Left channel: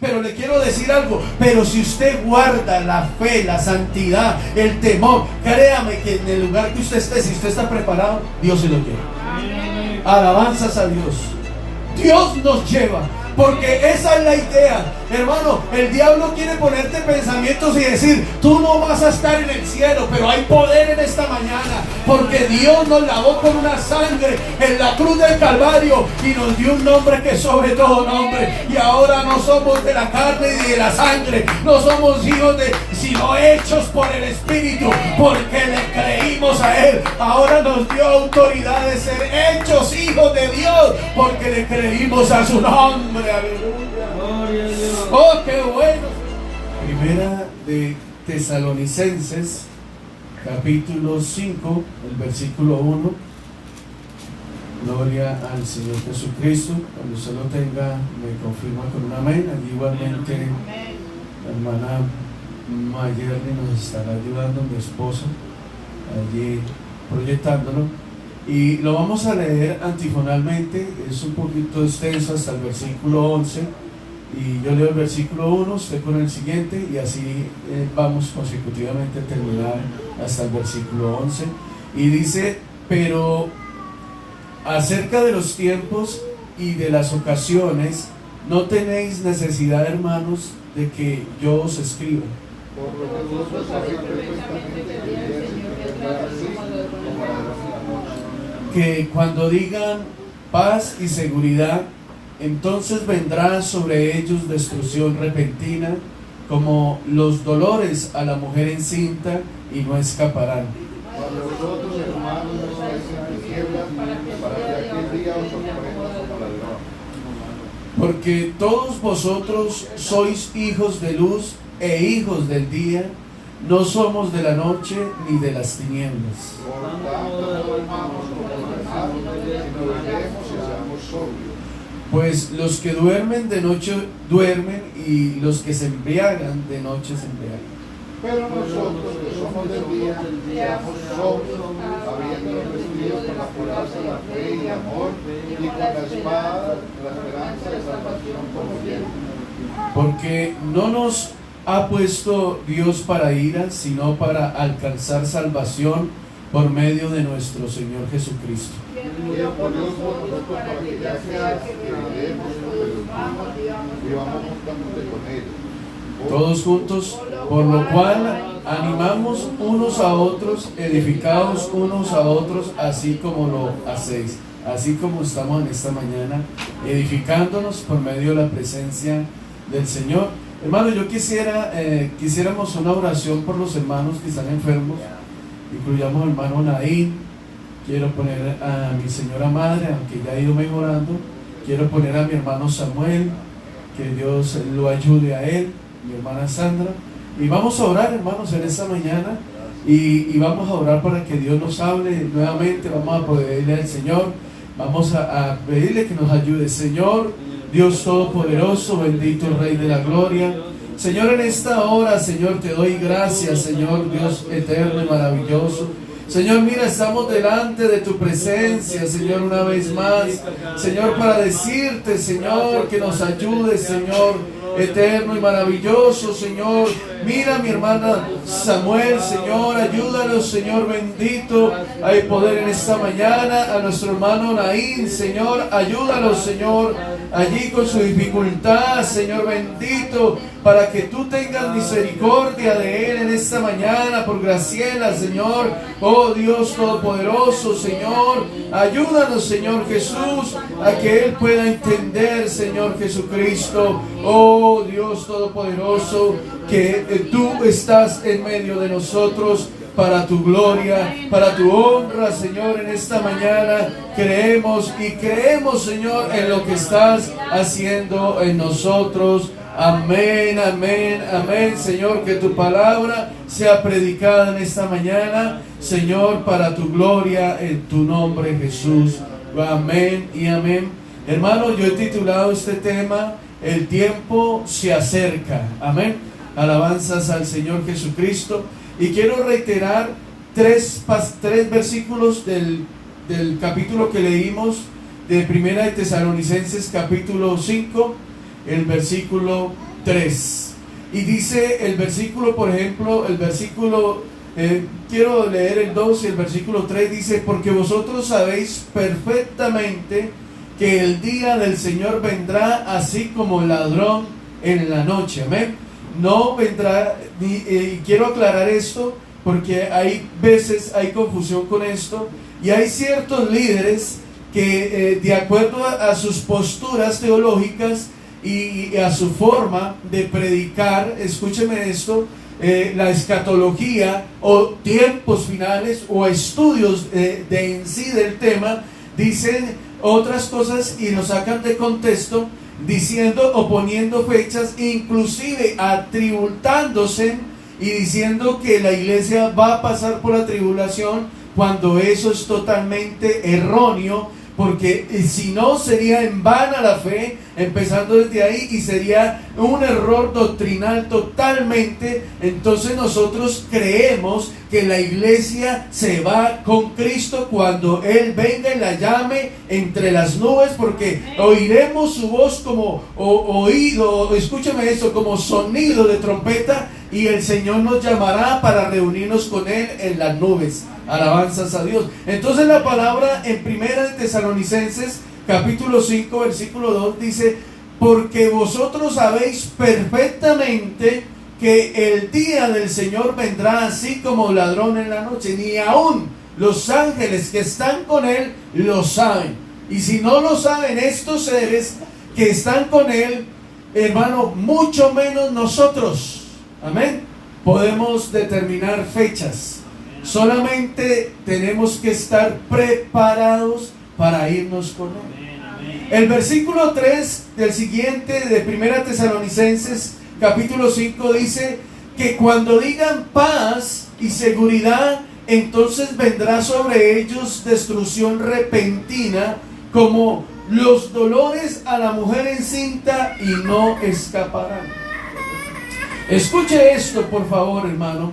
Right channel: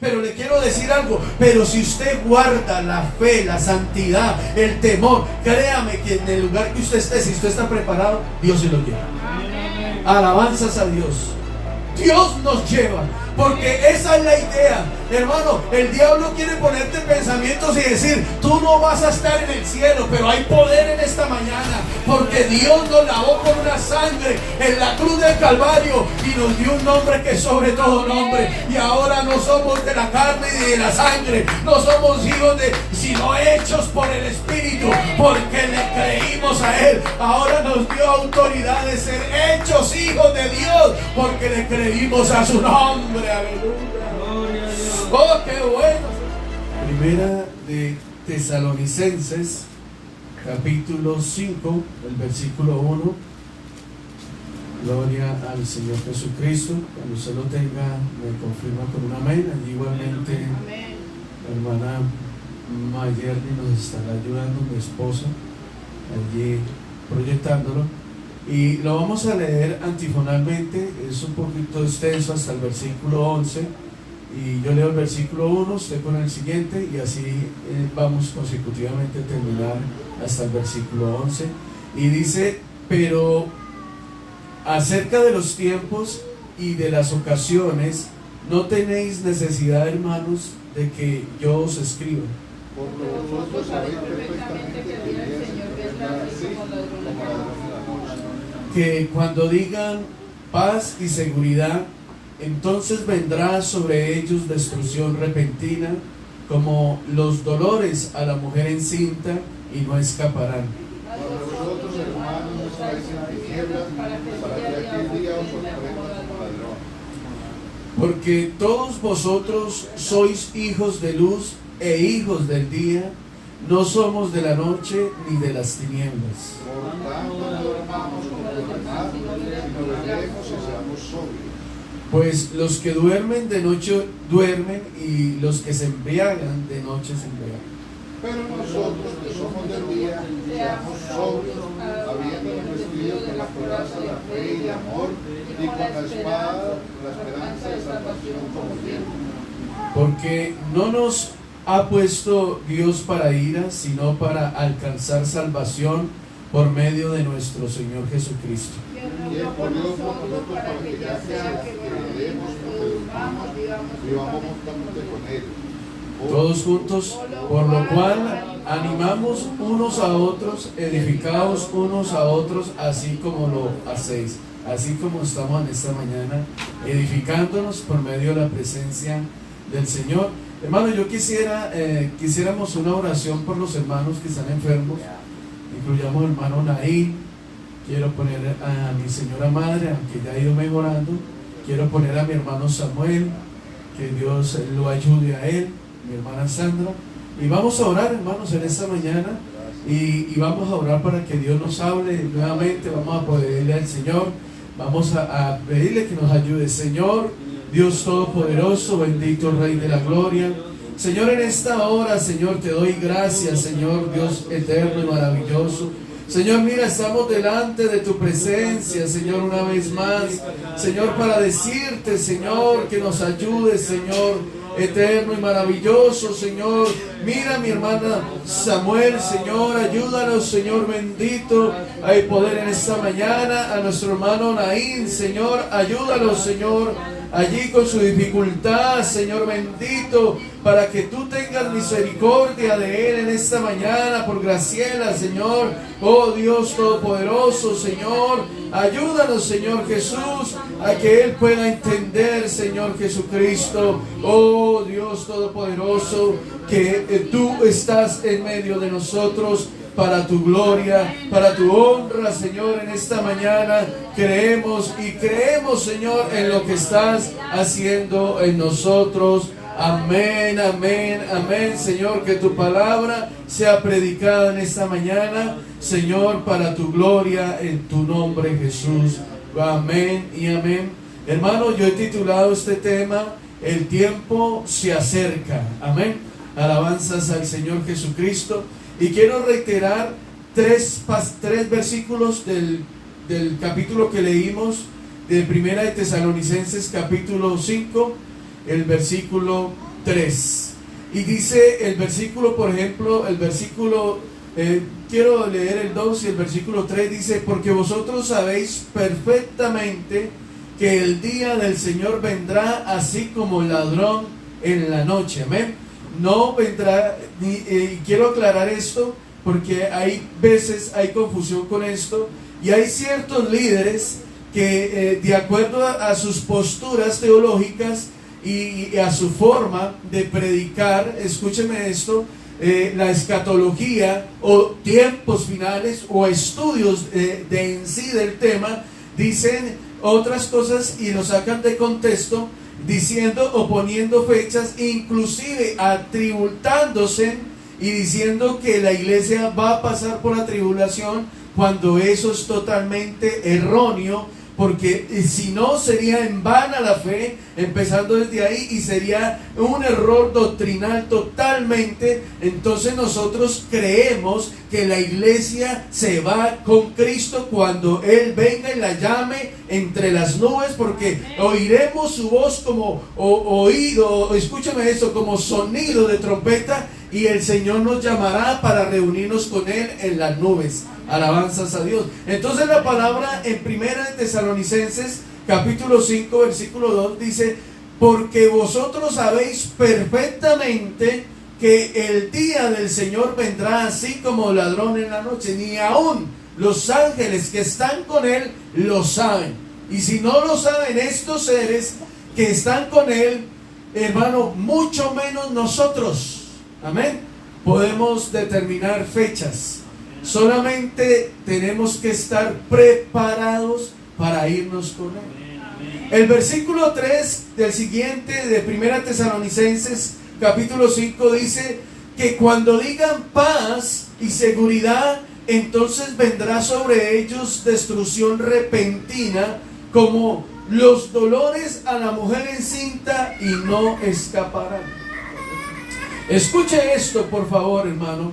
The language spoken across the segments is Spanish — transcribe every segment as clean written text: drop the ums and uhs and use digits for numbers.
Pero le quiero decir algo, pero si usted guarda la fe, la santidad, el temor, créame que en el lugar que usted esté, si usted está preparado, Dios se lo lleva. Alabanzas a Dios. Dios nos lleva, porque esa es la idea, hermano. El diablo quiere ponerte pensamientos y decir, tú no vas a estar en el cielo, pero hay poder en esta mañana, porque Dios nos lavó con una sangre en la cruz del Calvario y nos dio un nombre que es sobre todo nombre. Y ahora no somos de la carne y de la sangre, no somos hijos sino hechos por el Espíritu, porque le creímos a Él. Ahora nos dio autoridad de ser hechos hijos de Dios, porque le creímos a su nombre. Aleluya. Oh, qué bueno. Primera de Tesalonicenses, capítulo 5, el versículo 1. Gloria al Señor Jesucristo. Cuando usted lo tenga, me confirma con un amén. Allí igualmente la hermana Mayerly nos estará ayudando, mi esposa, allí proyectándolo. Y lo vamos a leer antifonalmente, es un poquito extenso hasta el versículo 11. Y yo leo el versículo 1, usted con el siguiente, y así vamos consecutivamente a terminar hasta el versículo 11. Y dice: pero acerca de los tiempos y de las ocasiones, no tenéis necesidad, hermanos, de que yo os escriba. Que cuando digan paz y seguridad, entonces vendrá sobre ellos destrucción repentina, como los dolores a la mujer encinta, y no escaparán. Porque todos vosotros sois hijos de luz e hijos del día, no somos de la noche ni de las tinieblas. Pues los que duermen de noche duermen, y los que se embriagan de noche se embriagan. Pero nosotros que somos del día, seamos sobrios, habiéndonos vestido con la coraza de la fe y de amor, y con la espada, la esperanza de salvación como yelmo. Porque no nos ha puesto Dios para ira, sino para alcanzar salvación por medio de nuestro Señor Jesucristo. Y por Dios nosotros, para que ya sea que veremos todos vivamos juntamente con Él. Todos juntos, por lo cual animamos unos a otros, edificaos unos a otros, así como lo hacéis. Así como estamos en esta mañana, edificándonos por medio de la presencia del Señor. Hermano, yo quisiéramos una oración por los hermanos que están enfermos. Incluyamos al hermano Naín. Quiero poner a mi señora madre, aunque ya ha ido mejorando. Quiero poner a mi hermano Samuel, que Dios lo ayude a él, mi hermana Sandra. Y vamos a orar, hermanos, en esta mañana. Y vamos a orar para que Dios nos hable nuevamente. Vamos a pedirle al Señor, vamos a pedirle que nos ayude. Señor Dios Todopoderoso, bendito Rey de la Gloria, Señor, en esta hora, Señor, te doy gracias, Señor Dios eterno y maravilloso. Señor, mira, estamos delante de tu presencia, Señor, una vez más, Señor, para decirte, Señor, que nos ayudes, Señor, eterno y maravilloso, Señor. Mira mi hermana Samuel, Señor, ayúdanos, Señor bendito, a poder en esta mañana. A nuestro hermano Naín, Señor, ayúdanos, Señor, allí con su dificultad, Señor bendito, para que tú tengas misericordia de él en esta mañana. Por Graciela, Señor, oh Dios Todopoderoso, Señor, ayúdanos, Señor Jesús, a que él pueda entender, Señor Jesucristo, oh Dios Todopoderoso, que tú estás en medio de nosotros para tu gloria, para tu honra, Señor. En esta mañana creemos, Señor, en lo que estás haciendo en nosotros. Amén, amén, amén, Señor, que tu palabra sea predicada en esta mañana, Señor, para tu gloria, en tu nombre, Jesús. Amén y amén. Hermano, yo he titulado este tema, el tiempo se acerca. Amén. Alabanzas al Señor Jesucristo. Y quiero reiterar tres versículos del capítulo que leímos de Primera de Tesalonicenses, capítulo 5. el versículo 3. Y dice el versículo, por ejemplo, quiero leer el 2 y el versículo 3 dice: porque vosotros sabéis perfectamente que el día del Señor vendrá así como ladrón en la noche. Amén. No vendrá, quiero aclarar esto porque hay veces hay confusión con esto, y hay ciertos líderes que de acuerdo a sus posturas teológicas y a su forma de predicar, escúcheme esto, la escatología o tiempos finales o estudios de en sí del tema, dicen otras cosas y lo sacan de contexto, diciendo o poniendo fechas, inclusive atributándose y diciendo que la iglesia va a pasar por la tribulación, cuando eso es totalmente erróneo, porque si no sería en vana la fe, empezando desde ahí, y sería un error doctrinal totalmente. Entonces nosotros creemos que la iglesia se va con Cristo cuando Él venga y la llame entre las nubes, porque oiremos su voz como oído, escúcheme esto, como sonido de trompeta, y el Señor nos llamará para reunirnos con Él en las nubes. Alabanzas a Dios. Entonces la palabra en Primera de Tesalonicenses capítulo 5 versículo 2 dice: porque vosotros sabéis perfectamente que el día del Señor vendrá así como ladrón en la noche. Ni aún los ángeles que están con Él lo saben. Y si no lo saben estos seres que están con Él, hermano, mucho menos nosotros. Amén. Podemos determinar fechas. Solamente tenemos que estar preparados para irnos con Él. El versículo 3 del siguiente de Primera Tesalonicenses capítulo 5 dice que cuando digan paz y seguridad, entonces vendrá sobre ellos destrucción repentina, como los dolores a la mujer encinta, y no escaparán. Escuche esto, por favor, hermano.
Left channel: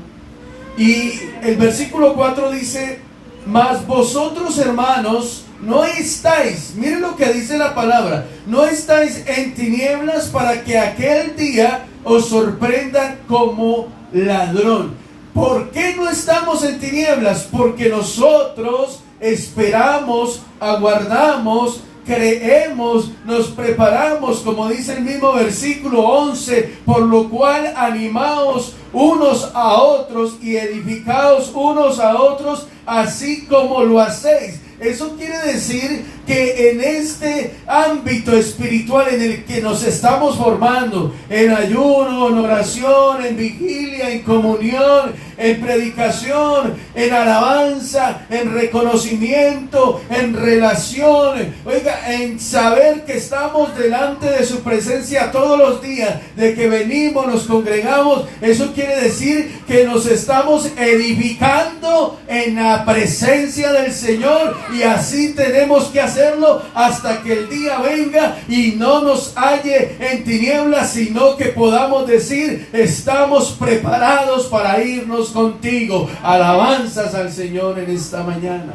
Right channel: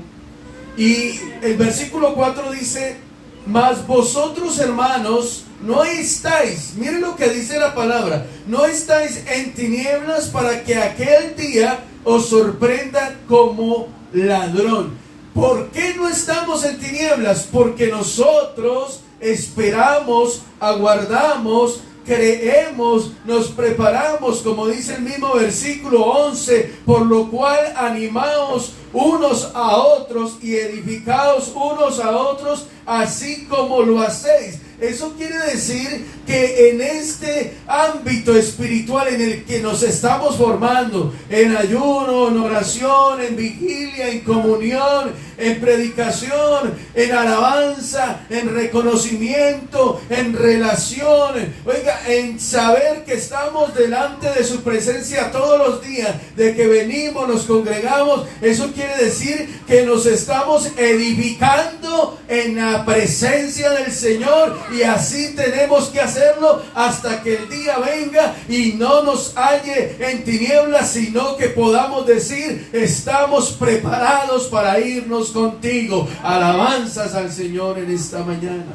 Y el versículo 4 dice: mas vosotros, hermanos, no estáis, miren lo que dice la palabra, no estáis en tinieblas para que aquel día os sorprenda como ladrón. ¿Por qué no estamos en tinieblas? Porque nosotros esperamos, aguardamos, creemos, nos preparamos, como dice el mismo versículo 11, por lo cual animaos unos a otros y edificaos unos a otros, así como lo hacéis. Eso quiere decir que en este ámbito espiritual en el que nos estamos formando, en ayuno, en oración, en vigilia, en comunión, en predicación, en alabanza, en reconocimiento, en relación, oiga, en saber que estamos delante de su presencia todos los días, de que venimos, nos congregamos, eso quiere decir que nos estamos edificando en la presencia del Señor. Y así tenemos que hacerlo hasta que el día venga y no nos halle en tinieblas, sino que podamos decir: estamos preparados para irnos contigo. Alabanzas al Señor en esta mañana.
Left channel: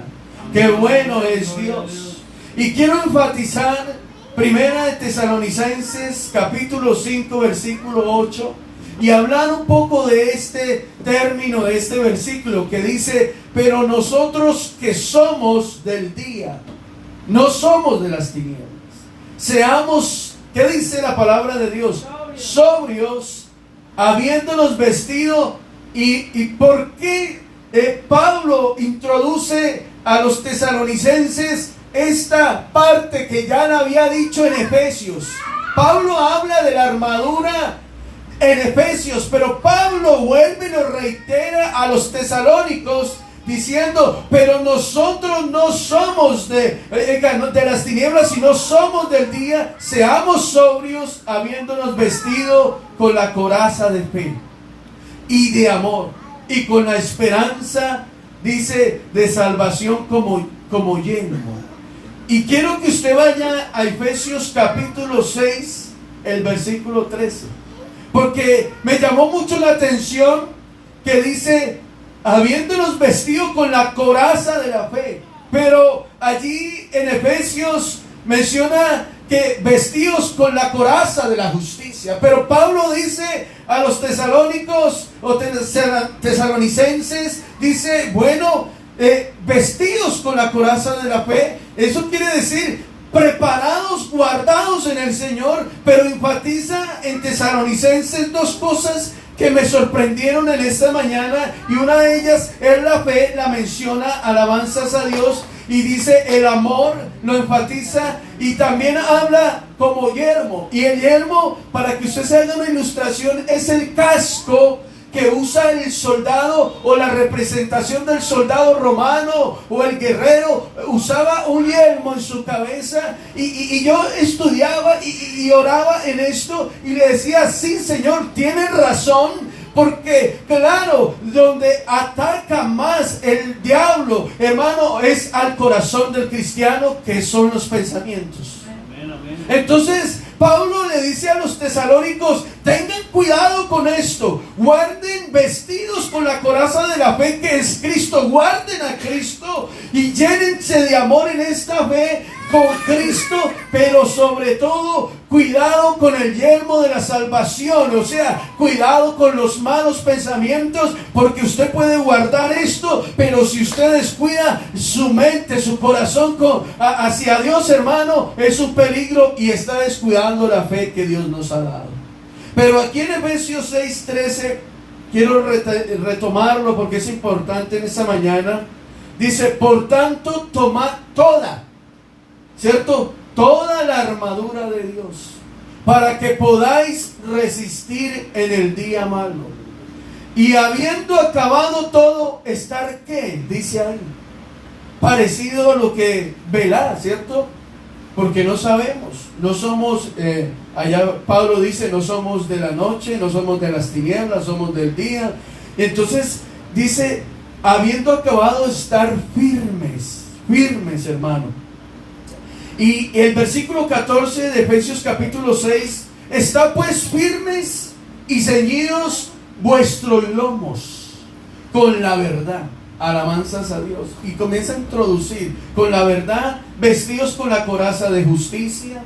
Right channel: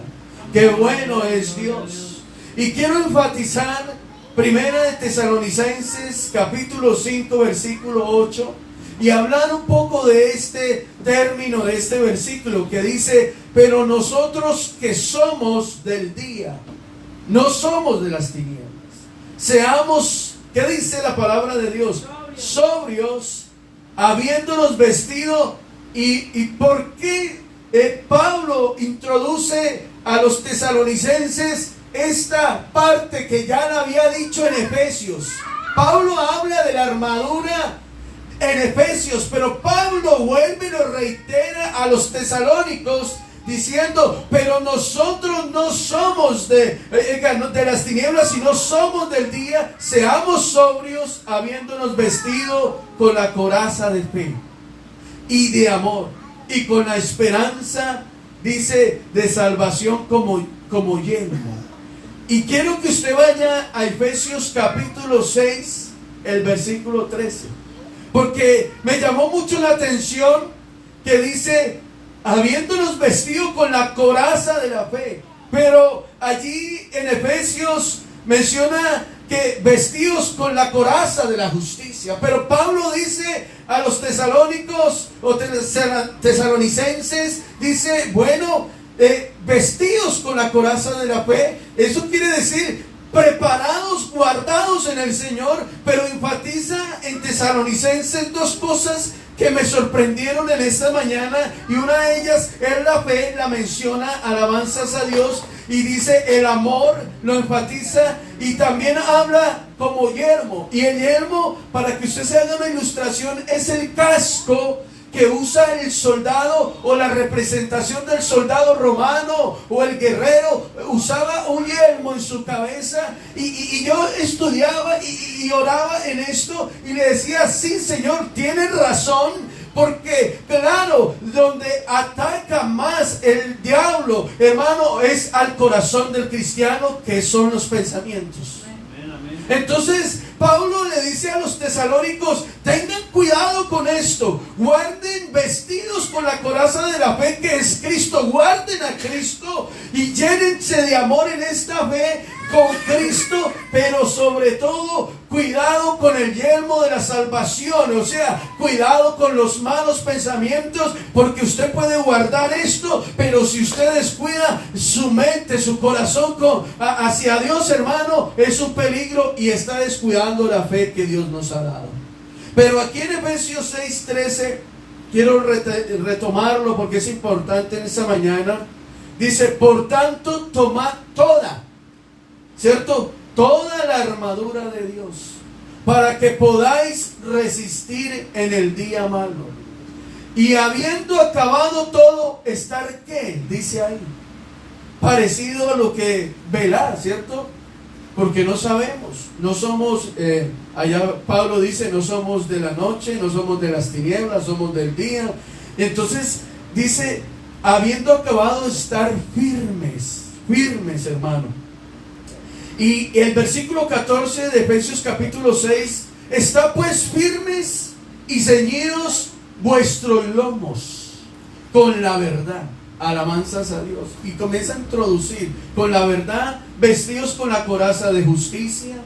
Qué bueno es Dios. Y quiero enfatizar Primera de Tesalonicenses capítulo 5 versículo 8, y hablar un poco de este término, de este versículo que dice: pero nosotros que somos del día, no somos de las tinieblas. Seamos, ¿qué dice la palabra de Dios? Sobrios, habiéndonos vestido. ¿Y por qué Pablo introduce a los tesalonicenses esta parte que ya la había dicho en Efesios? Pablo habla de la armadura en Efesios, pero Pablo vuelve y lo reitera a los tesalónicos diciendo: pero nosotros no somos de las tinieblas, sino somos del día. Seamos sobrios, habiéndonos vestido con la coraza de fe y de amor, y con la esperanza, dice, de salvación como yelmo. Y quiero que usted vaya a Efesios capítulo 6, el versículo 13. Porque me llamó mucho la atención que dice: habiéndonos vestido con la coraza de la fe. Pero allí en Efesios menciona que vestidos con la coraza de la justicia. Pero Pablo dice a los tesalónicos o tesalonicenses, dice, bueno, vestidos con la coraza de la fe. Eso quiere decir preparados, guardados en el Señor. Pero enfatiza en Tesalonicenses dos cosas que me sorprendieron en esta mañana, y una de ellas es la fe. La menciona, alabanzas a Dios, y dice el amor, lo enfatiza, y también habla como yelmo. Y el yelmo, para que usted se haga una ilustración, es el casco que usa el soldado, o la representación del soldado romano o el guerrero. Usaba un yelmo en su cabeza, y yo estudiaba y oraba en esto y le decía, sí, Señor, tienes razón, porque claro, donde ataca más el diablo, hermano, es al corazón del cristiano, que son los pensamientos. Entonces Pablo le dice a los tesalónicos, tengan cuidado con esto, guarden vestidos con la coraza de la fe, que es Cristo, guarden a Cristo y llénense de amor en esta fe con Cristo, pero sobre todo cuidado con el yelmo de la salvación. O sea, cuidado con los malos pensamientos, porque usted puede guardar esto, pero si usted descuida su mente, su corazón hacia Dios, hermano, es un peligro y está descuidando la fe que Dios nos ha dado. Pero aquí en Efesios 6:13 quiero retomarlo, porque es importante en esta mañana. Dice, por tanto, tomad toda, ¿cierto?, toda la armadura de Dios, para que podáis resistir en el día malo, y habiendo acabado todo, estar, ¿qué? Dice ahí, parecido a lo que velar, ¿cierto? Porque no sabemos, no somos, allá Pablo dice, no somos de la noche, no somos de las tinieblas, somos del día. Entonces dice, habiendo acabado, estar firmes, firmes, hermano. Y el versículo 14 de Efesios capítulo 6, está pues firmes y ceñidos vuestros lomos con la verdad. Alabanzas a Dios. Y comienza a introducir con la verdad, vestidos con la coraza de justicia,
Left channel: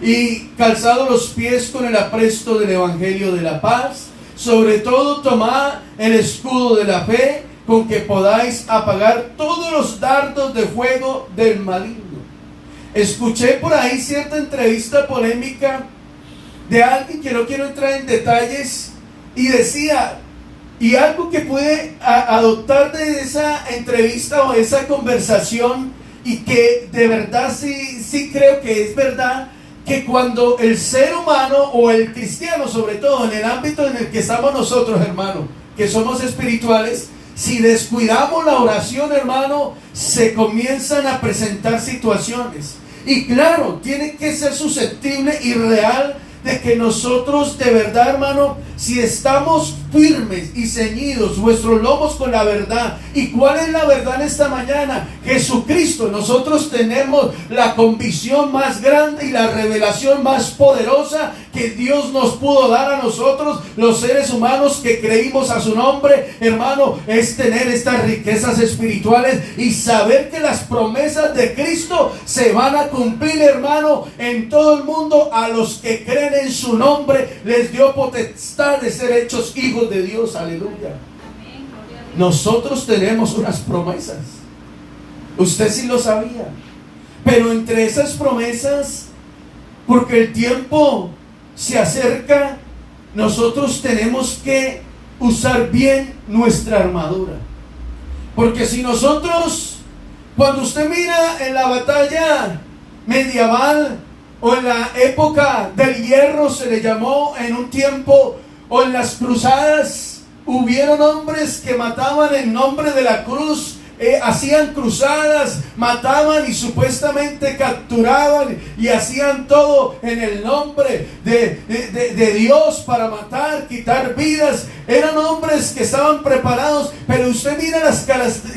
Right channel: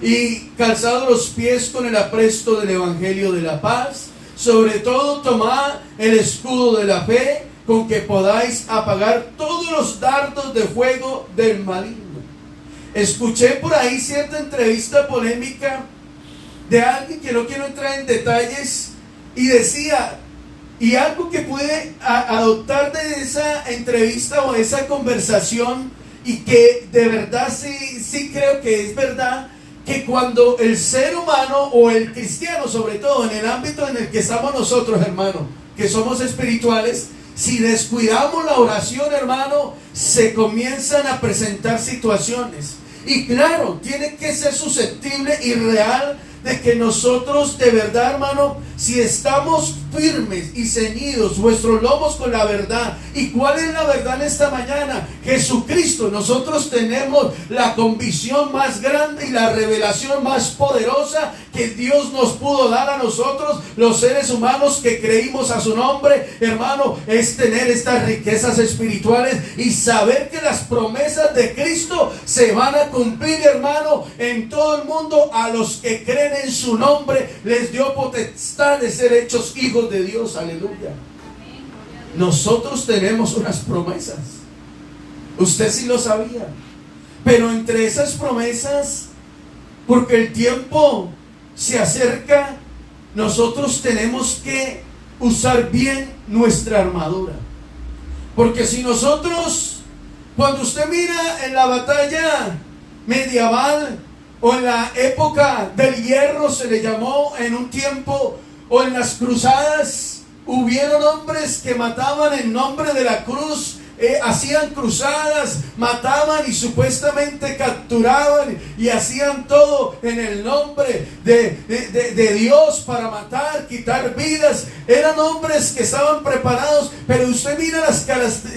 y calzados los pies con el apresto del evangelio de la paz. Sobre todo tomad el escudo de la fe, con que podáis apagar todos los dardos de fuego del maligno. Escuché por ahí cierta entrevista polémica de alguien, que no quiero entrar en detalles, y decía, y algo que pude adoptar de esa entrevista o de esa conversación, y que de verdad sí creo que es verdad, que cuando el ser humano o el cristiano, sobre todo en el ámbito en el que estamos nosotros, hermano, que somos espirituales, si descuidamos la oración, hermano, se comienzan a presentar situaciones. Y claro, tiene que ser susceptible y real de que nosotros de verdad, hermano, si estamos firmes y ceñidos vuestros lomos con la verdad. ¿Y cuál es la verdad en esta mañana? Jesucristo. Nosotros tenemos la convicción más grande y la revelación más poderosa que Dios nos pudo dar a nosotros, los seres humanos que creímos a su nombre, hermano, es tener estas riquezas espirituales y saber que las promesas de Cristo se van a cumplir, hermano, en todo el mundo. A los que creen en su nombre les dio potestad de ser hechos hijos de Dios. Aleluya. Nosotros tenemos unas promesas. Usted sí lo sabía. Pero entre esas promesas, porque el tiempo se acerca, nosotros tenemos que usar bien nuestra armadura. Porque si nosotros, cuando usted mira en la batalla medieval, o en la época del hierro se le llamó en un tiempo, o en las cruzadas, hubieron hombres que mataban en nombre de la cruz, hacían cruzadas, mataban y supuestamente capturaban y hacían todo en el nombre de Dios para matar, quitar vidas. Eran hombres que estaban preparados, pero usted mira las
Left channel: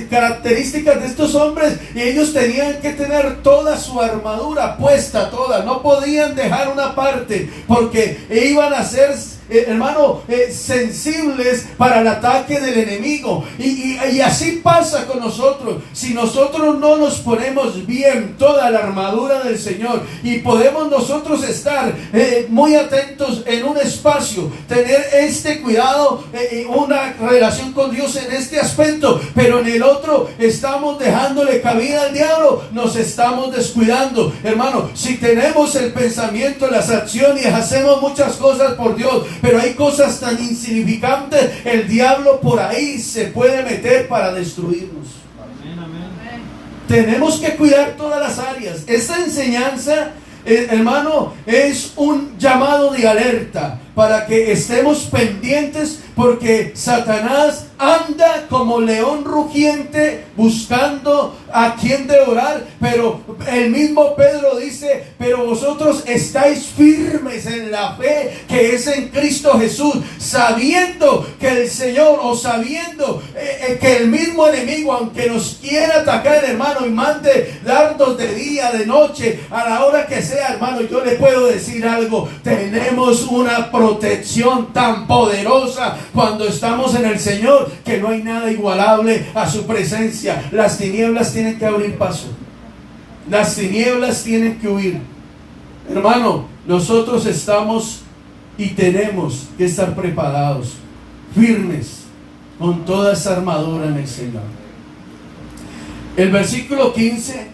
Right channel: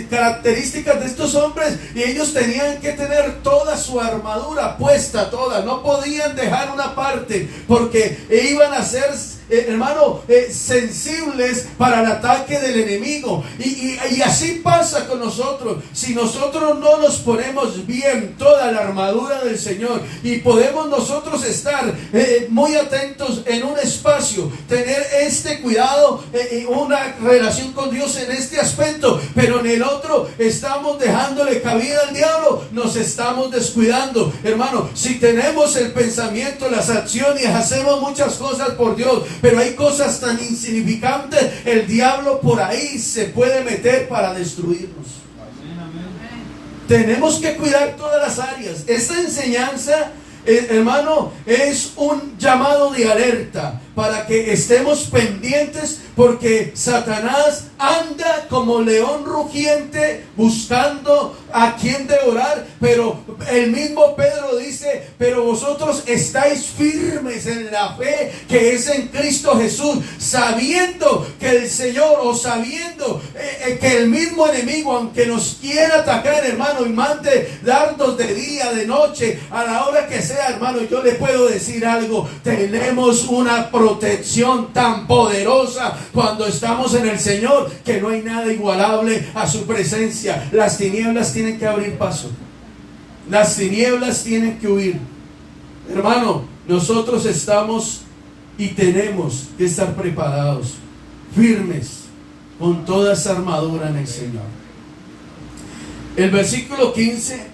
características de estos hombres, y ellos tenían que tener toda su armadura puesta, toda, no podían dejar una parte, porque iban a ser hermano, sensibles para el ataque del enemigo. Y así pasa con nosotros. Si nosotros no nos ponemos bien toda la armadura del Señor, y podemos nosotros estar muy atentos en un espacio, tener este cuidado, una relación con Dios en este aspecto, pero en el otro estamos dejándole cabida al diablo, nos estamos descuidando. Hermano, si tenemos el pensamiento, las acciones, hacemos muchas cosas por Dios, pero hay cosas tan insignificantes, el diablo por ahí se puede meter para destruirnos. Amén, amén. Tenemos que cuidar todas las áreas. Esta enseñanza, hermano, es un llamado de alerta para que estemos pendientes, porque Satanás anda como león rugiente buscando a quien devorar. Pero el mismo Pedro dice: pero vosotros estáis firmes en la fe que es en Cristo Jesús, sabiendo que el Señor, o sabiendo que el mismo enemigo, aunque nos quiera atacar, hermano, y mande dardos de día, de noche, a la hora que sea, hermano, yo le puedo decir algo: tenemos una protección tan poderosa cuando estamos en el Señor, que no hay nada igualable a su presencia. Las tinieblas tienen que abrir paso, las tinieblas tienen que huir. Hermano, nosotros estamos y tenemos que estar preparados, firmes, con toda esa armadura en el Señor. El versículo 15,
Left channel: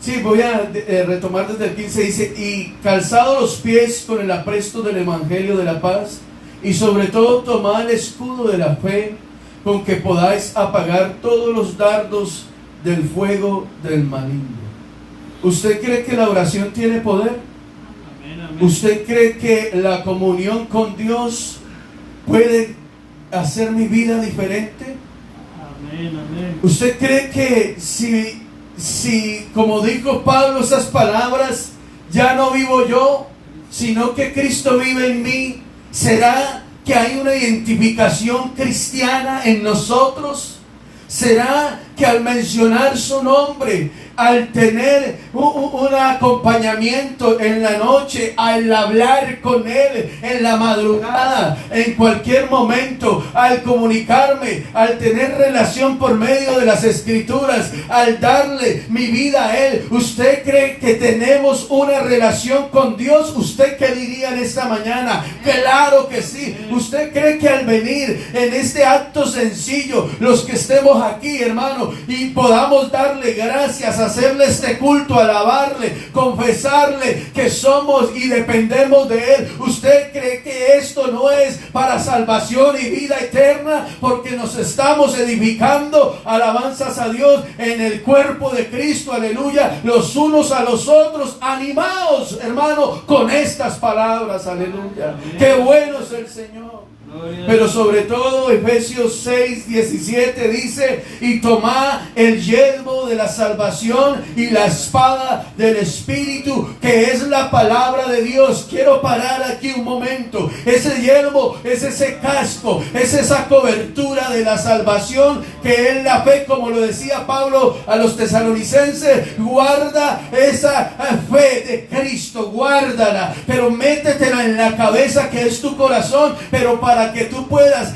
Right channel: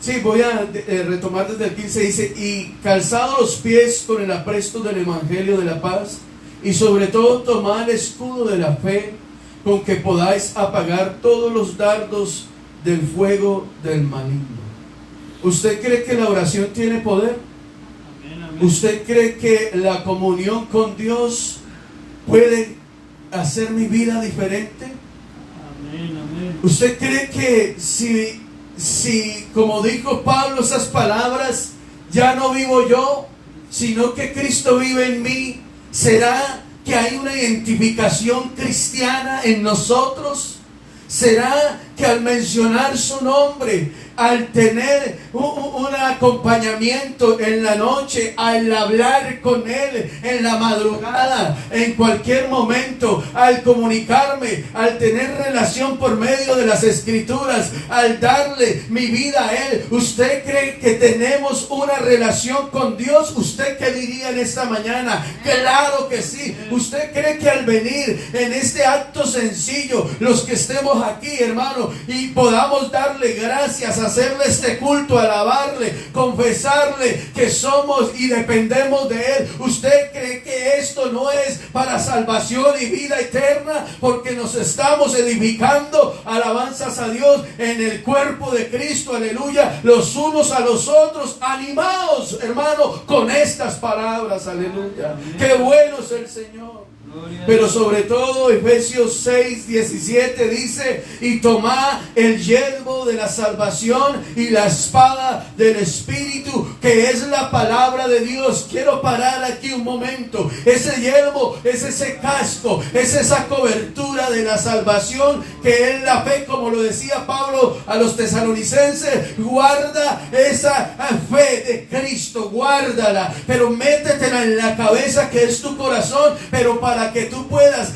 sí, voy a retomar desde el 15, dice: y calzados los pies con el apresto del evangelio de la paz, y sobre todo tomad el escudo de la fe, con que podáis apagar todos los dardos del fuego del maligno. ¿Usted cree que la oración tiene poder? Amén, amén. ¿Usted cree que la comunión con Dios puede hacer mi vida diferente? Amén, amén. ¿Usted cree que si como dijo Pablo esas palabras, ya no vivo yo, sino que Cristo vive en mí, será que hay una identificación cristiana en nosotros? ¿Será que al mencionar su nombre, al tener un acompañamiento en la noche, al hablar con Él en la madrugada, en cualquier momento, al comunicarme, al tener relación por medio de las Escrituras, al darle mi vida a Él, ¿usted cree que tenemos una relación con Dios? ¿Usted qué diría en esta mañana? Claro que sí. ¿Usted cree que al venir en este acto sencillo, los que estemos aquí, hermano, y podamos darle gracias, hacerle este culto, alabarle, confesarle que somos y dependemos de Él, ¿usted cree que esto no es para salvación y vida eterna? Porque nos estamos edificando, alabanzas a Dios, en el cuerpo de Cristo, aleluya, los unos a los otros, animados, hermano, con estas palabras, aleluya. Qué bueno es el Señor. Pero sobre todo Efesios 6:17 dice: y tomad el yelmo de la salvación y la espada del Espíritu, que es la palabra de Dios. Quiero parar aquí un momento. Ese yelmo es ese casco, es esa cobertura de la salvación, que es la fe, como lo decía Pablo a los tesalonicenses. Guarda esa fe de Cristo, guárdala, pero métetela en la cabeza, que es tu corazón. Pero para que tú puedas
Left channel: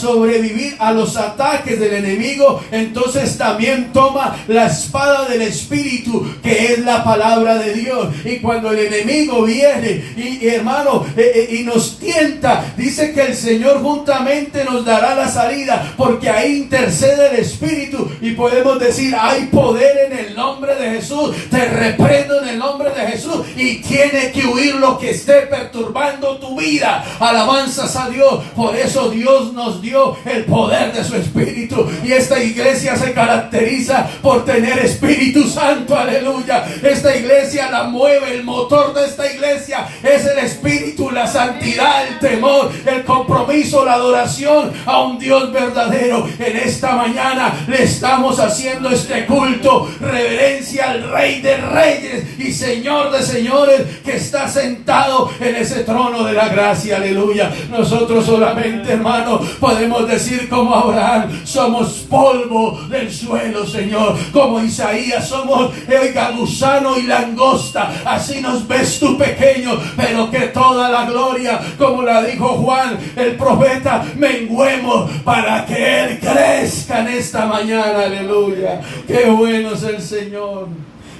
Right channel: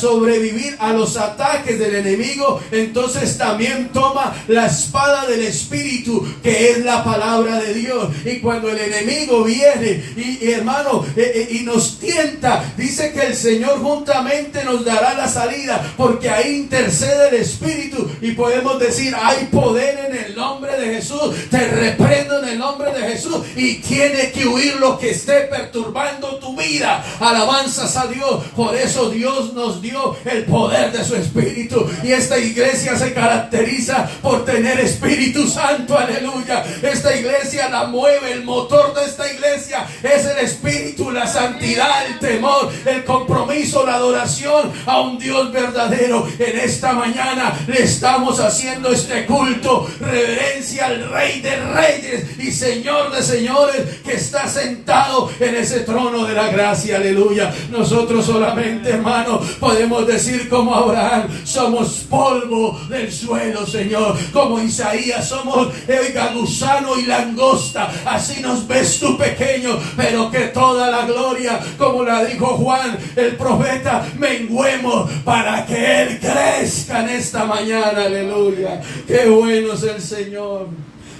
sobrevivir a los ataques del enemigo, entonces también toma la espada del Espíritu, que es la palabra de Dios. Y cuando el enemigo viene y hermano, y nos tienta, dice que el Señor juntamente nos dará la salida, porque ahí intercede el Espíritu, y podemos decir: hay poder en el nombre de Jesús, te reprendo en el nombre de Jesús, y tiene que huir lo que esté perturbando tu vida. Alabanzas a Dios. Por eso Dios nos dio el poder de su Espíritu, y esta iglesia se caracteriza por tener Espíritu Santo, aleluya. Esta iglesia la mueve, el motor de esta iglesia es el Espíritu, la santidad, el temor, el compromiso, la adoración a un Dios verdadero. En esta mañana le estamos haciendo este culto, reverencia al Rey de Reyes y Señor de Señores, que está sentado en ese trono de la gracia, aleluya. Nosotros solamente, hermano, podemos decir como Abraham, somos polvo del suelo, Señor. Como Isaías, somos, oiga, gusano y langosta. Así nos ves tú, pequeño, pero que toda la gloria, como la dijo Juan el profeta, menguemos para que Él crezca en esta mañana. Aleluya. Qué bueno es el Señor.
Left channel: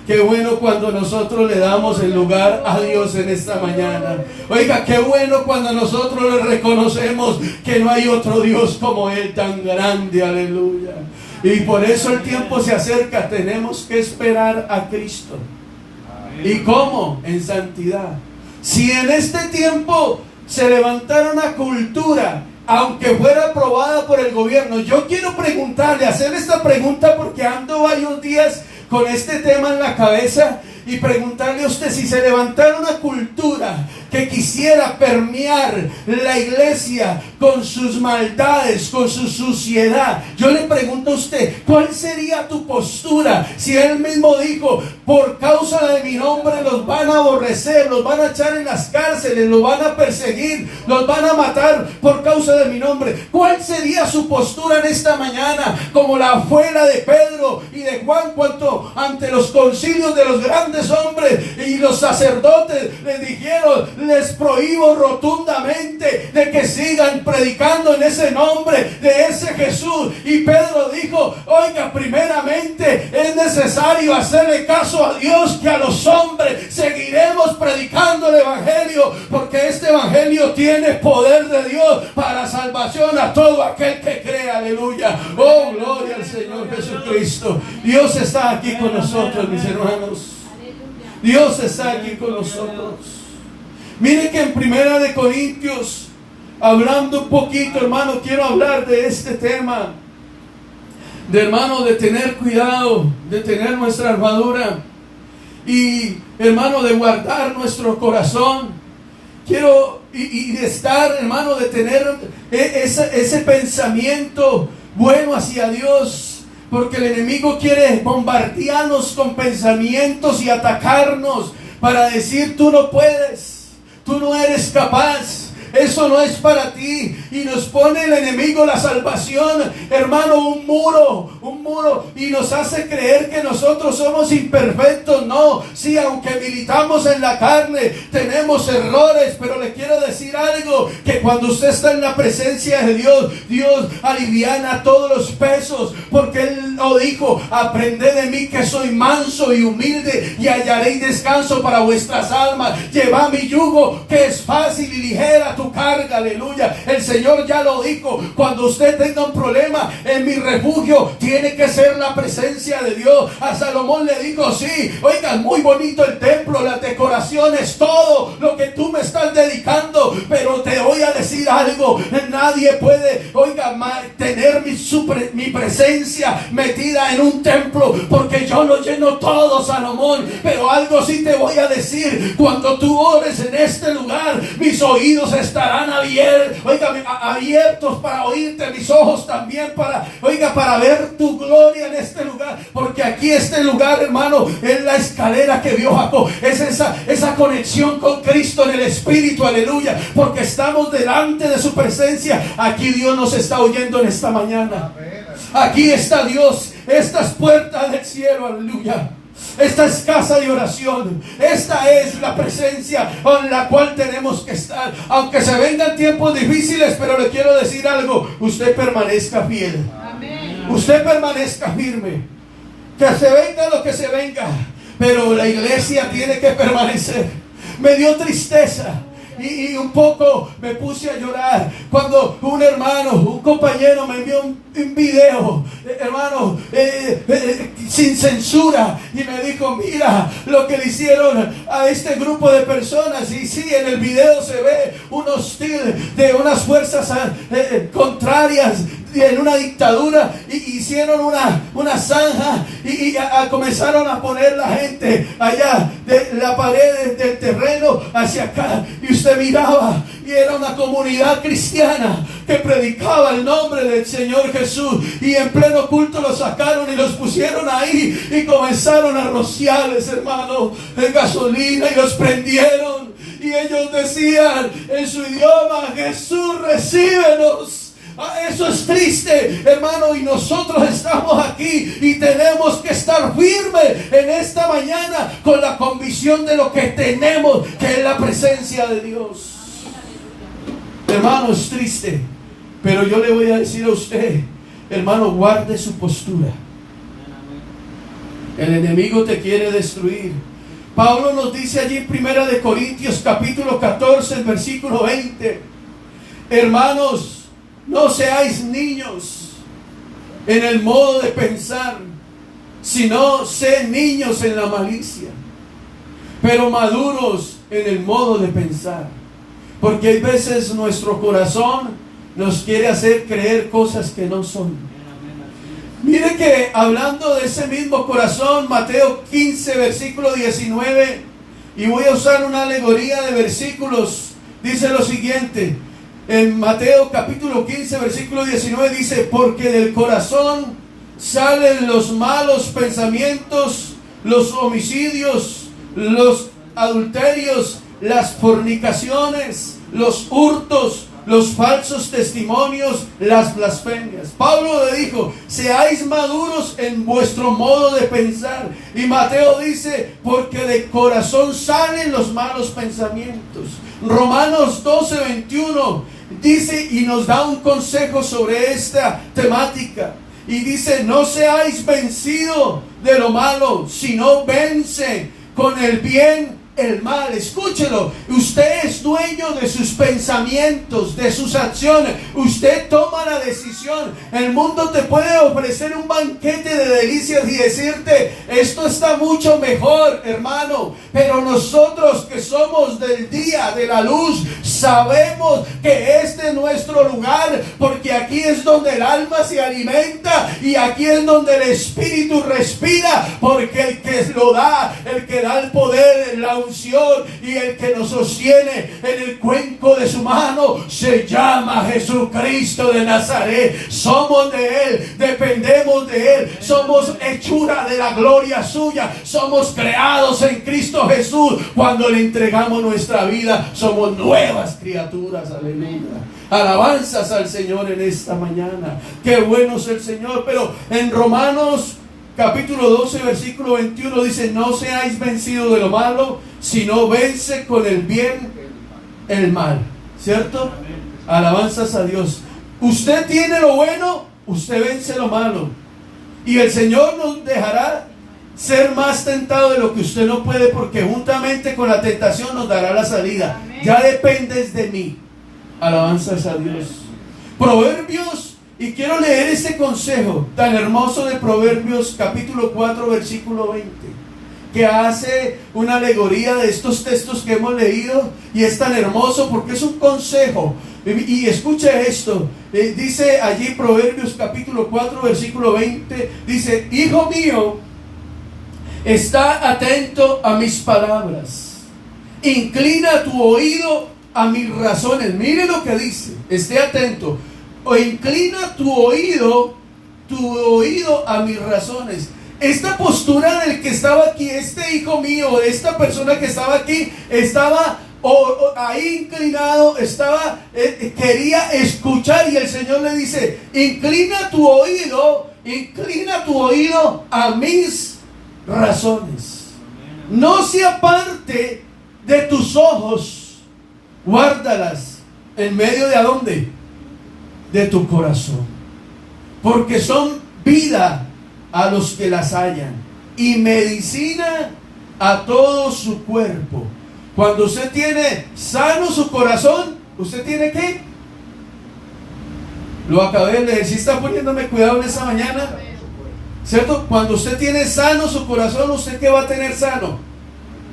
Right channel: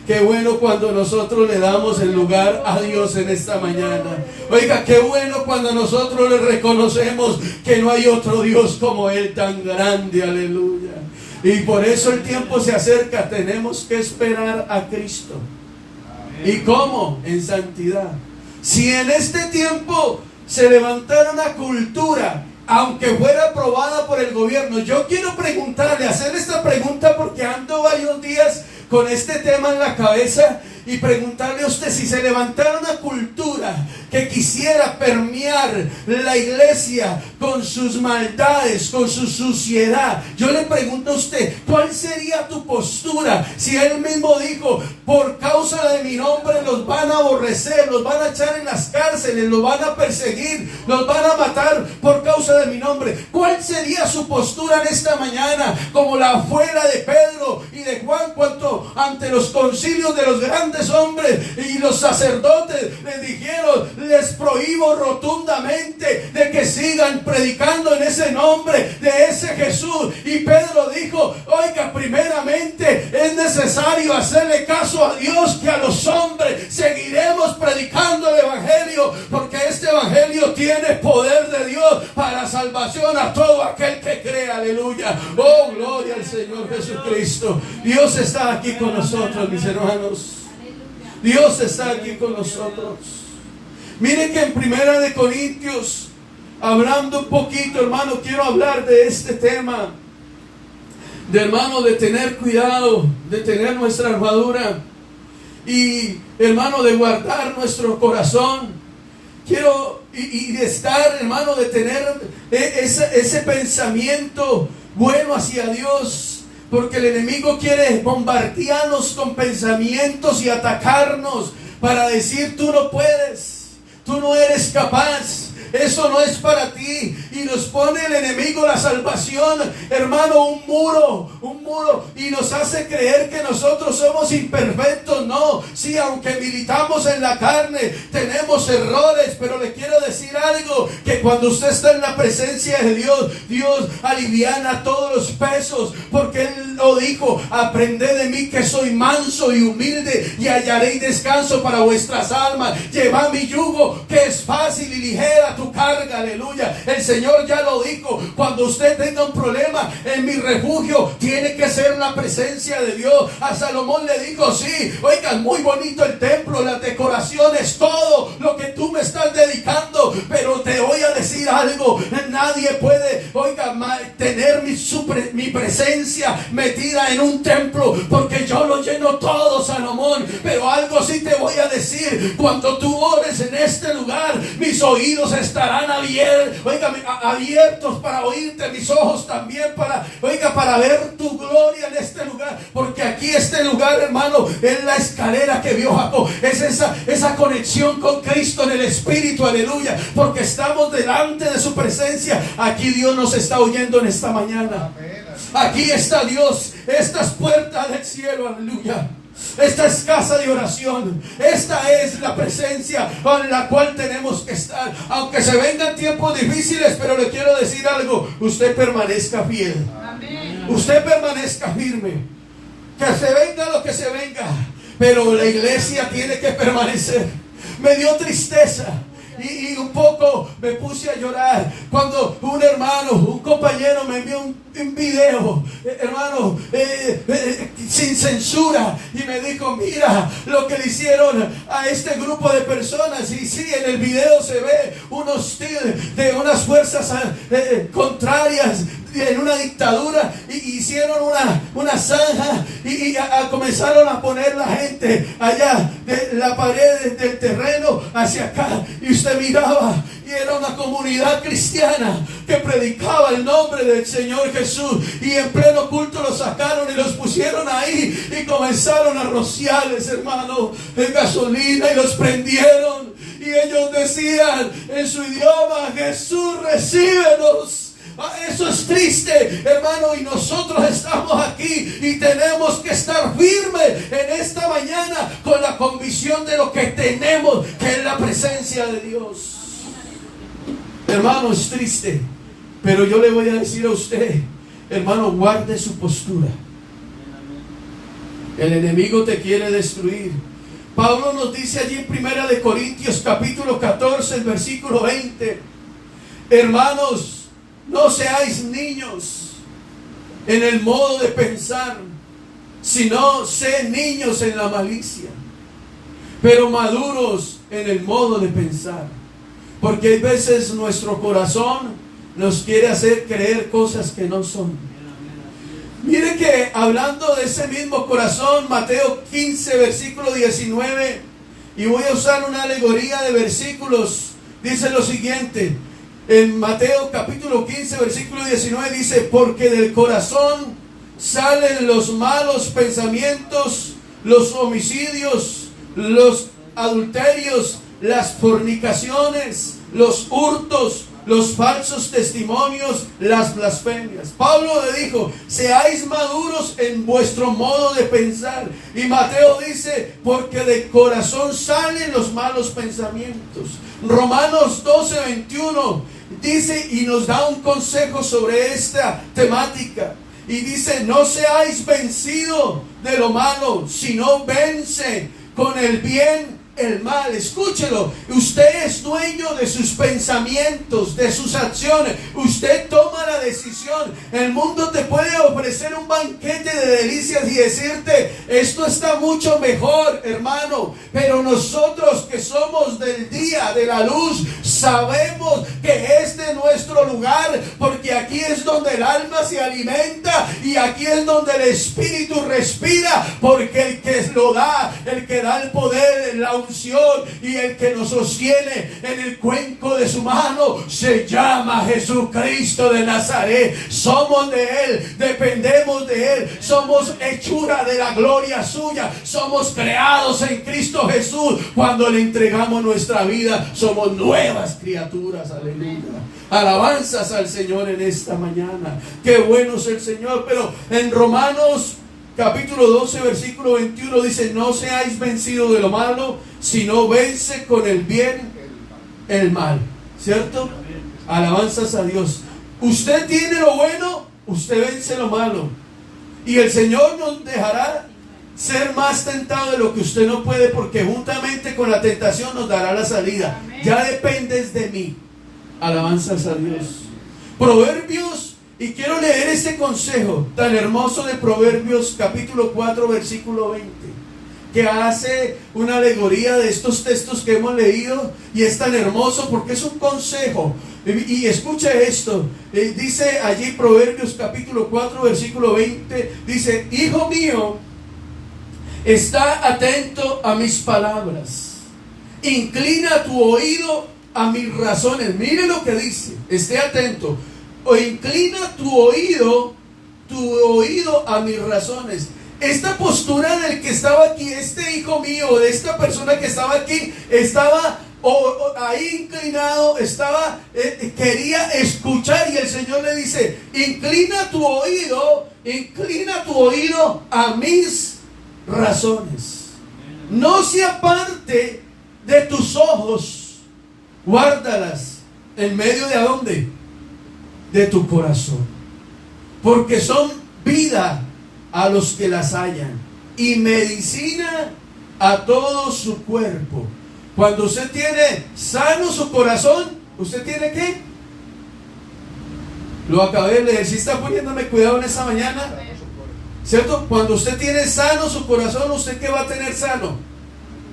Qué bueno cuando nosotros le damos el lugar a Dios en esta mañana. Oiga, qué bueno cuando nosotros le reconocemos que no hay otro Dios como Él, tan grande. Aleluya. Y por eso el tiempo se acerca. Tenemos que esperar a Cristo. ¿Y cómo? En santidad. Si en este tiempo se levantara una cultura, aunque fuera aprobada por el gobierno, yo quiero preguntarle, hacer esta pregunta porque ando varios días con este tema en la cabeza, y preguntarle a usted, si se levantara una cultura que quisiera permear la iglesia con sus maldades, con su suciedad, yo le pregunto a usted, ¿cuál sería tu postura? Si Él mismo dijo, por causa de mi nombre los van a aborrecer, los van a echar en las cárceles, los van a perseguir, los van a matar por causa de mi nombre, ¿cuál sería su postura en esta mañana? Como la fue la de Pedro y de Juan, cuanto ante los concilios de los grandes hombres y los sacerdotes les dijeron, les prohíbo rotundamente de que sigan predicando en ese nombre de ese Jesús. Y Pedro dijo, oiga, primeramente es necesario hacerle caso a Dios que a los hombres. Seguiremos predicando el evangelio, porque este evangelio tiene poder de Dios para salvación a todo aquel que cree. Aleluya. Oh, gloria al Señor Jesucristo. Dios está aquí con nosotros, mis hermanos. Dios está aquí con nosotros. Mire que en 1 Corintios, hablando un poquito, hermano, quiero hablar de este tema, de, hermano, de tener cuidado, de tener nuestra armadura y, hermano, de guardar nuestro corazón. Quiero y de estar, hermano, de tener ese pensamiento bueno hacia Dios. Porque el enemigo quiere bombardearnos con pensamientos y atacarnos para decir, tú no puedes, tú no eres capaz, eso no es para ti. Y nos pone el enemigo la salvación, hermano, un muro, y nos hace creer que nosotros somos imperfectos. No, sí, aunque militamos en la carne, tenemos errores, pero le quiero decir algo, que cuando usted está en la presencia de Dios, Dios aliviana todos los pesos, porque Él lo dijo, aprended de mí que soy manso y humilde, y hallaréis descanso para vuestras almas. Llevad mi yugo, que es fácil y ligera tu carga. Aleluya. El Señor ya lo dijo, cuando usted tenga un problema, en mi refugio tiene que ser la presencia de Dios. A Salomón le dijo, sí, oigan, muy bonito el templo, las decoraciones, todo lo que tú me estás dedicando, pero te voy a decir algo, nadie puede, oiga, tener mi presencia metida en un templo, porque yo lo lleno todo, Salomón. Pero algo sí te voy a decir, cuando tú ores en este lugar, mis oídos estarán abiertos para oírte, mis ojos también para ver tu gloria en este lugar, porque aquí este lugar, hermano, es la escalera que vio Jacob, es esa conexión con Cristo en el Espíritu. Aleluya, porque estamos delante de su presencia. Aquí Dios nos está oyendo en esta mañana. Aquí está Dios, estas puertas del cielo. Aleluya. Esta es casa de oración. Esta es la presencia en la cual tenemos que estar. Aunque se vengan tiempos difíciles, pero le quiero decir algo, usted permanezca fiel. Amén. Usted permanezca firme. Que se venga lo que se venga, pero la iglesia tiene que permanecer. Me dio tristeza y un poco me puse a llorar cuando un hermano, un compañero me envió un video, hermano, sin censura, y me dijo, mira lo que le hicieron a este grupo de personas. Y sí, en el video se ve un hostil de unas fuerzas contrarias en una dictadura, y hicieron una zanja y comenzaron a poner la gente allá de la pared del terreno hacia acá, y usted miraba y era una comunidad cristiana que predicaba el nombre del Señor Jesús, y en pleno culto los sacaron y los pusieron ahí y comenzaron a rociarles, hermano, de gasolina, y los prendieron. Y y ellos decían en su idioma: Jesús, recíbenos. Eso es triste, hermano, y nosotros estamos aquí y tenemos que estar firmes en esta mañana con la convicción de lo que tenemos, que es la presencia de Dios. Hermano, es triste, pero yo le voy a decir a usted, hermano, guarde su postura. El enemigo te quiere destruir. Pablo nos dice allí en 1 Corintios capítulo 14, el versículo 20: hermanos, no seáis niños en el modo de pensar, sino sed niños en la malicia, pero maduros en el modo de pensar. Porque hay veces nuestro corazón nos quiere hacer creer cosas que no son. Mire que hablando de ese mismo corazón, Mateo 15, versículo 19, y voy a usar una alegoría de versículos, dice lo siguiente. En Mateo capítulo 15, versículo 19 dice: porque del corazón salen los malos pensamientos, los homicidios, los adulterios, las fornicaciones, los hurtos, los falsos testimonios, las blasfemias. Pablo le dijo: seáis maduros en vuestro modo de pensar. Y Mateo dice: porque del corazón salen los malos pensamientos. Romanos 12, 21 dice y nos da un consejo sobre esta temática. Y dice: no seáis vencidos de lo malo, sino vence con el bien el mal. Escúchelo, usted es dueño de sus pensamientos, de sus acciones. Usted toma la decisión. El mundo te puede ofrecer un banquete de delicias y decirte: esto está mucho mejor, hermano. Pero nosotros que somos del día, de la luz, sabemos que este es nuestro lugar, porque aquí es donde el alma se alimenta y aquí es donde el espíritu respira, porque el que lo da, el que da el poder, la unción y el que nos sostiene en el cuenco de su mano se llama Jesucristo de Nazaret. Somos de Él, dependemos de Él, somos hechura de la gloria suya, somos creados en Cristo Jesús. Cuando le entregamos nuestra vida, somos nuevas criaturas. Aleluya. Alabanzas al Señor en esta mañana. Qué bueno es el Señor. Pero en Romanos capítulo 12, versículo 21 dice: no seáis vencidos de lo malo, sino vence con el bien el mal. ¿Cierto? Alabanzas a Dios. Usted tiene lo bueno, usted vence lo malo. Y el Señor nos dejará ser más tentado de lo que usted no puede, porque juntamente con la tentación nos dará la salida. Ya dependes de mí. Alabanzas a Dios. Proverbios, y quiero leer este consejo tan hermoso de Proverbios capítulo 4, versículo 20, que hace una alegoría de estos textos que hemos leído, y es tan hermoso porque es un consejo. Y escuche esto, dice allí Proverbios capítulo 4, versículo 20, dice: hijo mío, está atento a mis palabras, inclina tu oído a mis razones. Mire lo que dice, esté atento, o inclina tu oído a mis razones. Esta postura del que estaba aquí, este hijo mío, esta persona que estaba aquí, estaba ahí inclinado, quería escuchar, y el Señor le dice: inclina tu oído a mis razones. No se aparte de tus ojos, guárdalas en medio de ¿a dónde? De tu corazón, porque son vida a los que las hallan y medicina a todo su cuerpo. Cuando usted tiene sano su corazón, ¿usted tiene qué? Lo acabé de leer. ¿Sí está poniéndome cuidado en esta mañana? ¿Cierto? Cuando usted tiene sano su corazón, ¿usted qué va a tener sano?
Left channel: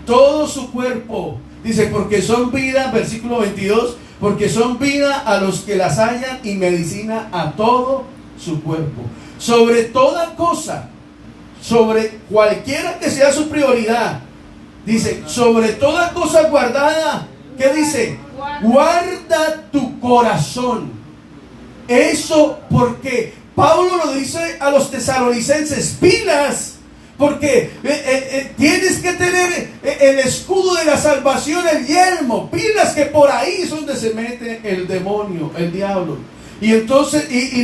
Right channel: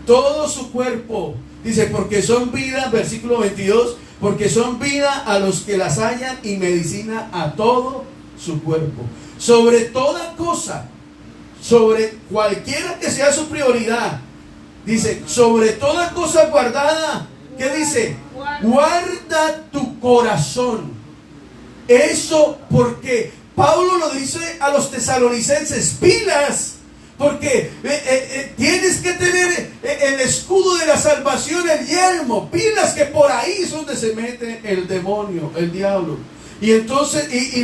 Todo su cuerpo. Dice: porque son vida, versículo 22, porque son vida a los que las hallan y medicina a todo su cuerpo. Sobre toda cosa, sobre cualquiera que sea su prioridad, dice: sobre toda cosa guardada, ¿qué dice? Guarda tu corazón. Eso porque Pablo lo dice a los tesalonicenses: pilas, Porque tienes que tener el escudo de la salvación, el yelmo. Pilas, que por ahí es donde se mete el demonio, el diablo. Y entonces, y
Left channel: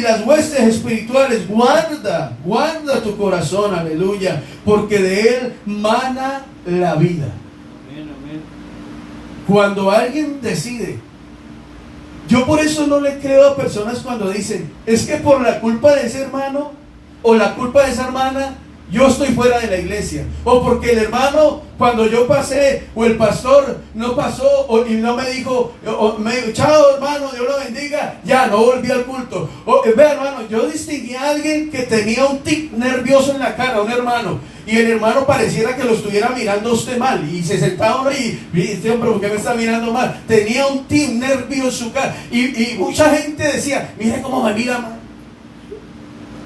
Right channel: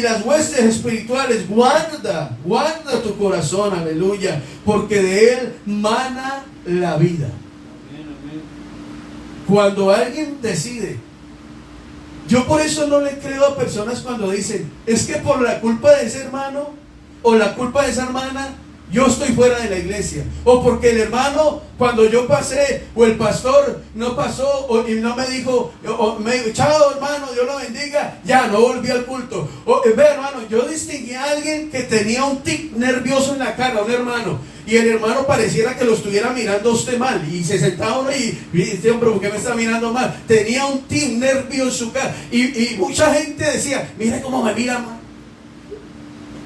las huestes espirituales, guarda tu corazón, aleluya, porque de él mana la vida. Cuando alguien decide, yo por eso no le creo a personas cuando dicen, es que por la culpa de ese hermano o la culpa de esa hermana, yo estoy fuera de la iglesia. O porque el hermano, cuando yo pasé, o el pastor no pasó, y no me dijo, chao hermano, Dios lo bendiga, ya no volví al culto. Ve hermano, yo distinguí a alguien que tenía un tic nervioso en la cara, un hermano, y el hermano pareciera que lo estuviera mirando a usted mal, y se sentaba uno y dice, hombre, ¿por qué me está mirando mal? Tenía un tic nervioso en su cara, y mucha gente decía, mire cómo me mira mal.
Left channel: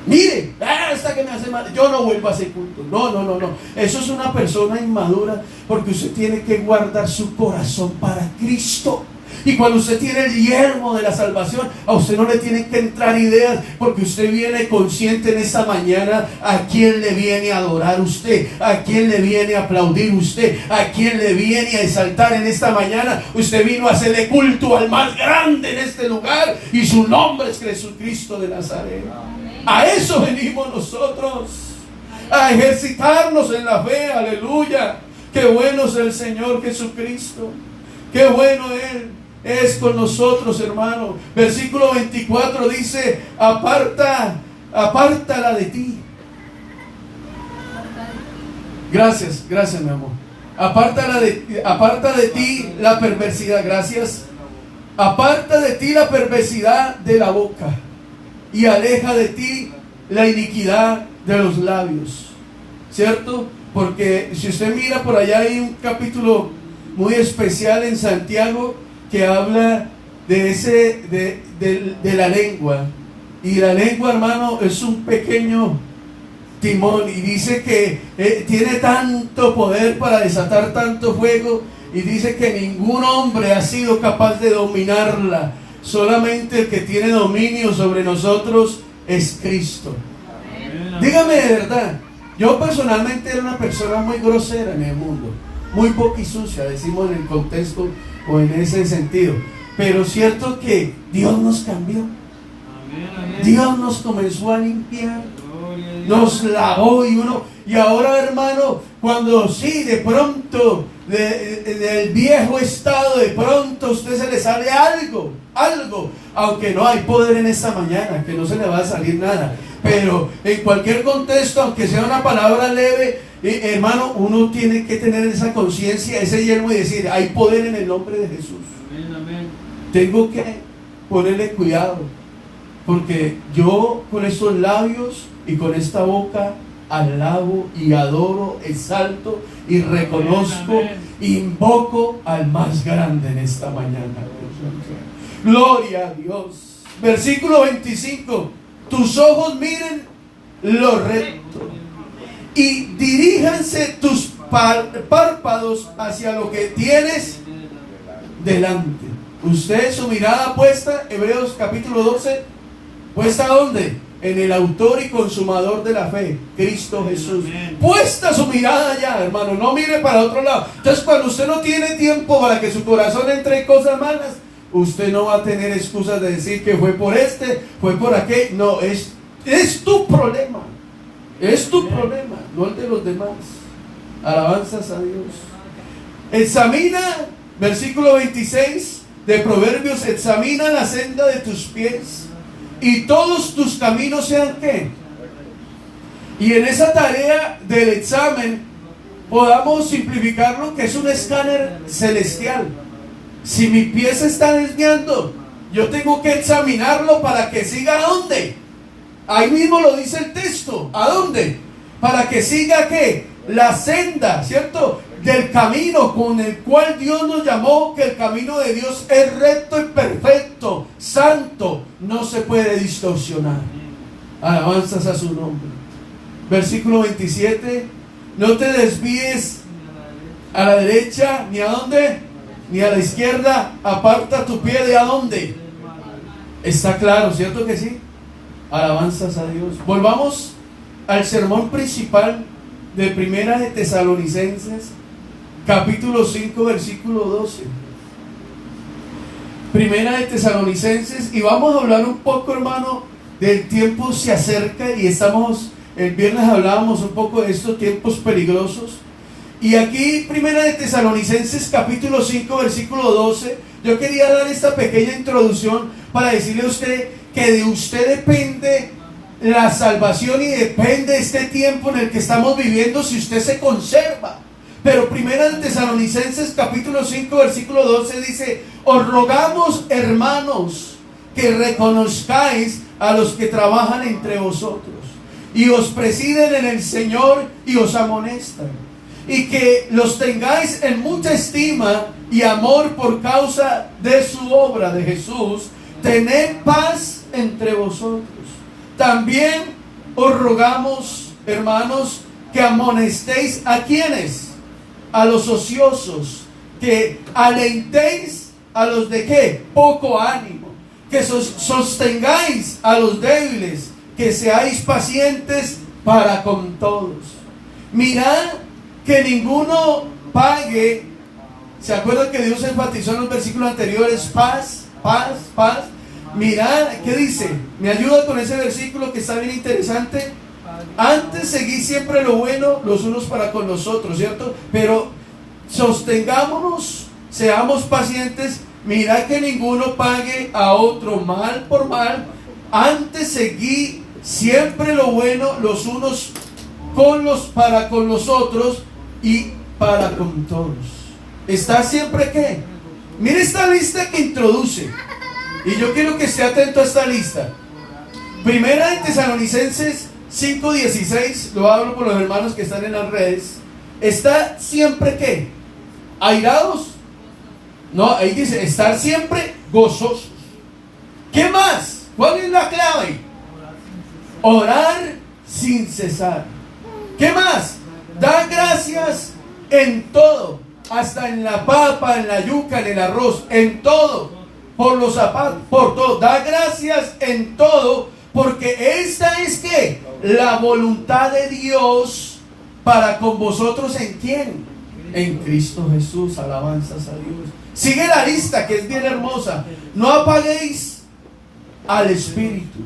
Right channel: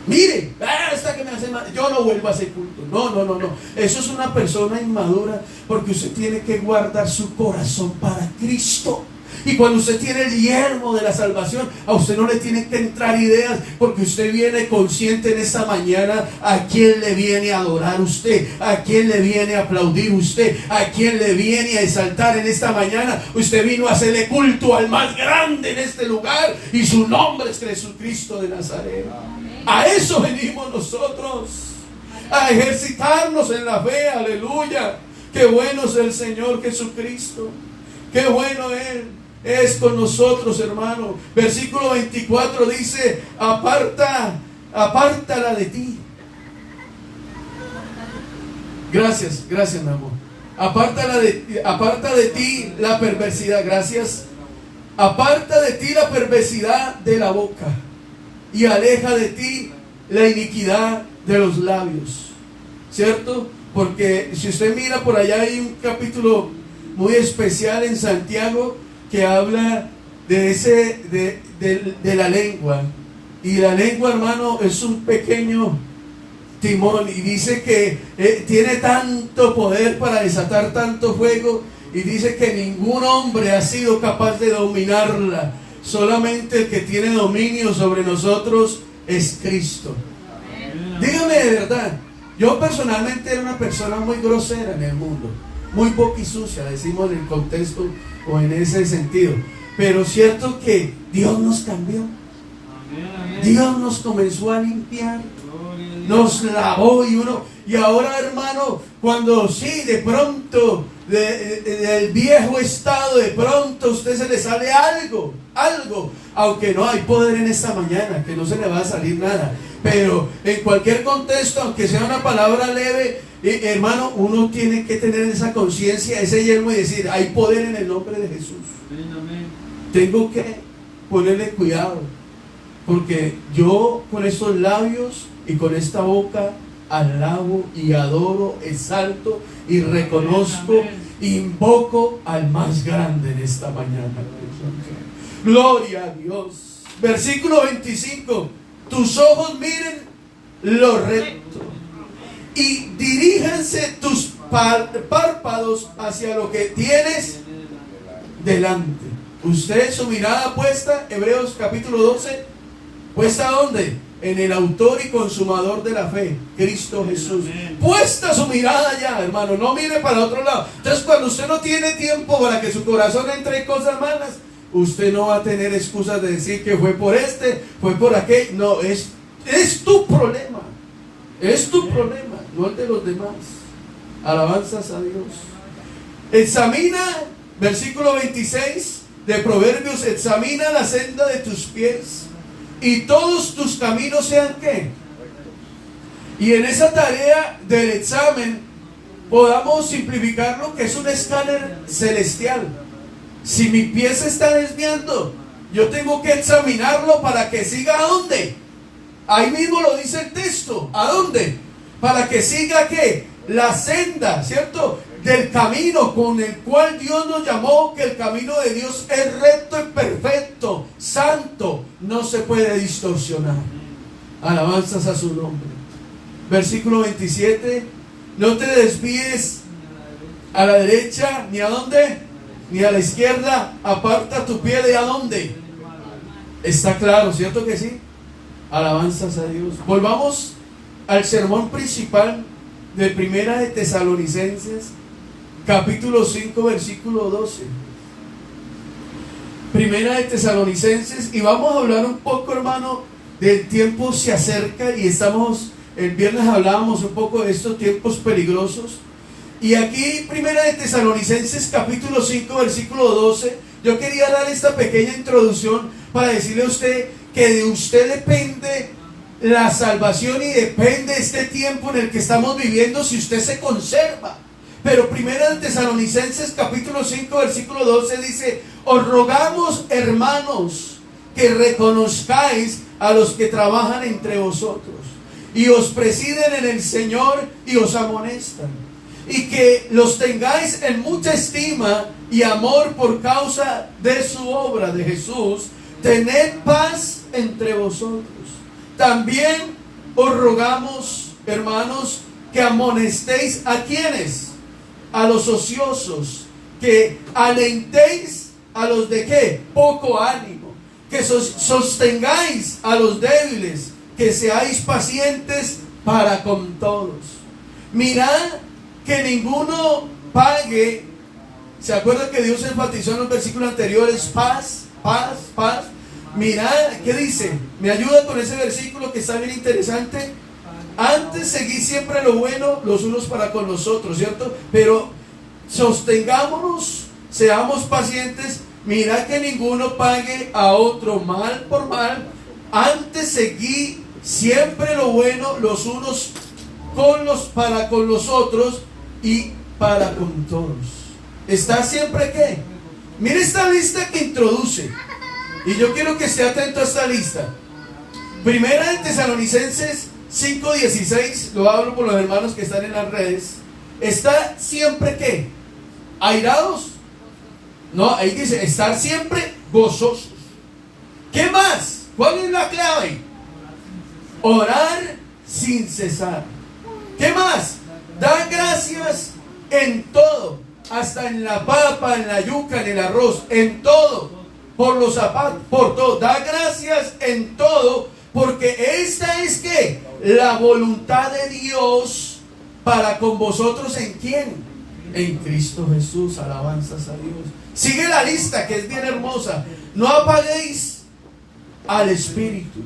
Mire, esta que me hace mal, yo no vuelvo a ese culto. No. Eso es una persona inmadura, porque usted tiene que guardar su corazón para Cristo. Y cuando usted tiene el yelmo de la salvación, a usted no le tienen que entrar ideas, porque usted viene consciente en esta mañana a quién le viene a adorar usted, a quién le viene a aplaudir usted, a quién le viene a exaltar en esta mañana. Usted vino a hacerle culto al más grande en este lugar, y su nombre es Jesucristo de Nazaret. A eso venimos nosotros, a ejercitarnos en la fe, aleluya. Qué bueno es el Señor Jesucristo, qué bueno Él es con nosotros, hermano. Versículo 24 dice, apártala de ti. Gracias, mi amor. Aparta de ti la perversidad, gracias. Aparta de ti la perversidad de la boca, y aleja de ti la iniquidad de los labios. ¿Cierto? Porque si usted mira por allá, hay un capítulo muy especial en Santiago que habla de la lengua. Y la lengua, hermano, es un pequeño timón, y dice que tiene tanto poder para desatar tanto fuego, y dice que ningún hombre ha sido capaz de dominarla. Solamente el que tiene dominio sobre nosotros es Cristo. Dígame de verdad, yo personalmente era una persona muy grosera en el mundo, muy poquisucia, decimos en el contexto o en ese sentido. Pero cierto que Dios nos cambió. Dios nos comenzó a limpiar, nos lavó, y ahora, hermano, cuando sí, de pronto del viejo estado, de pronto a usted se le sale algo, aunque no hay poder en esta mañana, que no se le va a salir nada, pero en cualquier contexto, aunque sea una palabra leve, hermano, uno tiene que tener esa conciencia, ese yelmo, y decir, hay poder en el nombre de Jesús. Tengo que ponerle cuidado, porque yo con estos labios y con esta boca alabo y adoro, exalto y reconozco, invoco al más grande en esta mañana. Gloria a Dios. Versículo 25. Tus ojos miren lo recto, y diríjanse tus párpados hacia lo que tienes delante. Usted, su mirada puesta, Hebreos capítulo 12, ¿puesta dónde? En el autor y consumador de la fe, Cristo Jesús. Puesta su mirada allá, hermano, no mire para otro lado. Entonces, cuando usted no tiene tiempo para que su corazón entre en cosas malas, usted no va a tener excusas de decir que fue por fue por aquel. No, es tu problema. Es tu problema, no el de los demás. Alabanzas a Dios. Examina, versículo 26 de Proverbios, examina la senda de tus pies, y todos tus caminos sean ¿qué? Y en esa tarea del examen podamos simplificarlo, que es un escáner celestial. Si mi pie se está desviando, yo tengo que examinarlo para que siga ¿a dónde? Ahí mismo lo dice el texto. ¿A dónde? Para que siga ¿qué? La senda, ¿cierto? Del camino con el cual Dios nos llamó, que el camino de Dios es recto y perfecto, santo, no se puede distorsionar. Alabanzas a su nombre. Versículo 27. No te desvíes a la derecha, ni a dónde, ni a la izquierda. Aparta tu pie de a dónde. Está claro, ¿cierto que sí? Alabanzas a Dios. Volvamos al sermón principal de Primera de Tesalonicenses, capítulo 5, versículo 12. Primera de Tesalonicenses, y vamos a hablar un poco, hermano, del tiempo se acerca, y el viernes hablábamos un poco de estos tiempos peligrosos. Y aquí, Primera de Tesalonicenses, capítulo 5, versículo 12, yo quería dar esta pequeña introducción para decirle a usted que de usted depende la salvación y depende este tiempo en el que estamos viviendo, si usted se conserva. Pero Primera de Tesalonicenses capítulo 5 versículo 12 dice: os rogamos, hermanos, que reconozcáis a los que trabajan entre vosotros y os presiden en el Señor y os amonestan, y que los tengáis en mucha estima y amor por causa de su obra de Jesús. Tened paz entre vosotros. También os rogamos, hermanos, que amonestéis a quienes, a los ociosos, que alentéis a los de qué, poco ánimo, que sostengáis a los débiles, que seáis pacientes para con todos. Mirad que ninguno pague. ¿Se acuerdan que Dios enfatizó en los versículos anteriores? Paz, paz, paz. Mirad, ¿qué dice? Me ayuda con ese versículo que está bien interesante. Antes seguid siempre lo bueno los unos para con los otros, ¿cierto? Pero sostengámonos, seamos pacientes. Mirad que ninguno pague a otro mal por mal. Antes seguid siempre lo bueno los unos para con los otros y para con todos. ¿Está siempre qué? Mire esta lista que introduce, y yo quiero que esté atento a esta lista. Primera de Tesalonicenses 5:16, lo hablo por los hermanos que están en las redes. ¿Está siempre qué? ¿Airados? No, ahí dice estar siempre gozosos. ¿Qué más? ¿Cuál es la clave? Orar sin cesar. ¿Qué más? Dar gracias en todo, hasta en la papa, en la yuca, en el arroz, en todo, por los zapatos, por todo. Da gracias en todo, porque esta es que la voluntad de Dios para con vosotros. ¿En quién? En Cristo Jesús. Alabanzas a Dios. Sigue la lista, que es bien hermosa. No apaguéis al Espíritu.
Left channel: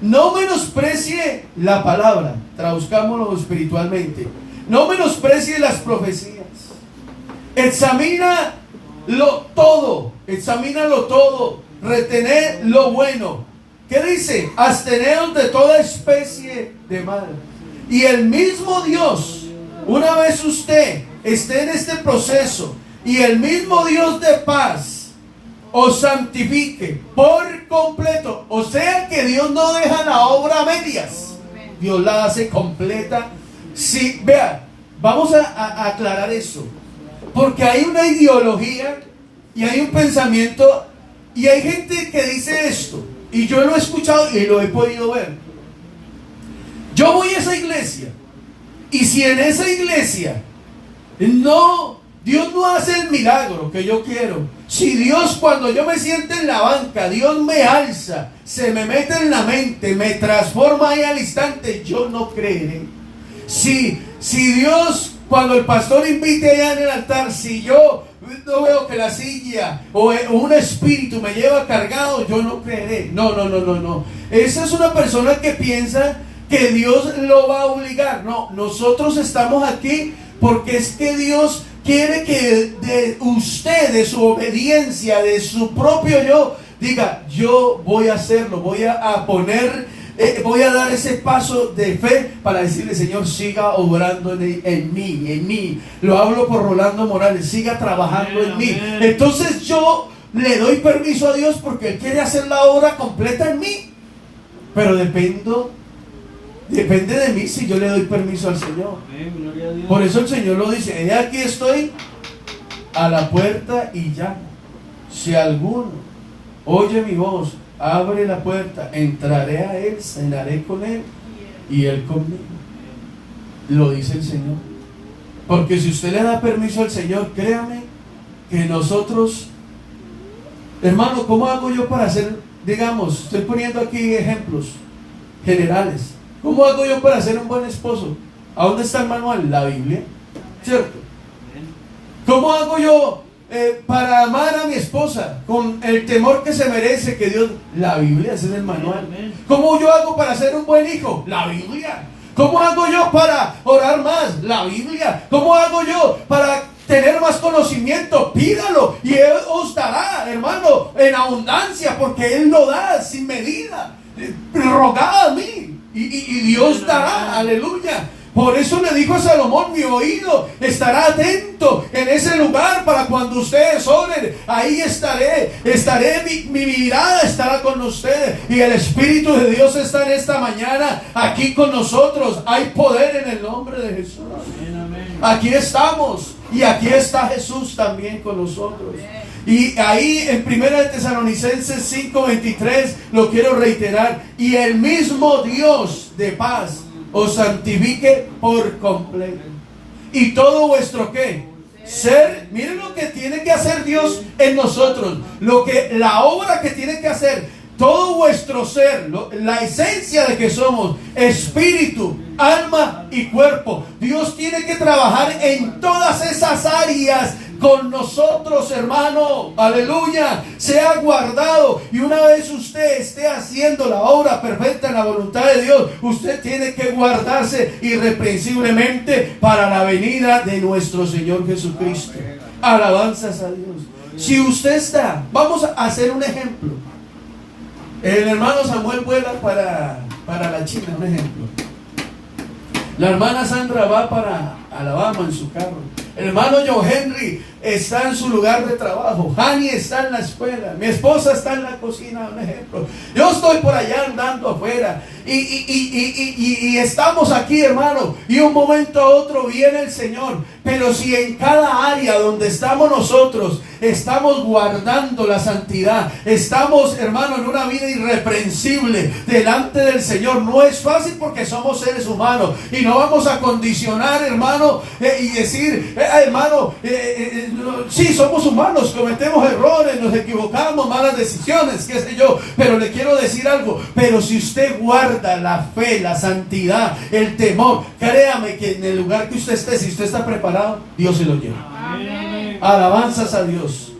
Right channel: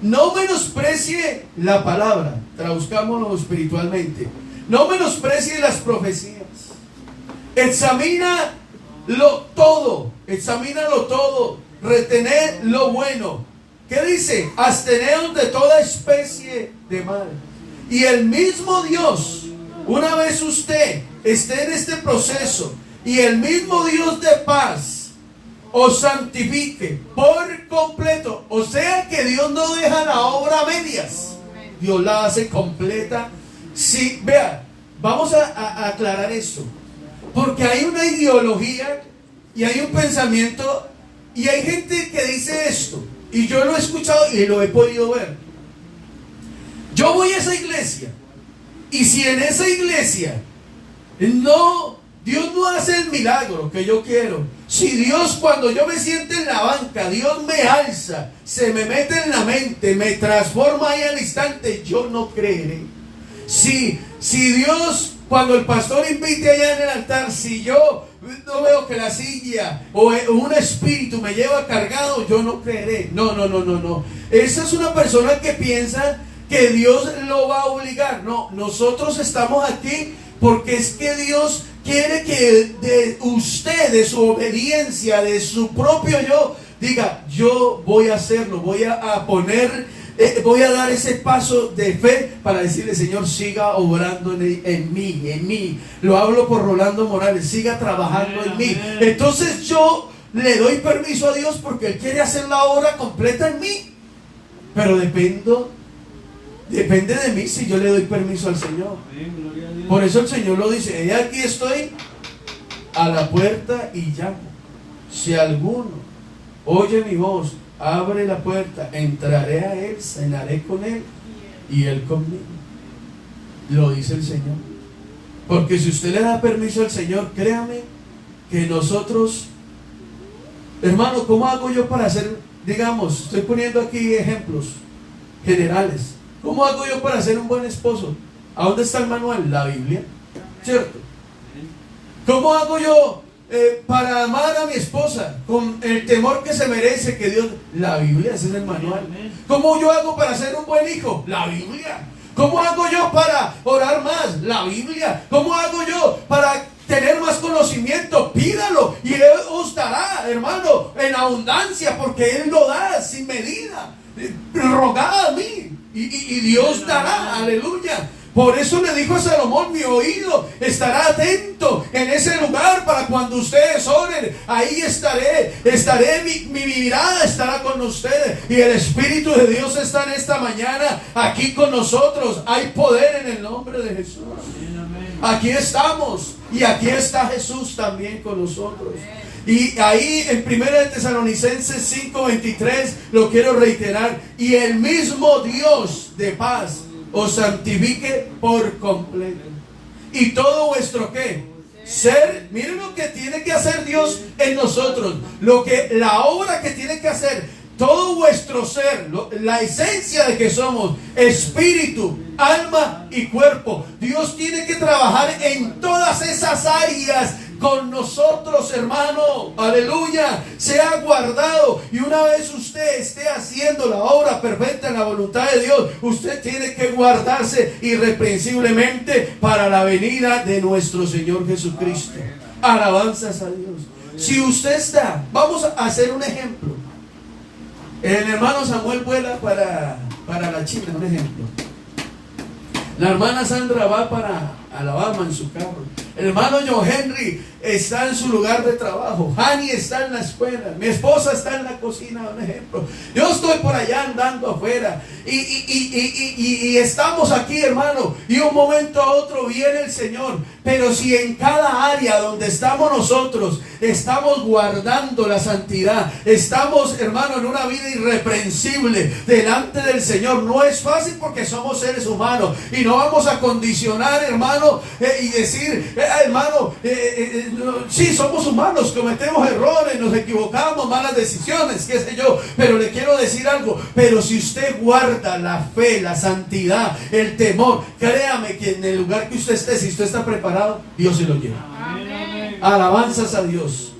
No menosprecie la palabra. Traduzcámoslo espiritualmente. No menosprecie las profecías. Examínalo todo. Examínalo todo. Retened lo bueno. ¿Qué dice? Absteneos de toda especie de mal. Y el mismo Dios, una vez usted esté en este proceso, y el mismo Dios de paz os santifique por completo. O sea que Dios no deja la obra a medias, Dios la hace completa. Sí, vea, vamos a aclarar esto, porque hay una ideología y hay un pensamiento, y hay gente que dice esto, y yo lo he escuchado y lo he podido ver. Yo voy a esa iglesia, y si en esa iglesia Dios no hace el milagro que yo quiero, si Dios, cuando yo me siento en la banca, Dios me alza, se me mete en la mente, me transforma ahí al instante, yo no creeré. Si Dios, cuando el pastor invite allá en el altar, si yo no veo que la silla o un espíritu me lleva cargado, yo no creeré. No. Esa es una persona que piensa que Dios lo va a obligar. No, nosotros estamos aquí porque es que Dios quiere que de usted, de su obediencia, de su propio yo, diga: yo voy a hacerlo, voy a dar ese paso de fe para decirle: Señor, siga obrando en mí. Lo hablo por Rolando Morales, siga trabajando en mí. Entonces yo le doy permiso a Dios porque Él quiere hacer la obra completa en mí. Pero depende de mí si yo le doy permiso al Señor. Por eso el Señor lo dice: he aquí estoy a la puerta y llamo. Si alguno oye mi voz, abre la puerta, entraré a Él, cenaré con Él y Él conmigo. Lo dice el Señor. Porque si usted le da permiso al Señor, créame que nosotros, hermano, ¿cómo hago yo para hacer, digamos, estoy poniendo aquí ejemplos generales, ¿cómo hago yo para ser un buen esposo? ¿A dónde está el manual? La Biblia, ¿cierto? ¿Cómo hago yo para amar a mi esposa con el temor que se merece que Dios? La Biblia, ese es el manual. ¿Cómo yo hago para ser un buen hijo? La Biblia. ¿Cómo hago yo para orar más? La Biblia. ¿Cómo hago yo para tener más conocimiento? Pídalo y Él os dará, hermano, en abundancia, porque Él lo da sin medida. Rogad a mí y Dios dará, aleluya. Por eso le dijo a Salomón: mi oído estará atento en ese lugar para cuando ustedes oren. Ahí estaré, mi mirada estará con ustedes. Y el Espíritu de Dios está en esta mañana aquí con nosotros. Hay poder en el nombre de Jesús. Aquí estamos y aquí está Jesús también con nosotros. Y ahí en 1 Tesalonicenses 5:23 lo quiero reiterar: y el mismo Dios de paz os santifique por completo. Y todo vuestro ¿qué? Ser. Miren lo que tiene que hacer Dios en nosotros, la obra que tiene que hacer. Todo vuestro ser, la esencia de que somos, espíritu, alma y cuerpo. Dios tiene que trabajar en todas esas áreas con nosotros, hermano. Aleluya. Sea guardado. Y una vez usted esté haciendo la obra perfecta en la voluntad de Dios, usted tiene que guardarse irreprensiblemente para la venida de nuestro Señor Jesucristo. Alabanzas a Dios. Si usted está, vamos a hacer un ejemplo. El hermano Samuel vuela para la China, un ejemplo. La hermana Sandra va para Alabama en su carro. El hermano John Henry está en su lugar de trabajo. Hani está en la escuela. Mi esposa está en la cocina, un ejemplo. Yo estoy por allá andando afuera. Y estamos aquí, hermano. Y un momento a otro viene el Señor. Pero si en cada área donde estamos nosotros estamos guardando la santidad, estamos, hermano, en una vida irreprensible delante del Señor. No es fácil porque somos seres humanos. Y no vamos a condicionar, hermano, y decir, hermano, sí, somos humanos, cometemos errores, nos equivocamos, malas decisiones, qué sé yo. Pero le quiero decir algo: pero si usted guarda la fe, la santidad, el temor, créame que en el lugar que usted esté, si usted está preparado, Dios se lo lleva. Amén. Alabanzas a Dios.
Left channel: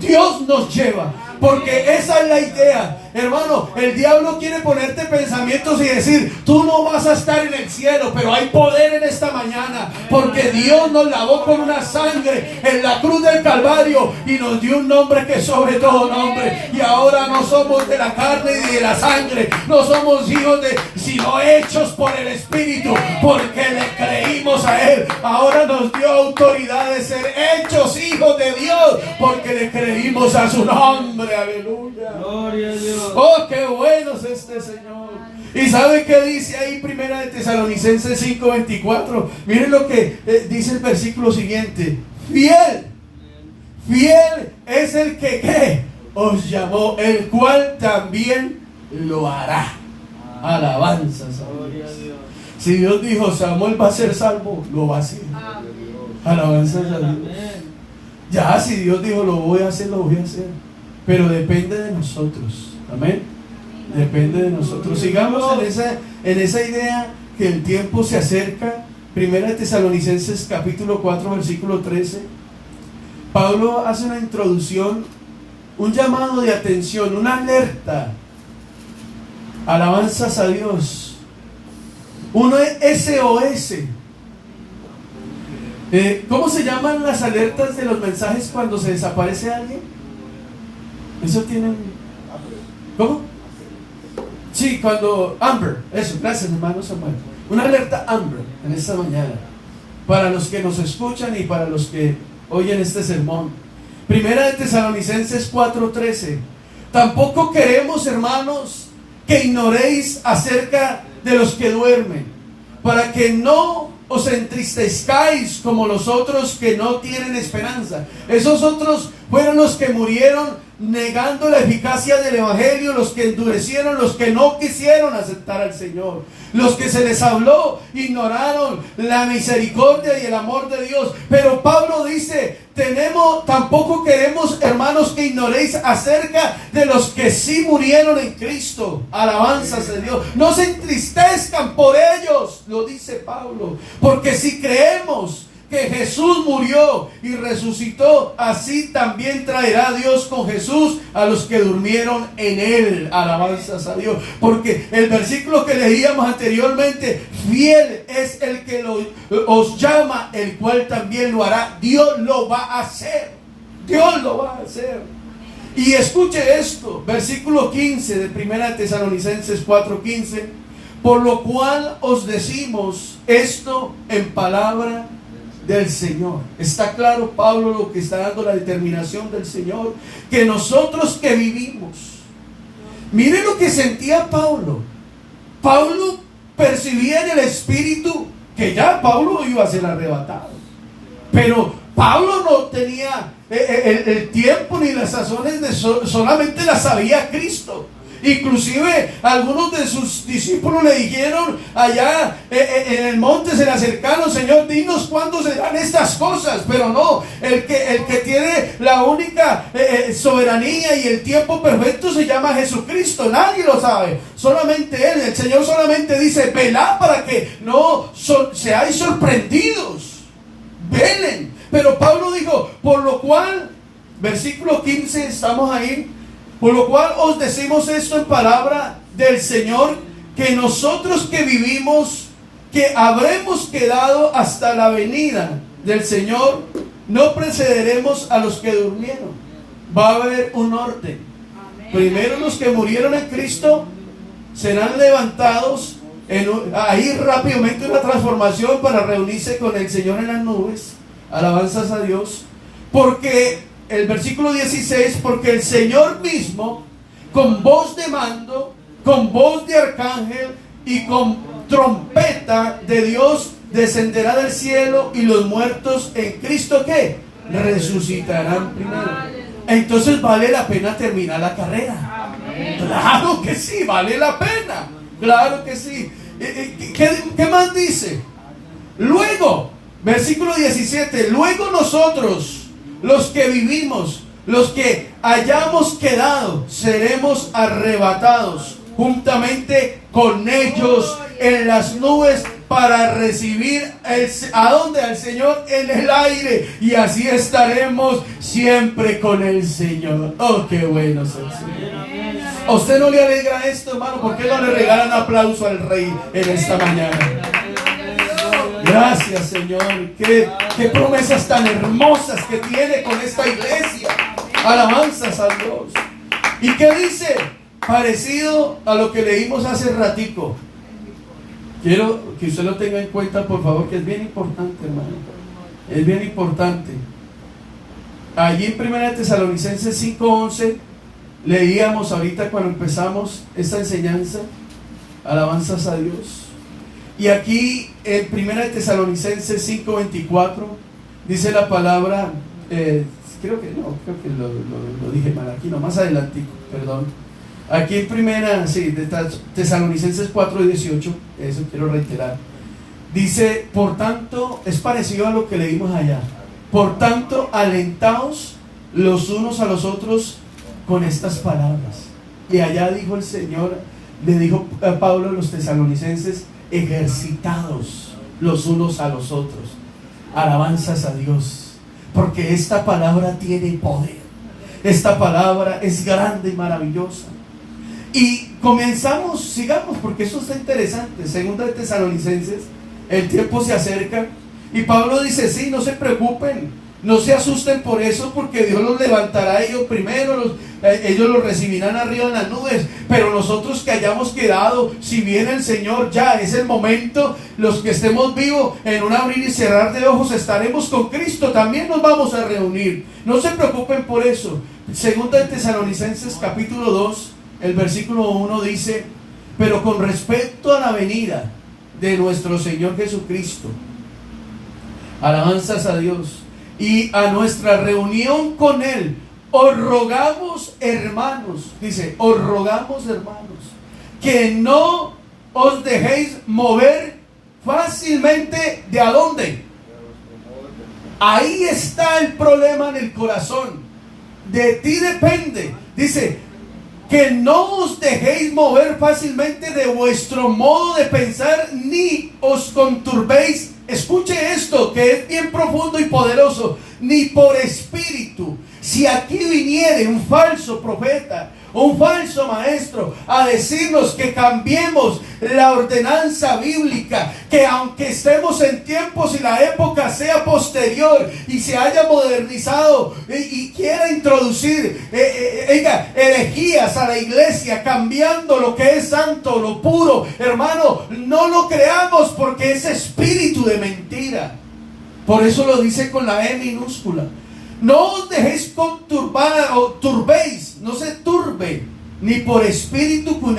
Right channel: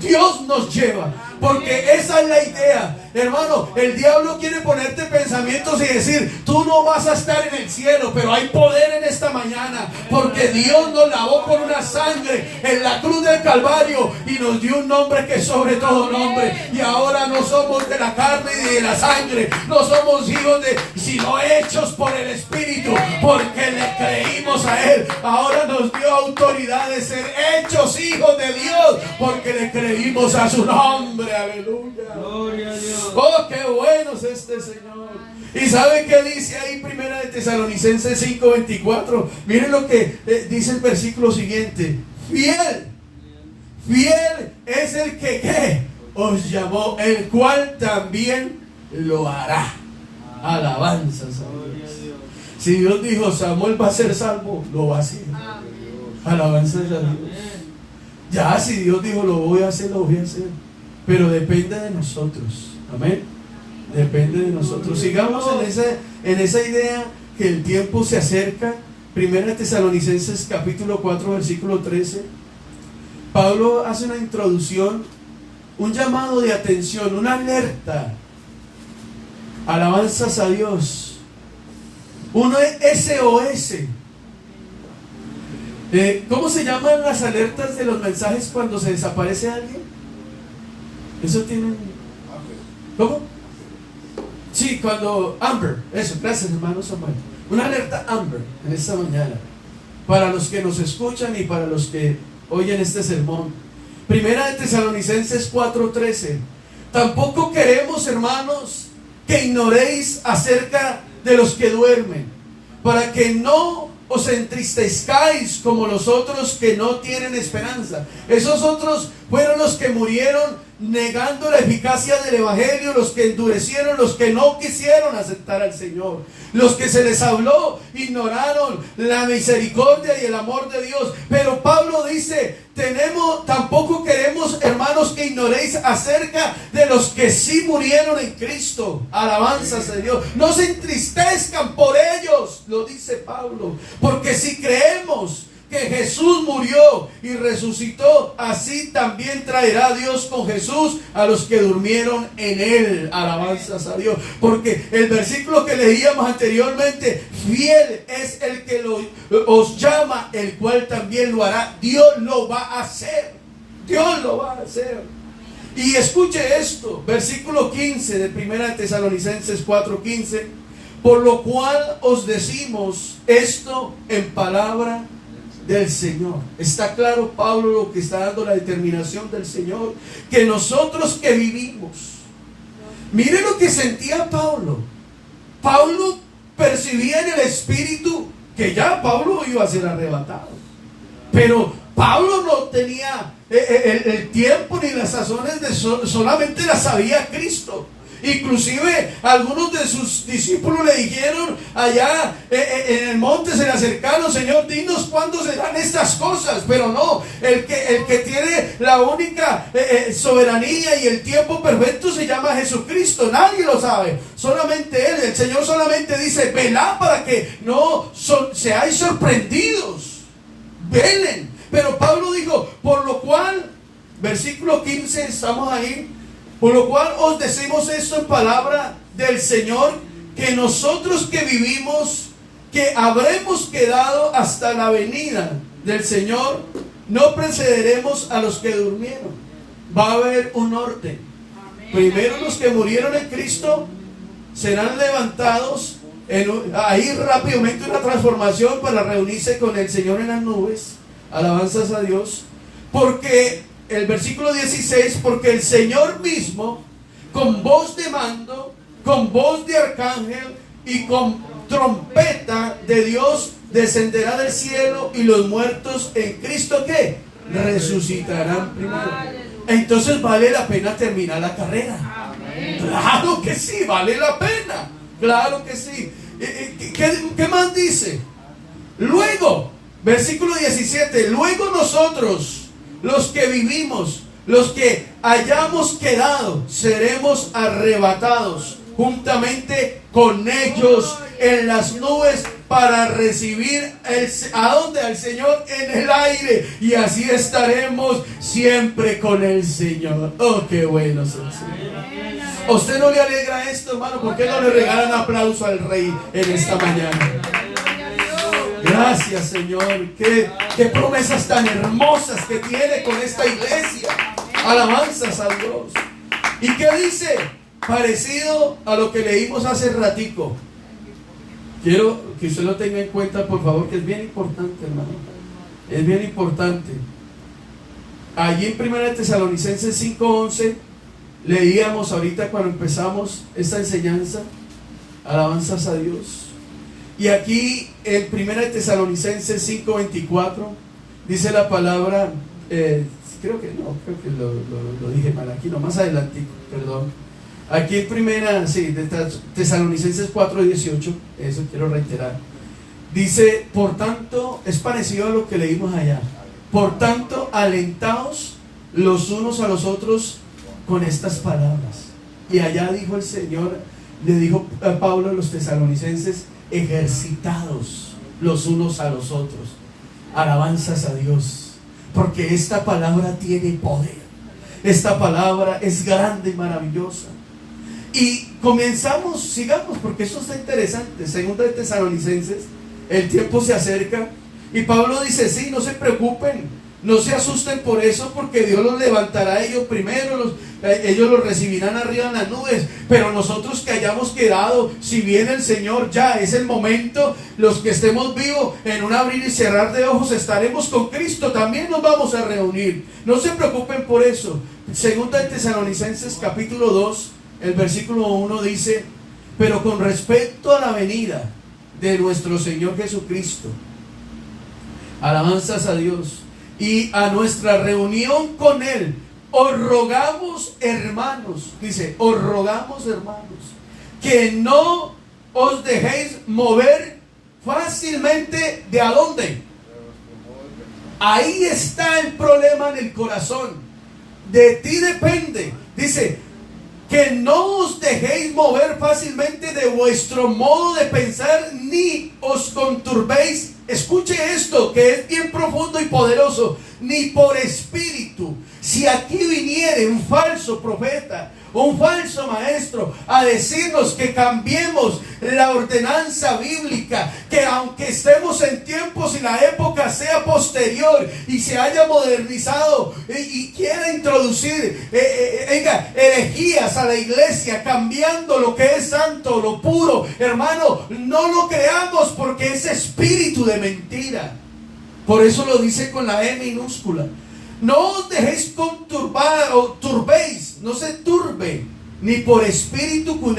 Dios nos lleva, porque esa es la idea, hermano. El diablo quiere ponerte pensamientos y decir: tú no vas a estar en el cielo. Pero hay poder en esta mañana, porque Dios nos lavó con una sangre en la cruz del Calvario y nos dio un nombre que es sobre todo nombre. Y ahora no somos de la carne ni de la sangre, no somos hijos sino hechos por el Espíritu, porque le creímos a Él. Ahora nos dio autoridad de ser hechos hijos de Dios, porque le creímos a su nombre. Aleluya. Gloria a Dios. Oh, qué bueno es este Señor. ¿Y sabe qué dice ahí 1 Tesalonicenses 5:24? Miren lo que dice el versículo siguiente: fiel es el que ¿qué? Os llamó, el cual también lo hará. Alabanzas a Dios. Si Dios dijo: Samuel va a ser salvo, lo va a hacer. Alabanzas a Dios. Ya, si Dios dijo: lo voy a hacer, lo voy a hacer. Pero depende de nosotros. Amén. Depende de nosotros. Sigamos en esa idea que el tiempo se acerca. 1 Tesalonicenses capítulo 4 versículo 13. Pablo hace una introducción, un llamado de atención, una alerta. Alabanzas a Dios. Un SOS. ¿Cómo se llaman las alertas de los mensajes cuando se desaparece alguien? Eso tienen. ¿Cómo? Sí, cuando Amber. Eso, gracias hermano Samuel. Una alerta Amber en esta mañana, para los que nos escuchan y para los que oyen este sermón. 1 Tesalonicenses 4:13. Tampoco queremos, hermanos, que ignoréis acerca de los que duermen, para que no os entristezcáis como los otros que no tienen esperanza. Esos otros fueron los que murieron negando la eficacia del Evangelio, los que endurecieron, los que no quisieron aceptar al Señor, los que se les habló, ignoraron la misericordia y el amor de Dios. Pero Pablo dice: tampoco queremos, hermanos, que ignoréis acerca de los que sí murieron en Cristo. Alabanzas de Dios. No se entristezcan por ellos, lo dice Pablo, porque si creemos que Jesús murió y resucitó, así también traerá Dios con Jesús a los que durmieron en él. Alabanzas a Dios. Porque el versículo que leíamos anteriormente, fiel es el que os llama, el cual también lo hará. Dios lo va a hacer. Dios lo va a hacer. Y escuche esto, versículo 15 de 1 Tesalonicenses 4:15. Por lo cual os decimos esto en palabra del Señor. Está claro Pablo lo que está dando la determinación del Señor, que nosotros que vivimos, miren lo que sentía Pablo. Pablo percibía en el Espíritu que ya Pablo iba a ser arrebatado, pero Pablo no tenía el tiempo ni las sazones de solamente las sabía Cristo. Inclusive algunos de sus discípulos le dijeron allá en el monte, se le acercaron: Señor, dinos cuándo serán estas cosas. Pero no, el que tiene la única soberanía y el tiempo perfecto se llama Jesucristo. Nadie lo sabe, solamente Él. El Señor solamente dice: velad para que no seáis sorprendidos, velen. Pero Pablo dijo: por lo cual, versículo 15, estamos ahí. Por lo cual os decimos esto en palabra del Señor, que nosotros que vivimos, que habremos quedado hasta la venida del Señor, no precederemos a los que durmieron. Va a haber un orden. Primero los que murieron en Cristo serán levantados ahí rápidamente, una transformación para reunirse con el Señor en las nubes. Alabanzas a Dios. Porque el versículo 16, porque el Señor mismo, con voz de mando, con voz de arcángel y con trompeta de Dios, descenderá del cielo, y los muertos en Cristo, ¿qué? Resucitarán primero. Entonces vale la pena terminar la carrera. Claro que sí, vale la pena. Claro que sí. ¿Qué más dice? Luego, versículo 17, luego nosotros, los que vivimos, los que hayamos quedado, seremos arrebatados juntamente con ellos en las nubes para recibir ¿a dónde? Al Señor en el aire, y así estaremos siempre con el Señor. Oh, qué bueno es el Señor. ¿A usted no le alegra esto, hermano? ¿Por qué no le regalan aplauso al Rey en esta mañana? Gracias, Señor. Qué promesas tan hermosas que tiene con esta iglesia. Alabanzas a Dios. ¿Y qué dice? Parecido a lo que leímos hace ratico. Quiero que usted lo tenga en cuenta, por favor, que es bien importante, hermano. Es bien importante. Allí en 1 Tesalonicenses 5:11 leíamos ahorita cuando empezamos esta enseñanza. Alabanzas a Dios. Y aquí en 1 Tesalonicenses 5:24 dice la palabra, creo que lo dije mal aquí, no, más adelantico, perdón. Aquí en Tesalonicenses 4:18, eso quiero reiterar. Dice, por tanto, es parecido a lo que leímos allá. Por tanto, alentaos los unos a los otros con estas palabras. Y allá dijo el Señor, le dijo a Pablo a los tesalonicenses: ejercitados los unos a los otros. Alabanzas a Dios, porque esta palabra tiene poder. Esta palabra es grande y maravillosa. Y comenzamos, sigamos, porque esto está interesante. Segunda de Tesalonicenses, el tiempo se acerca y Pablo dice: sí, no se preocupen, no se asusten por eso, porque Dios los levantará a ellos primero, ellos los recibirán arriba en las nubes. Pero nosotros que hayamos quedado, si viene el Señor, ya es el momento. Los que estemos vivos, en un abrir y cerrar de ojos estaremos con Cristo, también nos vamos a reunir. No se preocupen por eso. Segunda de Tesalonicenses capítulo 2, el versículo 1 dice: pero con respecto a la venida de nuestro Señor Jesucristo, alabanzas a Dios, y a nuestra reunión con Él, os rogamos, hermanos, dice, os rogamos, hermanos, que no os dejéis mover fácilmente. ¿De a dónde? Ahí está el problema en el corazón. de ti depende. Dice, que no os dejéis mover fácilmente de vuestro modo de pensar, ni os conturbéis. Escuche esto, que es bien profundo y poderoso. Ni por espíritu. Si aquí viniere un falso profeta, un falso maestro, a decirnos que cambiemos la ordenanza bíblica, que aunque estemos en tiempos y la época sea posterior y se haya modernizado y quiera introducir herejías a la iglesia, cambiando lo que es santo, lo puro, hermano, no lo creamos, porque es espíritu de mentira. Por eso lo dice con la E minúscula. No os dejéis conturbar o turbéis, no se turbe, ni por espíritu con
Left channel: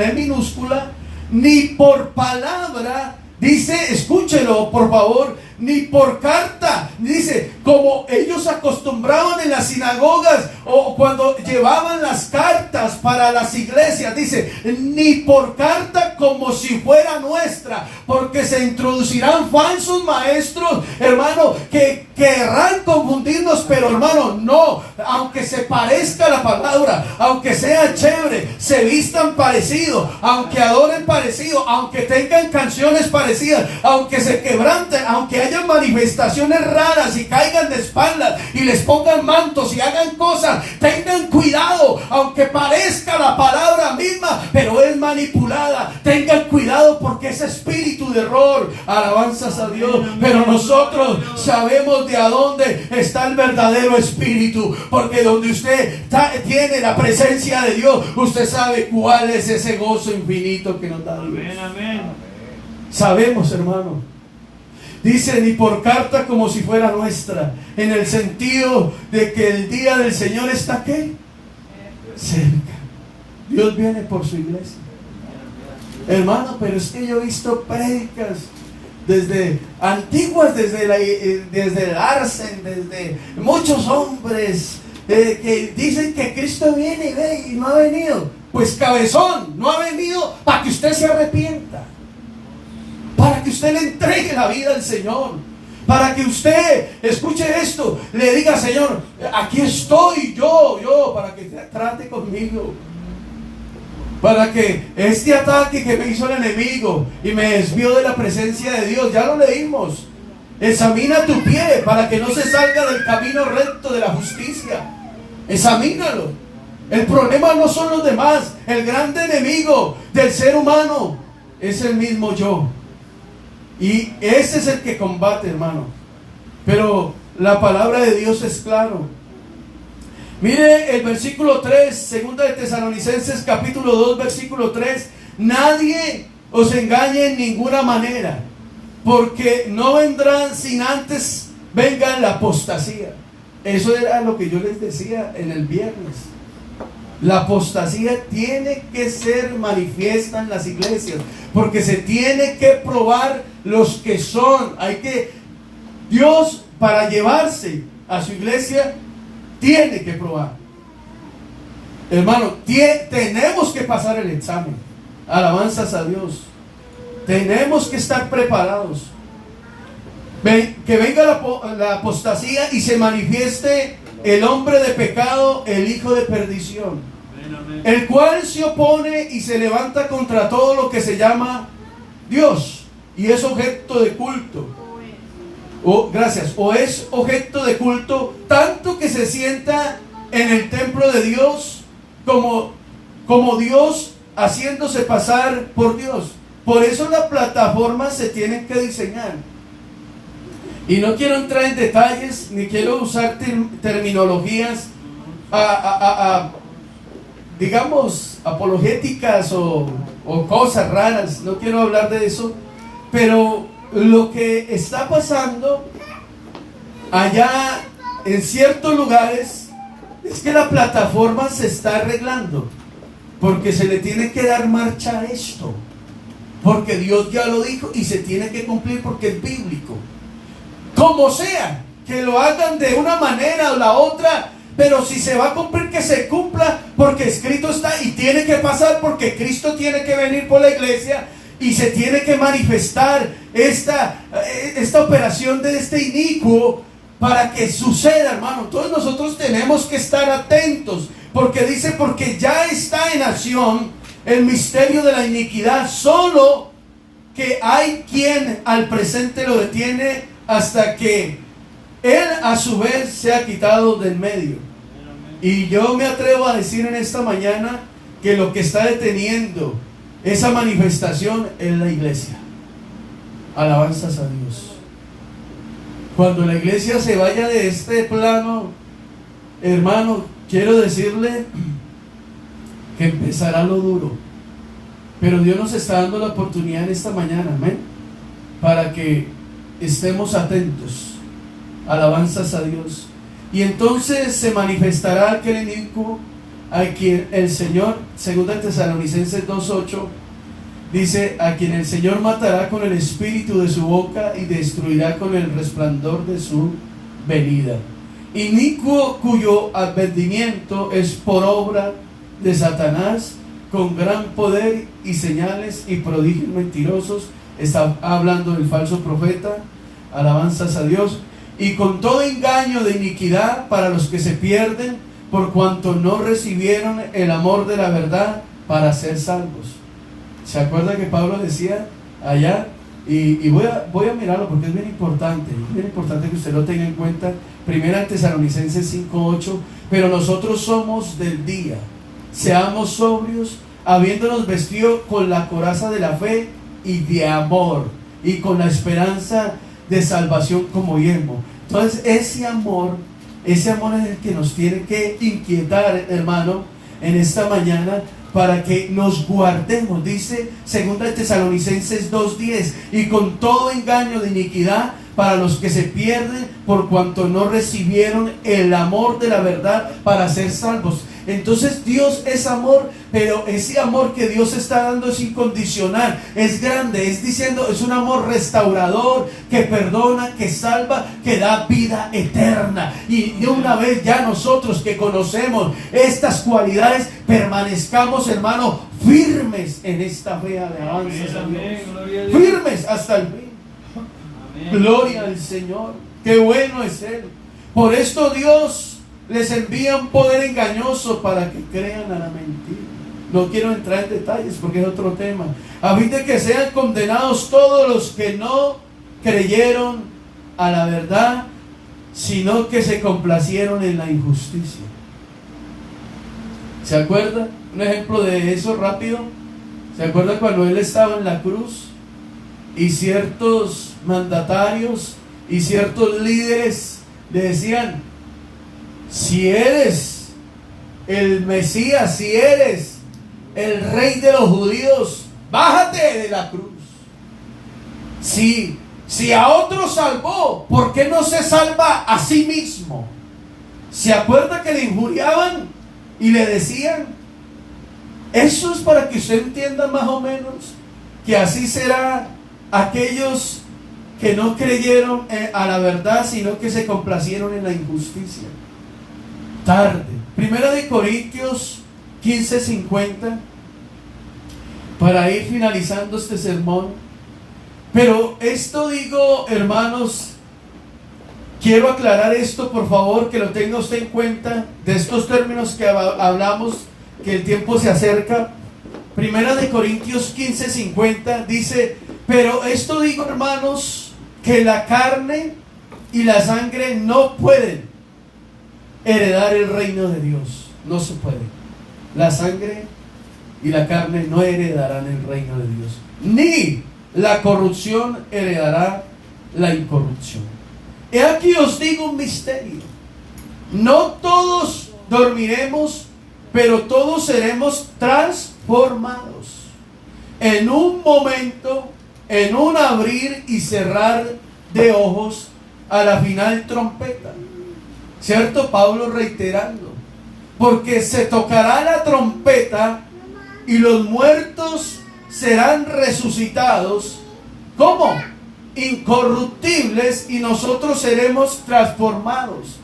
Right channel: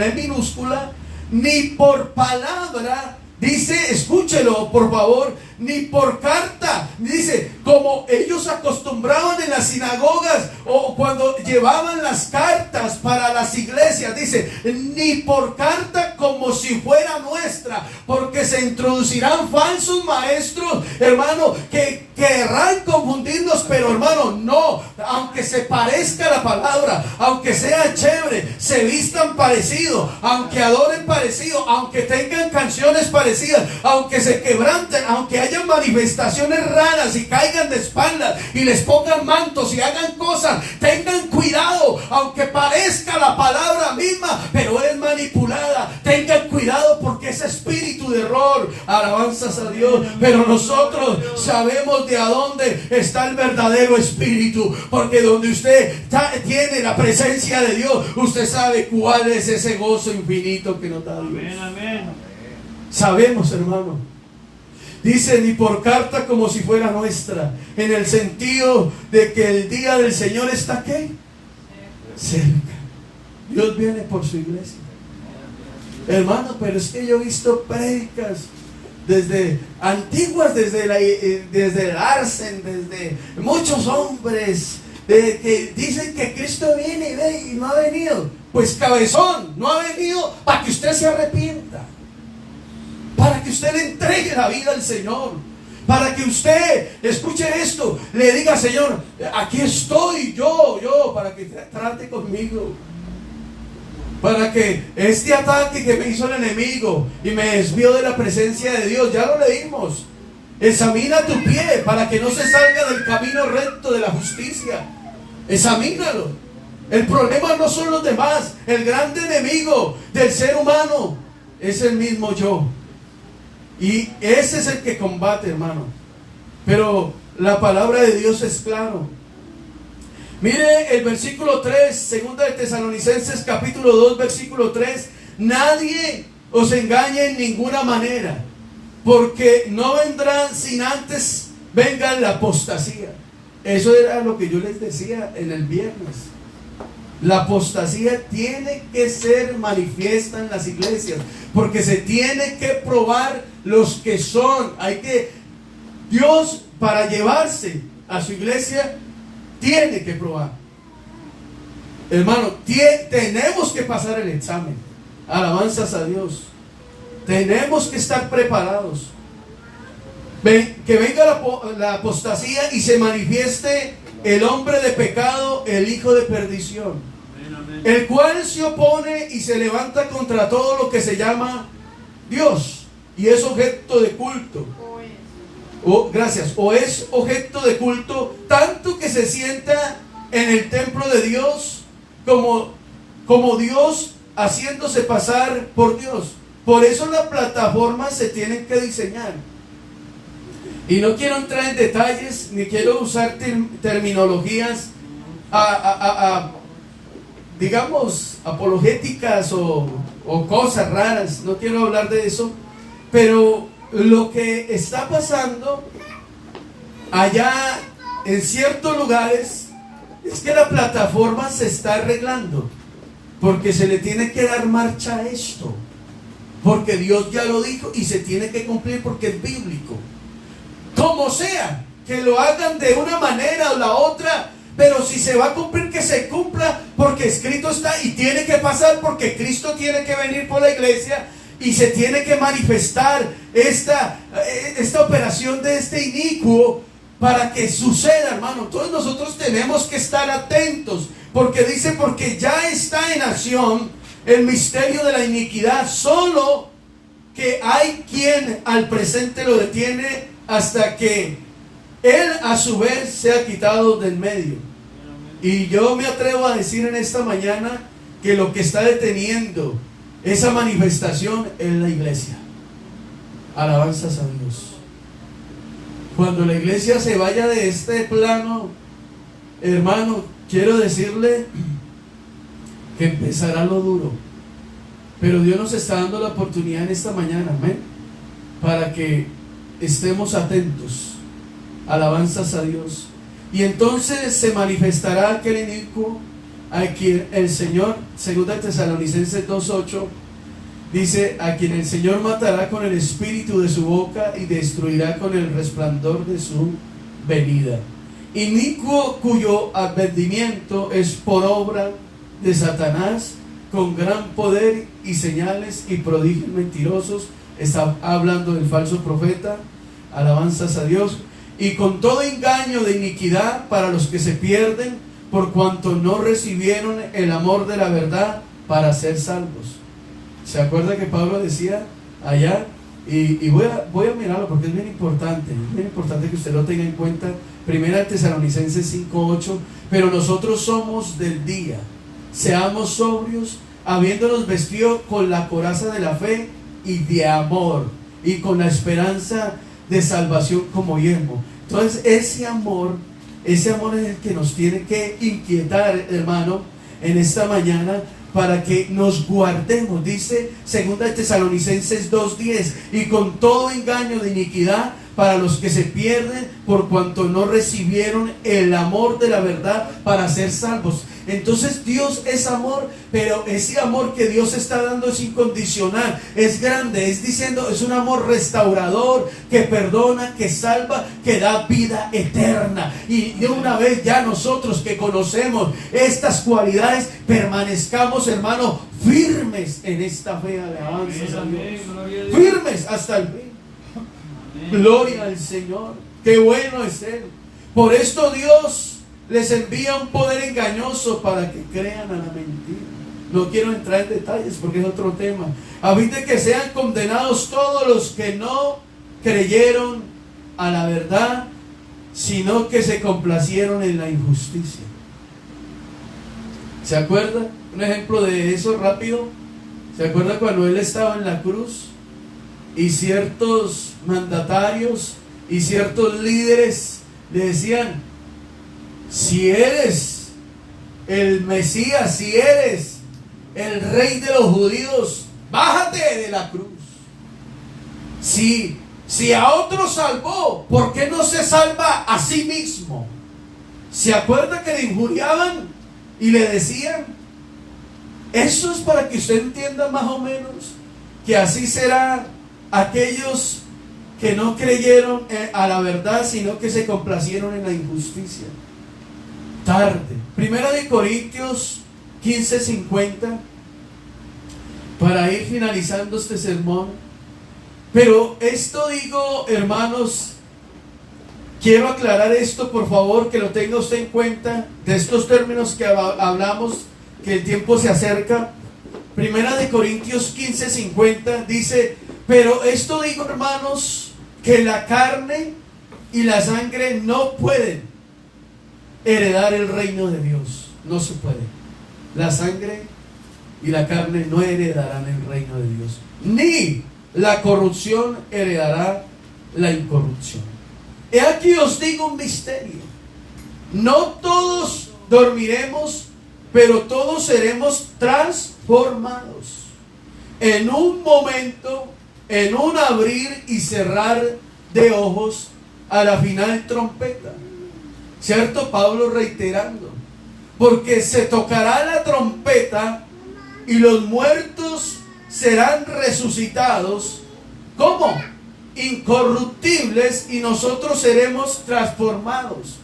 E minúscula, ni por palabra. Dice, escúchelo por favor, ni por carta. Dice, como ellos acostumbraban en las sinagogas o cuando llevaban las cartas para las iglesias. Dice, ni por carta como si fuera nuestra, porque se introducirán falsos maestros, hermano, que querrán confundirnos. Pero hermano, no, aunque se parezca la palabra, aunque sea chévere, se vistan parecido, aunque adoren parecido, aunque tengan canciones parecidas, aunque se quebranten, aunque hayan manifestaciones raras y caigan de espaldas y les pongan mantos y hagan cosas, tengan cuidado. Aunque parezca la palabra misma, pero es manipulada, tengan cuidado, porque es espíritu de error. Alabanzas a Dios. Pero nosotros sabemos de a dónde está el verdadero espíritu, porque donde usted tiene la presencia de Dios, usted sabe cuál es ese gozo infinito que nos da Dios. Amén, amén. Sabemos, hermano. Dice, ni por carta como si fuera nuestra, en el sentido de que el día del Señor está ¿qué? Cerca. Dios viene por su iglesia. Hermano, pero es que yo he visto prédicas desde antiguas, desde el Arsen, desde muchos hombres que dicen que Cristo viene y no ha venido. Pues cabezón, no ha venido para que usted se arrepienta, para que usted le entregue la vida al Señor, para que usted, escuche esto, le diga: Señor, aquí estoy yo, para que trate conmigo, para que este ataque que me hizo el enemigo y me desvió de la presencia de Dios, ya lo leímos, examina tu pie para que no se salga del camino recto de la justicia. Examínalo. El problema no son los demás, el gran enemigo del ser humano es el mismo yo. Y ese es el que combate, hermano. Pero la palabra de Dios es claro. Mire el versículo 3, segunda de Tesalonicenses capítulo 2, versículo 3. Nadie os engañe en ninguna manera, porque no vendrán sin antes venga la apostasía. Eso era lo que yo les decía en el viernes. La apostasía tiene que ser manifiesta en las iglesias, porque se tiene que probar los que son. Dios, para llevarse a su iglesia, tiene que probar. Hermano, tenemos que pasar el examen. Alabanzas a Dios. Tenemos que estar preparados. Que venga la apostasía y se manifieste el hombre de pecado, el hijo de perdición, el cual se opone y se levanta contra todo lo que se llama Dios y es objeto de culto. O es objeto de culto, tanto que se sienta en el templo de Dios como Dios, haciéndose pasar por Dios. Por eso las plataformas se tienen que diseñar. Y no quiero entrar en detalles, ni quiero usar terminologías digamos, apologéticas o cosas raras. No quiero hablar de eso. Pero lo que está pasando allá en ciertos lugares es que la plataforma se está arreglando, porque se le tiene que dar marcha a esto, porque Dios ya lo dijo y se tiene que cumplir, porque es bíblico. Como sea, que lo hagan de una manera o la otra, pero si se va a cumplir, que se cumpla, porque escrito está y tiene que pasar, porque Cristo tiene que venir por la iglesia y se tiene que manifestar esta operación de este inicuo para que suceda, hermano. Todos nosotros tenemos que estar atentos, porque dice, porque ya está en acción el misterio de la iniquidad, solo que hay quien al presente lo detiene hasta que él a su vez sea quitado del medio. Y yo me atrevo a decir en esta mañana que lo que está deteniendo esa manifestación es la iglesia. Alabanzas a Dios. Cuando la iglesia se vaya de este plano, hermano, quiero decirle que empezará lo duro. Pero Dios nos está dando la oportunidad en esta mañana, amén, para que estemos atentos. Alabanzas a Dios. Y entonces se manifestará aquel inicuo a quien el Señor, según Tesalonicenses 2:8, dice, a quien el Señor matará con el espíritu de su boca y destruirá con el resplandor de su venida. Inicuo cuyo advertimiento es por obra de Satanás, con gran poder y señales y prodigios mentirosos. Está hablando del falso profeta. Alabanzas a Dios. Y con todo engaño de iniquidad para los que se pierden, por cuanto no recibieron el amor de la verdad para ser salvos. ¿Se acuerda que Pablo decía allá? Y voy a mirarlo porque es bien importante que usted lo tenga en cuenta. Primera Tesalonicenses 5:8. Pero nosotros somos del día, seamos sobrios, habiéndonos vestido con la coraza de la fe y de amor, y con la esperanza de salvación como yelmo. Entonces ese amor es el que nos tiene que inquietar, hermano, en esta mañana, para que nos guardemos. Dice 2 Tesalonicenses 2:10, y con todo engaño de iniquidad para los que se pierden, por cuanto no recibieron el amor de la verdad para ser salvos. Entonces Dios es amor, pero ese amor que Dios está dando es incondicional, es grande, es diciendo, es un amor restaurador, que perdona, que salva, que da vida eterna. Y de una vez ya nosotros que conocemos estas cualidades, permanezcamos, hermano, firmes en esta fe. Alabanzas a Dios. Firmes hasta el fin. Gloria al Señor. Qué bueno es Él. Por esto Dios les envía un poder engañoso para que crean a la mentira. No quiero entrar en detalles porque es otro tema. A fin de que sean condenados todos los que no creyeron a la verdad, sino que se complacieron en la injusticia. ¿Se acuerda? Un ejemplo de eso rápido. ¿Se acuerda cuando Él estaba en la cruz y ciertos mandatarios y ciertos líderes le decían, si eres el Mesías, si eres el rey de los judíos, bájate de la cruz? Si a otro salvó, ¿por qué no se salva a sí mismo? ¿Se acuerda que le injuriaban y le decían? Eso es para que usted entienda más o menos que así será aquellos que no creyeron a la verdad, sino que se complacieron en la injusticia. Tarde. Primera de Corintios 15:50, para ir finalizando este sermón. Pero esto digo, hermanos, quiero aclarar esto, por favor, que lo tenga usted en cuenta, de estos términos que hablamos, que el tiempo se acerca. Primera de Corintios 15:50 dice, pero esto digo, hermanos, que la carne y la sangre no pueden heredar el reino de Dios. No se puede. La sangre y la carne no heredarán el reino de Dios, ni la corrupción heredará la incorrupción. He aquí os digo un misterio: no todos dormiremos, pero todos seremos transformados en un momento, en un abrir y cerrar de ojos, a la final trompeta. ¿Cierto? Pablo reiterando, porque se tocará la trompeta y los muertos serán resucitados. ¿Cómo? Incorruptibles, y nosotros seremos transformados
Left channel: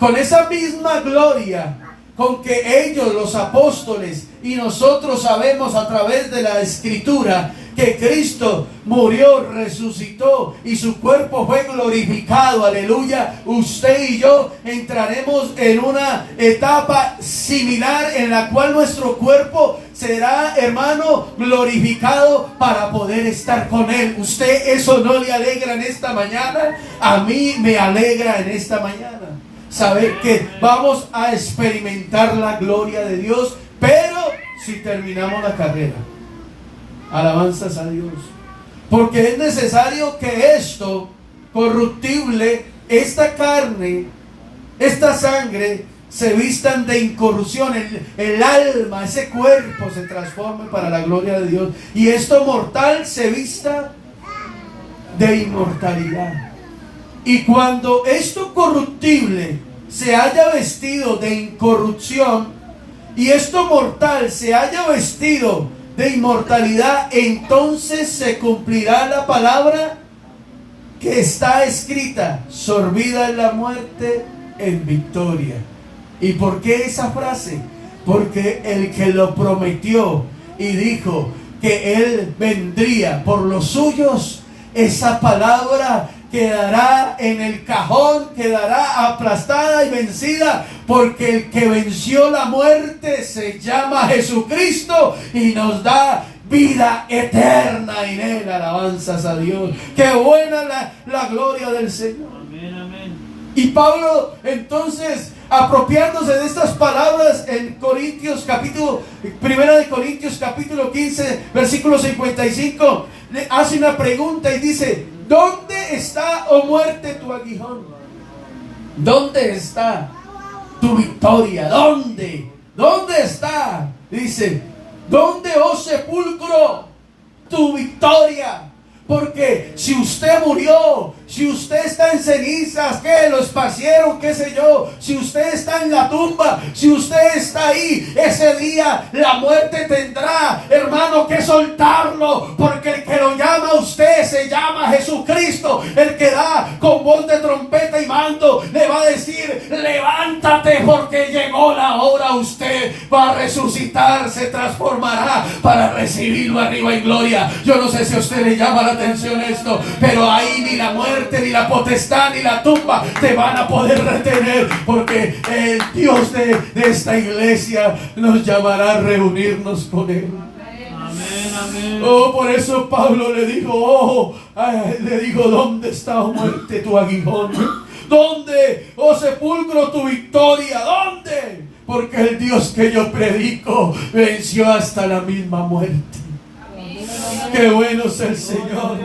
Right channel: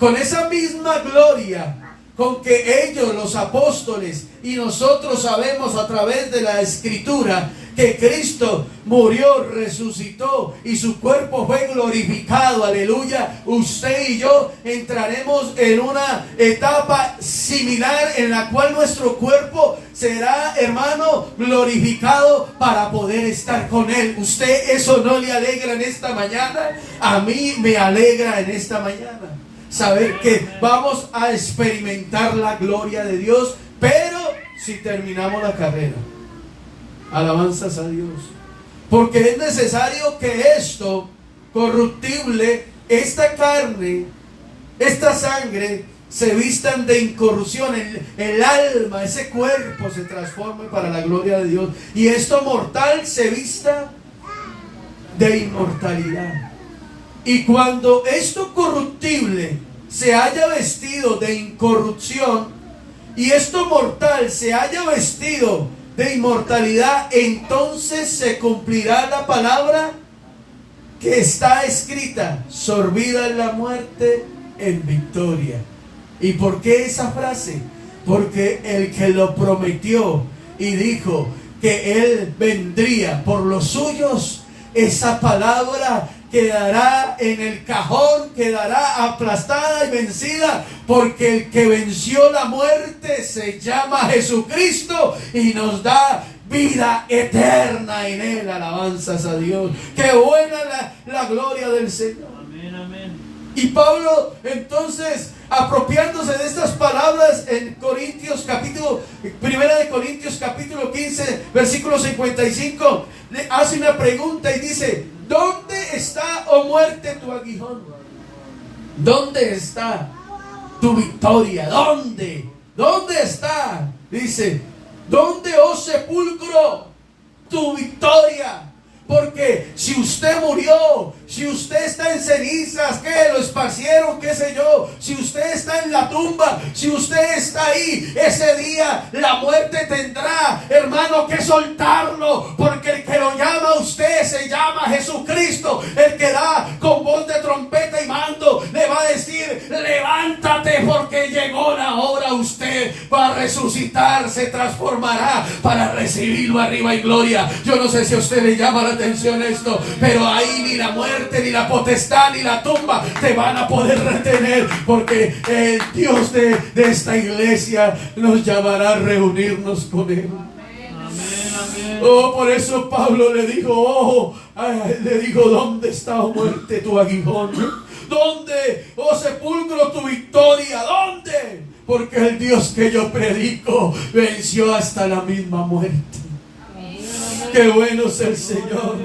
con esa misma gloria con que ellos, los apóstoles, y nosotros sabemos a través de la Escritura que Cristo murió, resucitó y su cuerpo fue glorificado, aleluya, usted y yo entraremos en una etapa similar en la cual nuestro cuerpo será, hermano, glorificado para poder estar con Él. ¿Usted eso no le alegra en esta mañana? A mí me alegra en esta mañana saber que vamos a experimentar la gloria de Dios, pero si terminamos la carrera. Alabanzas a Dios. Porque es necesario que esto corruptible, esta carne, esta sangre, se vistan de incorrupción. El alma, ese cuerpo se transforme para la gloria de Dios. Y esto mortal se vista de inmortalidad. Y cuando esto corruptible se haya vestido de incorrupción y esto mortal se haya vestido de inmortalidad, entonces se cumplirá la palabra que está escrita: sorbida es la muerte en victoria. ¿Y por qué esa frase? Porque el que lo prometió y dijo que Él vendría por los suyos, esa palabra quedará en el cajón, quedará aplastada y vencida, porque el que venció la muerte se llama Jesucristo y nos da vida eterna en Él. Alabanzas a Dios. Qué buena la gloria del Señor. Amén, amén. Y Pablo, entonces, apropiándose de estas palabras en Corintios capítulo, primera de Corintios capítulo 15, versículo 55, le hace una pregunta y dice: ¿dónde está, oh muerte, tu aguijón? ¿Dónde está tu victoria? ¿Dónde? ¿Dónde está? Dice: ¿dónde, oh sepulcro, tu victoria? Porque si usted murió, si usted está en cenizas, que lo esparcieron, qué sé yo, si usted está en la tumba, si usted está ahí, ese día la muerte tendrá, hermano, que soltarlo, porque el que lo llama a usted se llama Jesucristo. El que da con voz de trompeta y mando le va a decir: levántate, porque llegó la hora. Usted va a resucitar, se transformará para recibirlo arriba en gloria. Yo no sé si a usted le llama la atención esto, pero ahí ni la muerte, ni la potestad, ni la tumba te van a poder retener, porque el Dios de esta iglesia nos llamará a reunirnos con Él. Amén, amén. Oh, por eso Pablo le dijo: ¿dónde está, oh muerte, tu aguijón? ¿Dónde, oh sepulcro, tu victoria? ¿Dónde? Porque el Dios que yo predico venció hasta la misma muerte. Qué bueno es el Señor.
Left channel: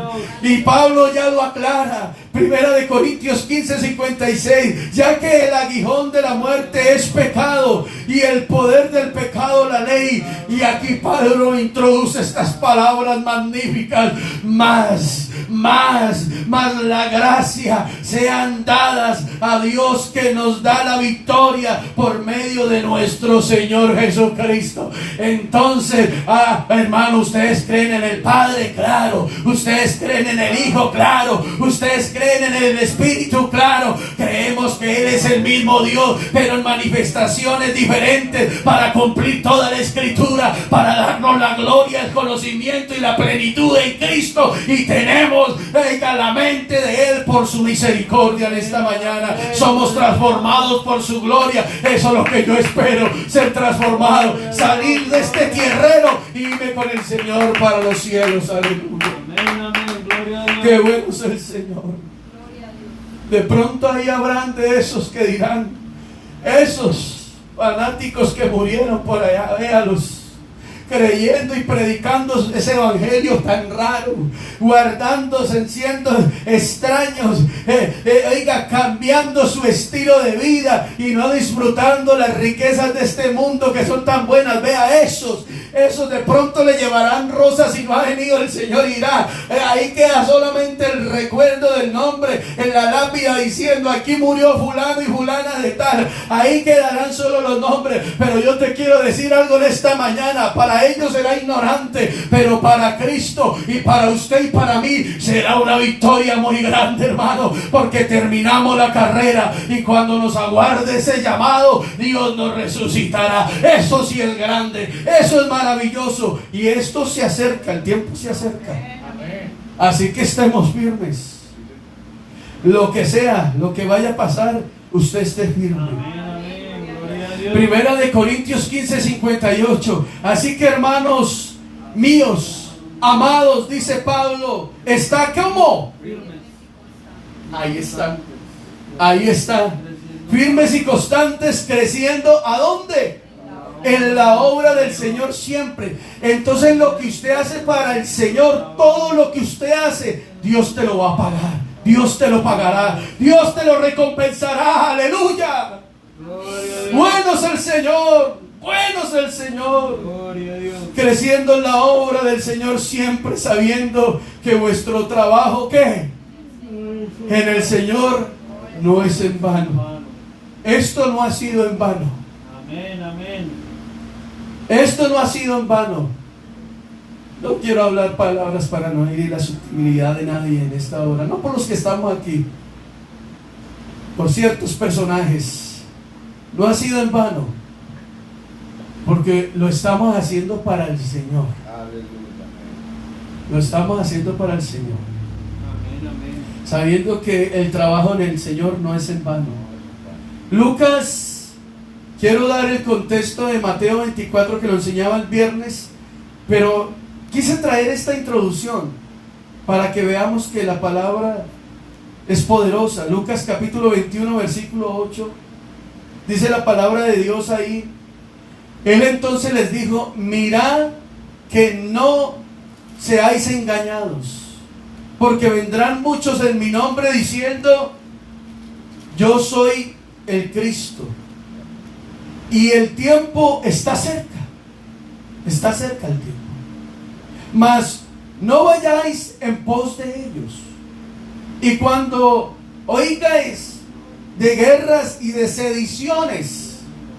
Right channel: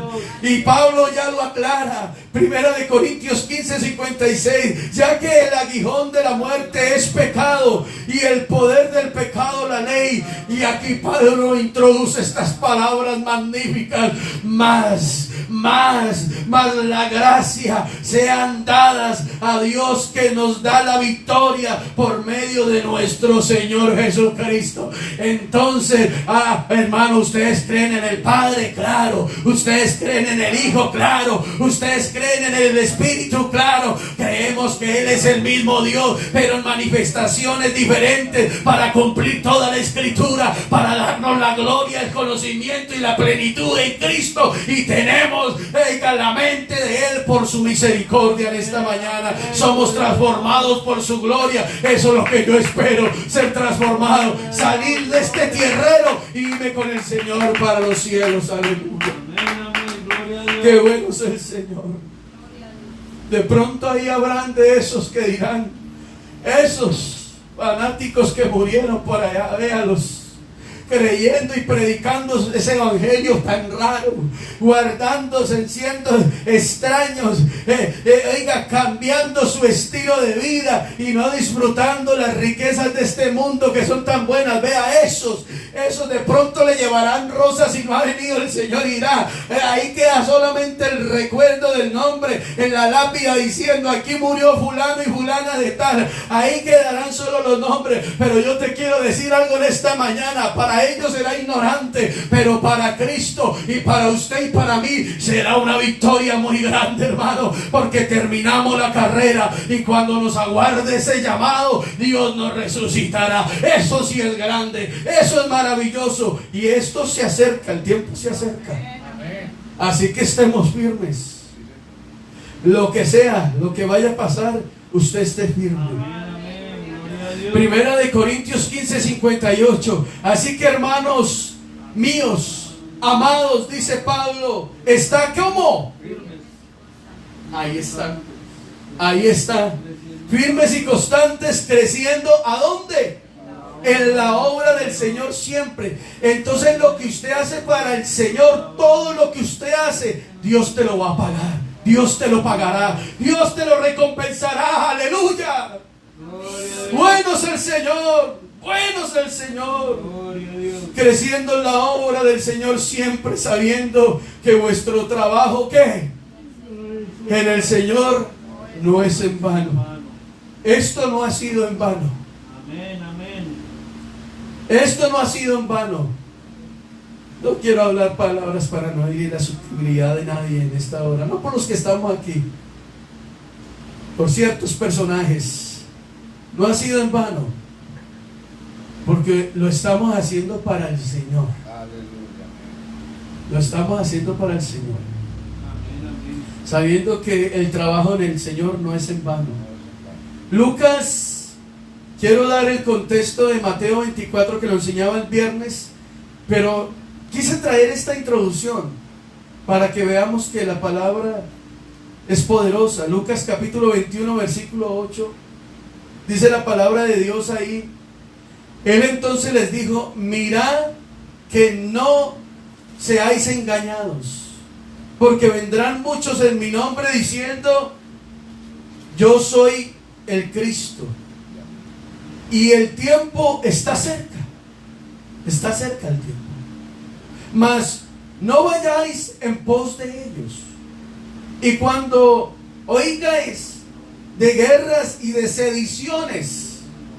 Y Pablo ya lo aclara. Primera de Corintios 15, 56. Ya que el aguijón de la muerte es pecado y el poder del pecado la ley. Y aquí Pablo introduce estas palabras magníficas: más la gracia sean dadas a Dios, que nos da la victoria por medio de nuestro Señor Jesucristo. Entonces, hermano, ustedes creen en el Padre, claro. Ustedes creen en el Hijo, claro. Ustedes creen en el Espíritu, claro. Creemos que Él es el mismo Dios, pero en manifestaciones diferentes, para cumplir toda la Escritura, para darnos la gloria, el conocimiento y la plenitud en Cristo. Y tenemos la mente de Él por su misericordia en esta mañana. Somos transformados por su gloria. Eso es lo que yo espero, ser transformado, salir de este tierrero y irme con el Señor para los cielos. Aleluya. Amén, amén. Gloria a Dios. Qué bueno es el Señor. De pronto ahí habrán de esos que dirán: esos fanáticos que murieron por allá, véalos, creyendo y predicando ese evangelio tan raro, guardándose, siendo extraños, cambiando su estilo de vida y no disfrutando las riquezas de este mundo que son tan buenas. Vea, esos de pronto le llevarán rosas y no ha venido el Señor, y dirá: ahí queda solamente el recuerdo del nombre en la lápida diciendo: aquí murió fulano y fulana de tal. Ahí quedarán solo los nombres. Pero yo te quiero decir algo en esta mañana: para ellos será ignorante, pero para Cristo y para usted y para mí será una victoria muy grande, hermano. porque terminamos la carrera y cuando nos aguarde ese llamado, Dios nos resucitará. Eso sí es grande, eso es maravilloso, y esto se acerca, el tiempo se acerca. Así que estemos firmes. Lo que sea, lo que vaya a pasar, usted esté firme. Amén. Gloria a Dios. Primera de Corintios 15:58. Así que, hermanos míos, amados, dice Pablo, está como ahí está, ahí está, firmes y constantes, creciendo. ¿A dónde? En la obra del Señor siempre. Entonces, lo que usted hace para el Señor, todo lo que usted hace, Dios te lo va a pagar. Dios te lo pagará, Dios te lo recompensará. Aleluya. Gloria a Dios. Bueno es el Señor, bueno es el Señor. Gloria a Dios. Creciendo en la obra del Señor siempre, sabiendo que vuestro trabajo, ¿qué? En el Señor no es en vano. Esto no ha sido en vano. Amén, amén. Esto no ha sido en vano. No quiero hablar palabras para no herir la susceptibilidad de nadie en esta hora. No por los que estamos aquí, por ciertos personajes. No ha sido en vano, porque lo estamos haciendo para el Señor. Aleluya. Lo estamos haciendo para el Señor, Amén, amén. sabiendo que el trabajo en el Señor no es en vano. Lucas, quiero dar el contexto de Mateo 24 que lo enseñaba el viernes, pero quise traer esta introducción para que veamos que la palabra es poderosa. Lucas capítulo 21 versículo 8, dice la palabra de Dios ahí. Él entonces les dijo: mirad que no seáis engañados, porque vendrán muchos en mi nombre diciendo: yo soy el Cristo. Y el tiempo está cerca el tiempo. Mas no vayáis en pos de ellos. Y cuando oigáis de guerras y de sediciones,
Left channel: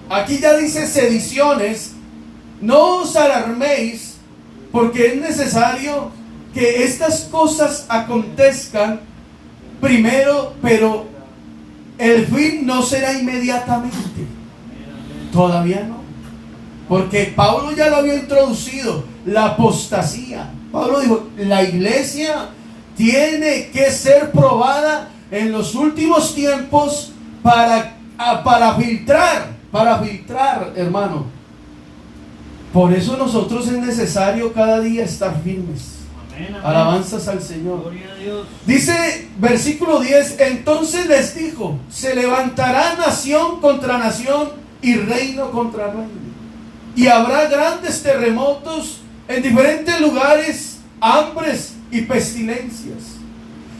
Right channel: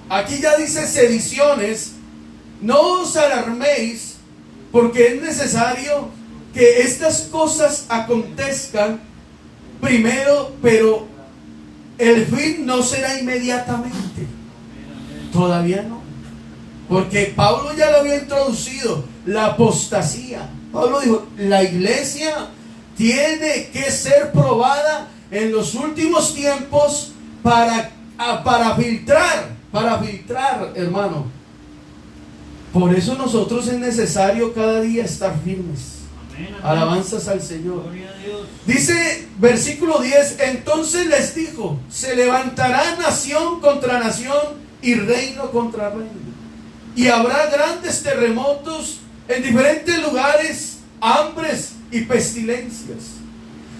aquí ya dice sediciones, no os alarméis, porque es necesario que estas cosas acontezcan primero, pero el fin no será inmediatamente. Todavía no. Porque Pablo ya lo había introducido, la apostasía. Pablo dijo: la iglesia tiene que ser probada en los últimos tiempos para filtrar, hermano. Por eso nosotros es necesario cada día estar firmes. Amén, amén. Alabanzas al Señor. Gloria a Dios. Dice versículo 10: entonces les dijo: se levantará nación contra nación y reino contra reino. Y habrá grandes terremotos en diferentes lugares, hambres y pestilencias.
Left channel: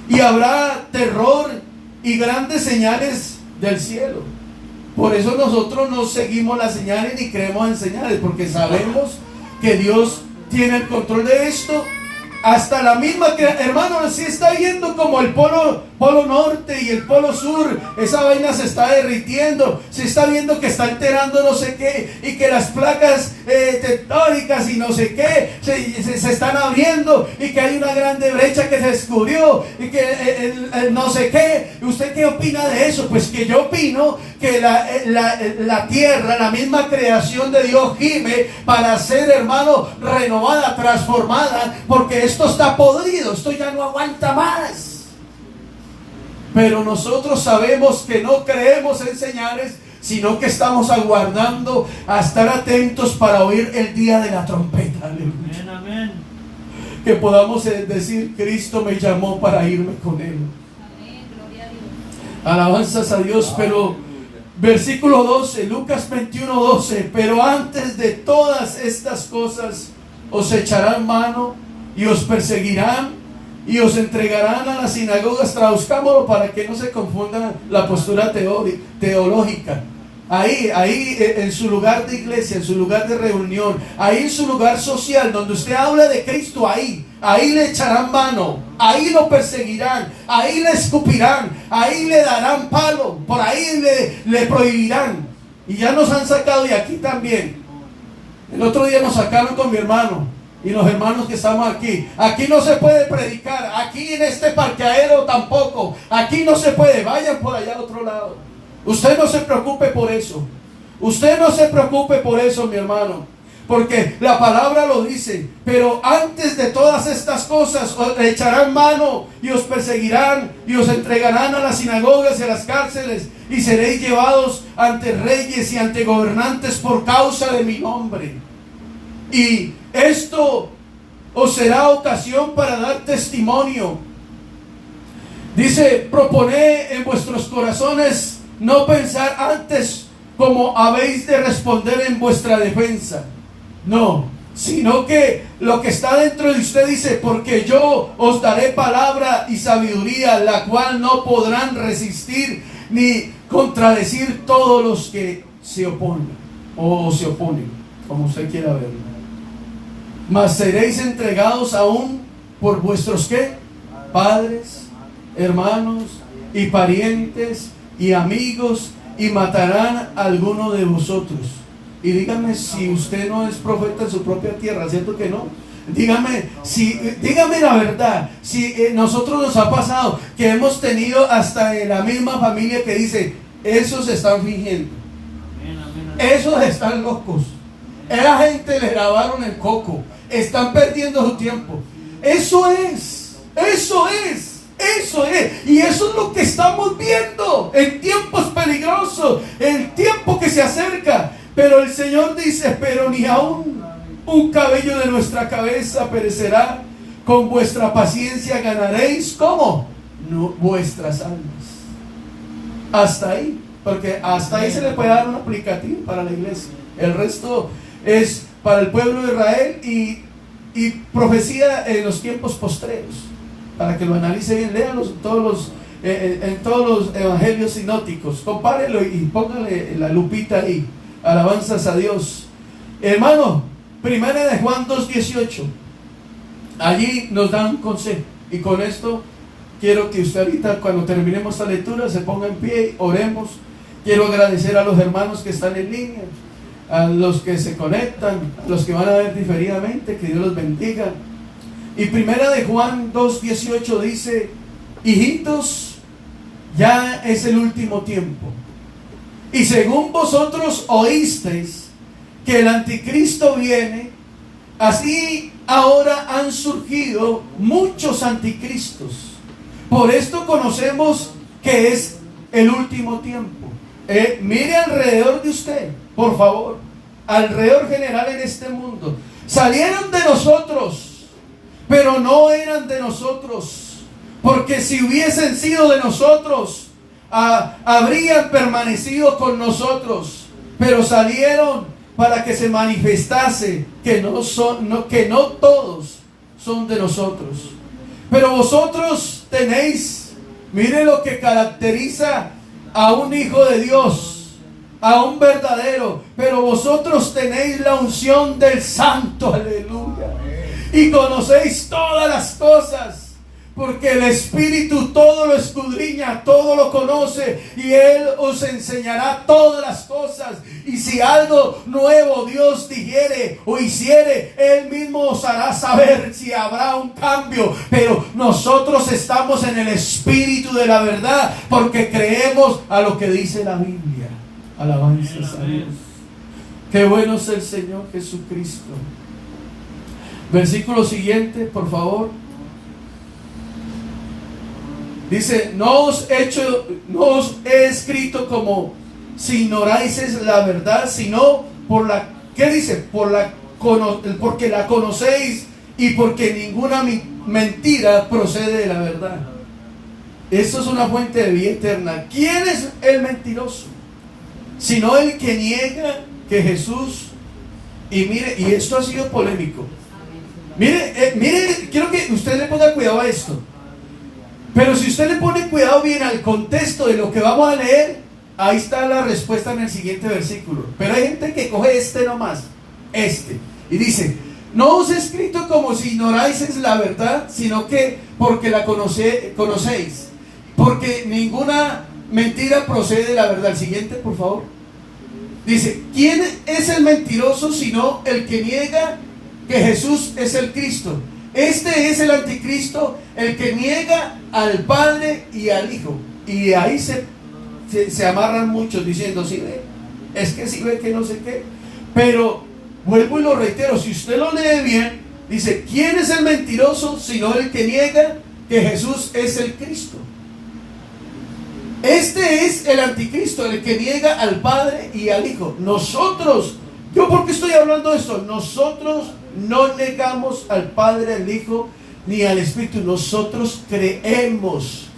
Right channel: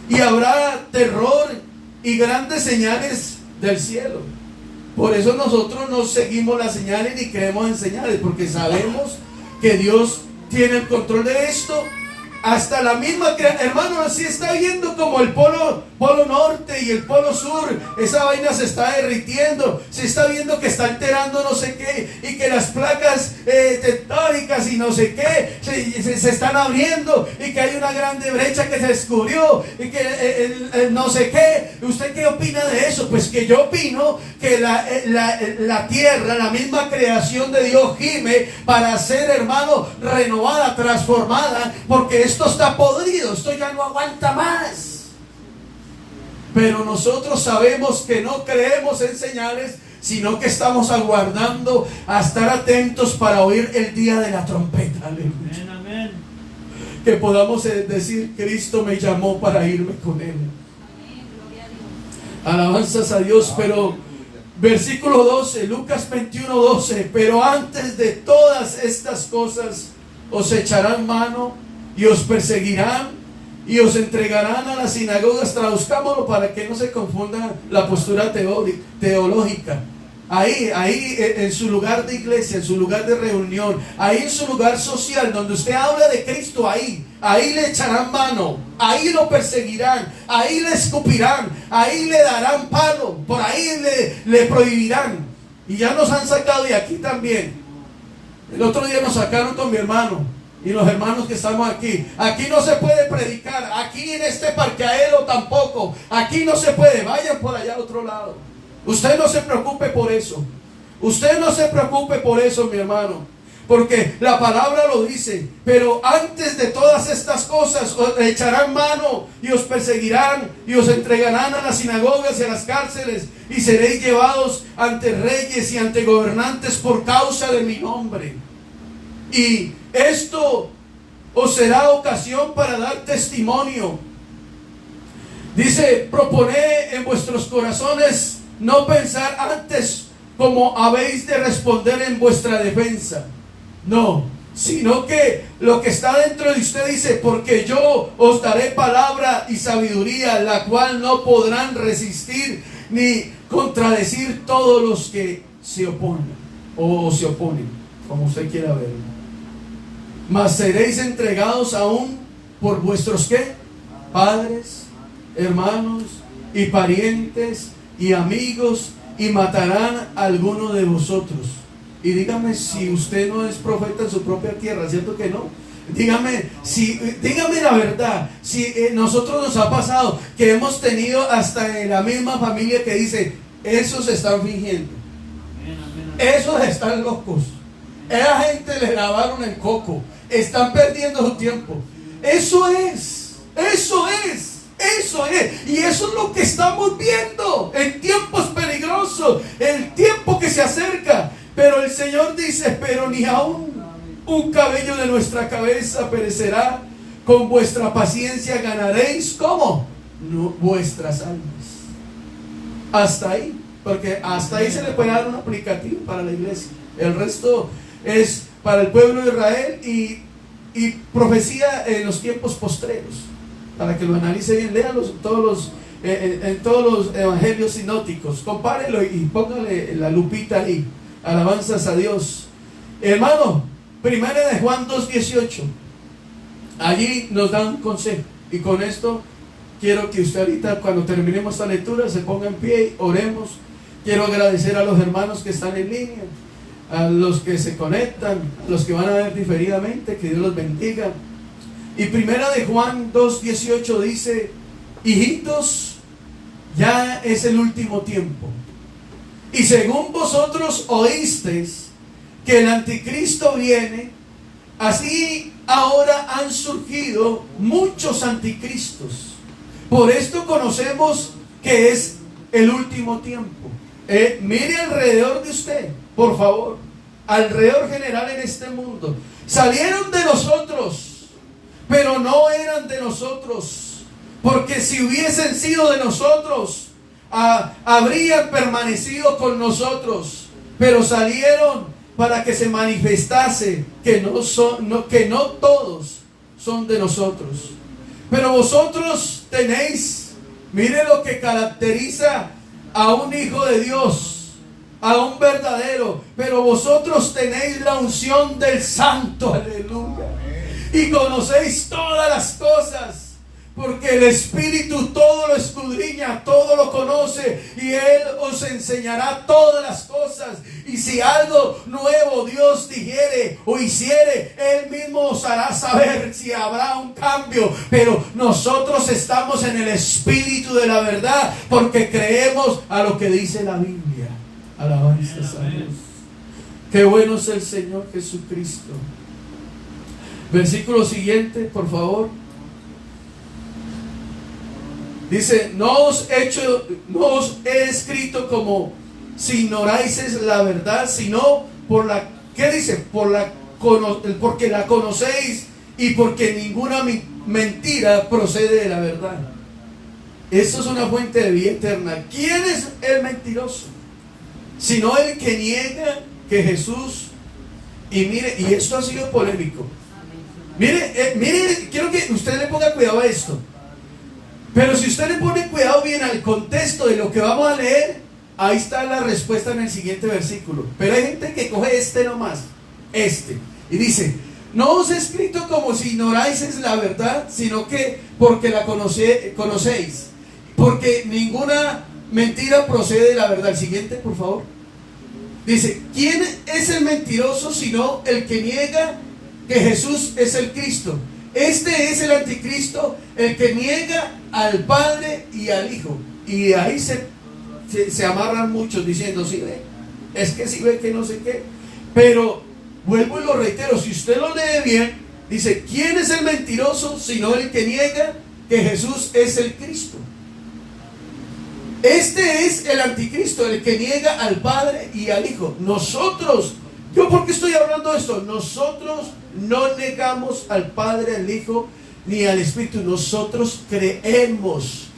Y habrá terror y grandes señales del cielo. Por eso nosotros no seguimos las señales ni creemos en señales, porque sabemos que Dios tiene el control de esto. Hasta la misma que, hermano, si está viendo como el polo norte y el polo sur, esa vaina se está derritiendo, se está viendo que está alterando no sé qué, y que las placas tectónicas y no sé qué se están abriendo, y que hay una grande brecha que se descubrió, y que no sé qué. ¿Usted qué opina de eso? Pues que yo opino que la tierra, la misma creación de Dios, gime para ser, hermano, renovada, transformada, porque esto está podrido, esto ya no aguanta más. Pero nosotros sabemos que no creemos en señales, sino que estamos aguardando a estar atentos para oír el día de la trompeta. Aleluya. Amén, amén. Que podamos decir: Cristo me llamó para irme con Él. Alabanzas a Dios. Pero versículo 12, Lucas 21:12: pero antes de todas estas cosas os echarán mano y os perseguirán y os entregarán a las sinagogas. Traduzcámoslo para que no se confunda la postura teológica. Ahí en su lugar de iglesia, en su lugar de reunión, ahí en su lugar social, donde usted habla de Cristo, ahí le echarán mano, ahí lo perseguirán, ahí le escupirán, ahí le darán palo, por ahí le prohibirán. Y ya nos han sacado de aquí también. El otro día nos sacaron con mi hermano. y los hermanos que estamos aquí. Aquí no se puede predicar. Aquí en este parqueadero tampoco. Aquí no se puede. Vayan por allá al otro lado. Usted no se preocupe por eso. Usted no se preocupe por eso, mi hermano. Porque la palabra lo dice. Pero antes de todas estas cosas os echarán mano y os perseguirán y os entregarán a las sinagogas y a las cárceles y seréis llevados ante reyes y ante gobernantes por causa de mi nombre. Y esto os será ocasión para dar testimonio. Dice, proponed en vuestros corazones no pensar antes como habéis de responder en vuestra defensa. No, sino que lo que está dentro de usted dice, porque yo os daré palabra y sabiduría, la cual no podrán resistir ni contradecir todos los que se oponen, o se oponen, como usted quiera verlo. Mas seréis entregados aún por vuestros ¿qué? Padres, hermanos y parientes y amigos, y matarán a alguno de vosotros. Y dígame si usted no es profeta en su propia tierra, ¿cierto que no? Dígame la verdad, si nosotros nos ha pasado que hemos tenido hasta en la misma familia que dice, esos están fingiendo, esos están locos, esa gente le lavaron el coco, están perdiendo su tiempo. Eso es. Y eso es lo que estamos viendo en tiempos peligrosos, el tiempo que se acerca. Pero el Señor dice, pero ni aún un cabello de nuestra cabeza perecerá. Con vuestra paciencia ganaréis, ¿cómo? No, vuestras almas. Hasta ahí, porque hasta ahí se le puede dar un aplicativo para la iglesia. El resto es para el pueblo de Israel y profecía en los tiempos postreros. Para que lo analice bien, léanlos en todos los evangelios sinópticos. Compárelo y póngale la lupita ahí. Alabanzas a Dios. Hermano, 1 de Juan 2:18. Allí nos dan un consejo. Y con esto quiero que usted ahorita, cuando terminemos esta lectura, se ponga en pie, oremos. Quiero agradecer a los hermanos que están en línea, a los que se conectan, a los que van a ver diferidamente, que Dios los bendiga. Y 1 de Juan 2:18 dice, hijitos, ya es el último tiempo. Y según vosotros oísteis que el anticristo viene, así ahora han surgido muchos anticristos. Por esto conocemos que es el último tiempo. Mire alrededor de usted, por favor, alrededor general en este mundo. Salieron de nosotros, pero no eran de nosotros, porque si hubiesen sido de nosotros, habrían permanecido con nosotros, pero salieron para que se manifestase que no todos son de nosotros. Pero vosotros tenéis, mire lo que caracteriza a un hijo de Dios, a un verdadero, pero vosotros tenéis la unción del Santo, aleluya, y conocéis todas las cosas, porque el Espíritu todo lo escudriña, todo lo conoce, y Él os enseñará todas las cosas. Y si algo nuevo Dios dijere o hiciere, Él mismo os hará saber si habrá un cambio. Pero nosotros estamos en el Espíritu de la verdad, porque creemos a lo que dice la Biblia. Alabanzas a Dios. Qué bueno es el Señor Jesucristo. Versículo siguiente, por favor. Dice, no os he escrito como si ignoráis la verdad, sino por la, ¿qué dice? Porque la conocéis y porque ninguna mentira procede de la verdad. Esto es una fuente de vida eterna. ¿Quién es el mentiroso? Sino el que niega que Jesús, y mire, y esto ha sido polémico. Mire, quiero que usted le ponga cuidado a esto. Pero si usted le pone cuidado bien al contexto de lo que vamos a leer, ahí está la respuesta en el siguiente versículo. Pero hay gente que coge nomás, y dice, no os he escrito como si ignoráis la verdad, sino que porque la conocéis, porque ninguna mentira procede de la verdad. El siguiente, por favor. Dice, ¿quién es el mentiroso sino el que niega que Jesús es el Cristo. Este es el anticristo, el que niega al Padre y al Hijo. Y ahí se amarran muchos diciendo, sí ve, es que sí ve que no sé qué. Pero vuelvo y lo reitero, si usted lo lee bien, dice, ¿quién es el mentiroso sino el que niega que Jesús es el Cristo? Este es el anticristo, el que niega al Padre y al Hijo. Nosotros, ¿yo por qué estoy hablando de esto? Nosotros no negamos al Padre, al Hijo, ni al Espíritu. Nosotros creemos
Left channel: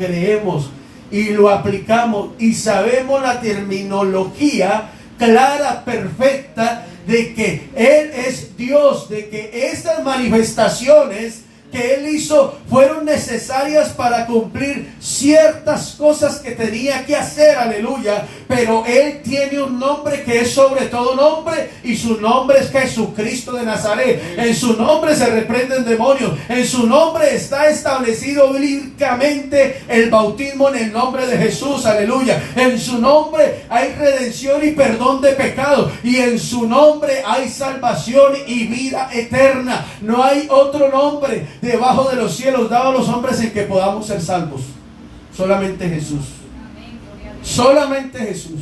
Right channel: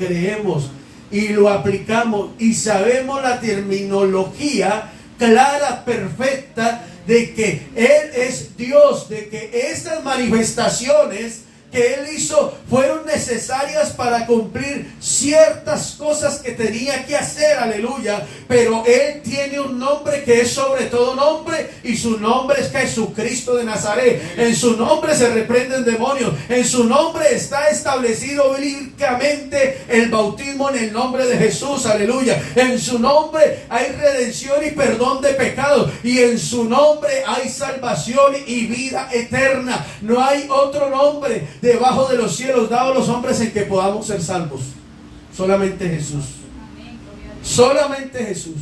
y lo aplicamos y sabemos la terminología clara, perfecta, de que Él es Dios, de que estas manifestaciones que Él hizo fueron necesarias para cumplir ciertas cosas que tenía que hacer, aleluya. Pero Él tiene un nombre que es sobre todo nombre, y su nombre es Jesucristo de Nazaret. En su nombre se reprenden demonios, en su nombre está establecido bíblicamente el bautismo en el nombre de Jesús, aleluya. En su nombre hay redención y perdón de pecados, y en su nombre hay salvación y vida eterna. No hay otro nombre debajo de los cielos dado a los hombres en que podamos ser salvos. Solamente Jesús. Solamente Jesús.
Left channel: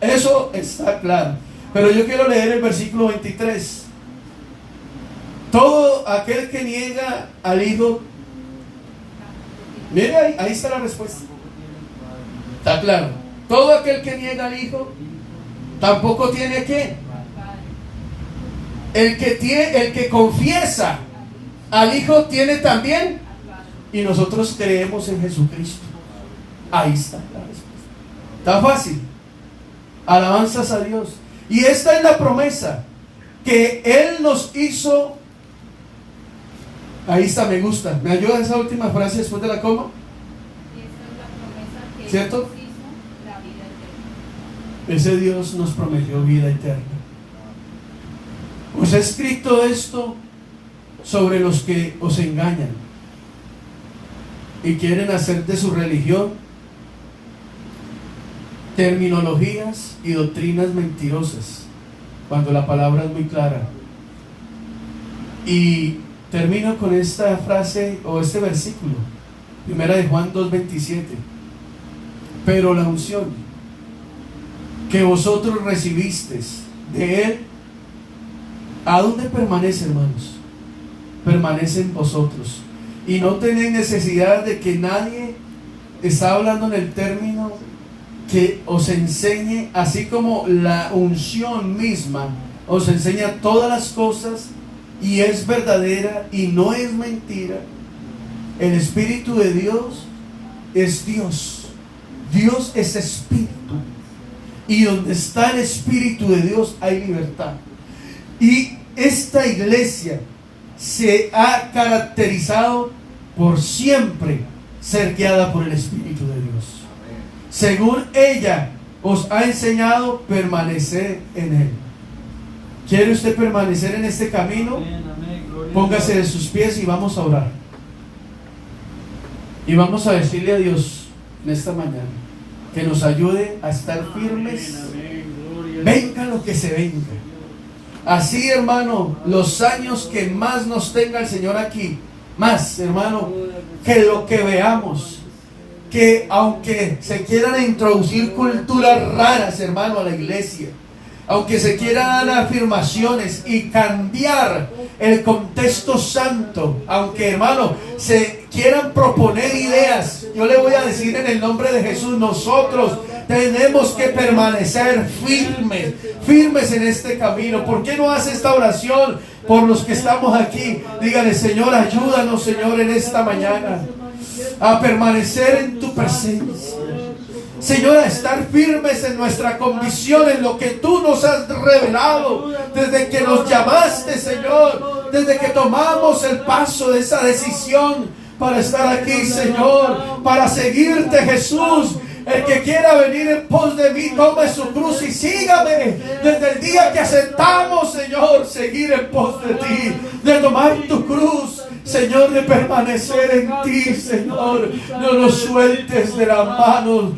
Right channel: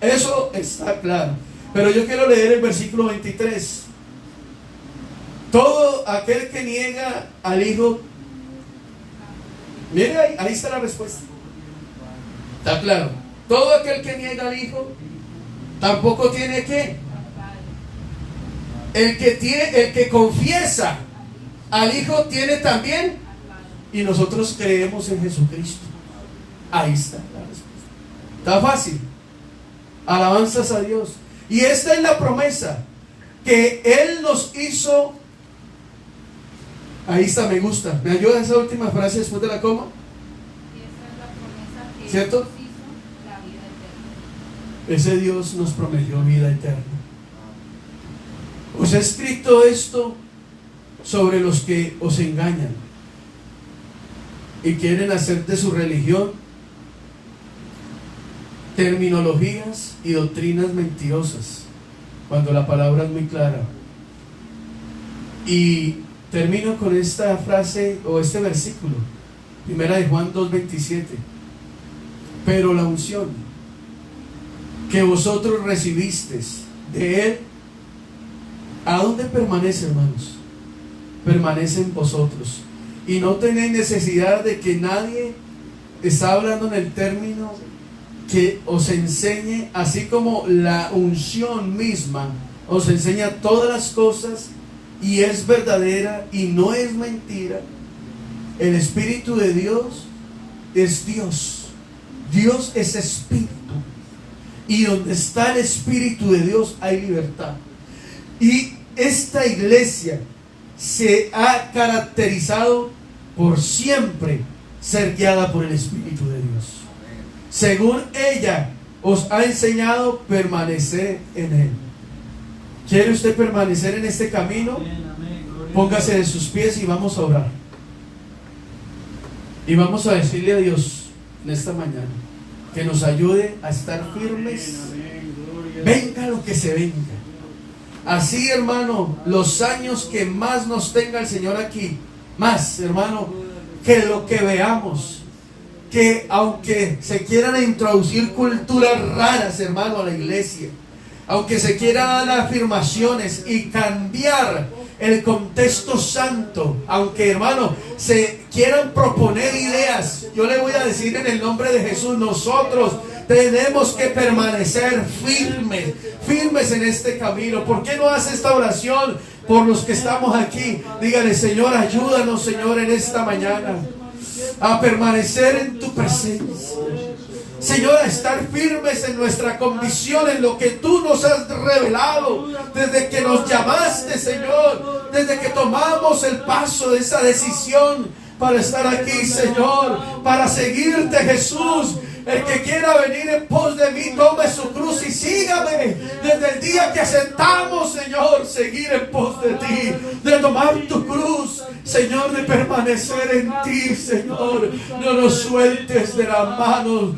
Eso está claro. Pero yo quiero leer el versículo 23. Todo aquel que niega al Hijo. Mira ahí está la respuesta. Está claro. Todo aquel que niega al Hijo tampoco tiene que. El que confiesa al Hijo tiene también, y nosotros creemos en Jesucristo. Ahí está la respuesta. Está fácil. Alabanzas a Dios. Y esta es la promesa que Él nos hizo. Ahí está, me gusta. ¿Me ayuda esa última frase después de la coma? ¿Cierto? Ese Dios nos prometió vida eterna. Pues he escrito esto sobre los que os engañan y quieren hacer de su religión terminologías y doctrinas mentirosas, cuando la palabra es muy clara. Y termino con esta frase o este versículo, 1 de Juan 2:27. Pero la unción que vosotros recibisteis de Él, ¿a dónde permanece, hermanos? Permanece en vosotros, y no tenéis necesidad de que nadie, está hablando en el término, que os enseñe, así como la unción misma os enseña todas las cosas y es verdadera y no es mentira. El Espíritu de Dios es Dios. Dios es Espíritu, y donde está el Espíritu de Dios hay libertad. Y esta iglesia se ha caracterizado por siempre ser guiada por el Espíritu de Dios. Según ella os ha enseñado, permanecer en Él. ¿Quiere usted permanecer en este camino? Póngase de sus pies y vamos a orar. Y vamos a decirle a Dios en esta mañana que nos ayude a estar firmes, venga lo que se venga. Así, hermano, los años que más nos tenga el Señor aquí, más, hermano, que lo que veamos, que aunque se quieran introducir culturas raras, hermano, a la iglesia, aunque se quieran dar afirmaciones y cambiar el contexto santo, aunque, hermano, se quieran proponer ideas, yo le voy a decir en el nombre de Jesús, nosotros tenemos que permanecer firmes en este camino. ¿Por qué no hace esta oración por los que estamos aquí? Dígale: Señor, ayúdanos, Señor, en esta mañana a permanecer en tu presencia. Señor, a estar firmes en nuestra condición, en lo que tú nos has revelado desde que nos llamaste, Señor, desde que tomamos el paso de esa decisión para estar aquí, Señor, para seguirte, Jesús. El que quiera venir en pos de mí, tome su cruz y sígame. Desde el día que aceptamos, Señor, seguir en pos de ti, de tomar tu cruz, Señor, de permanecer en ti, Señor. No nos sueltes de las manos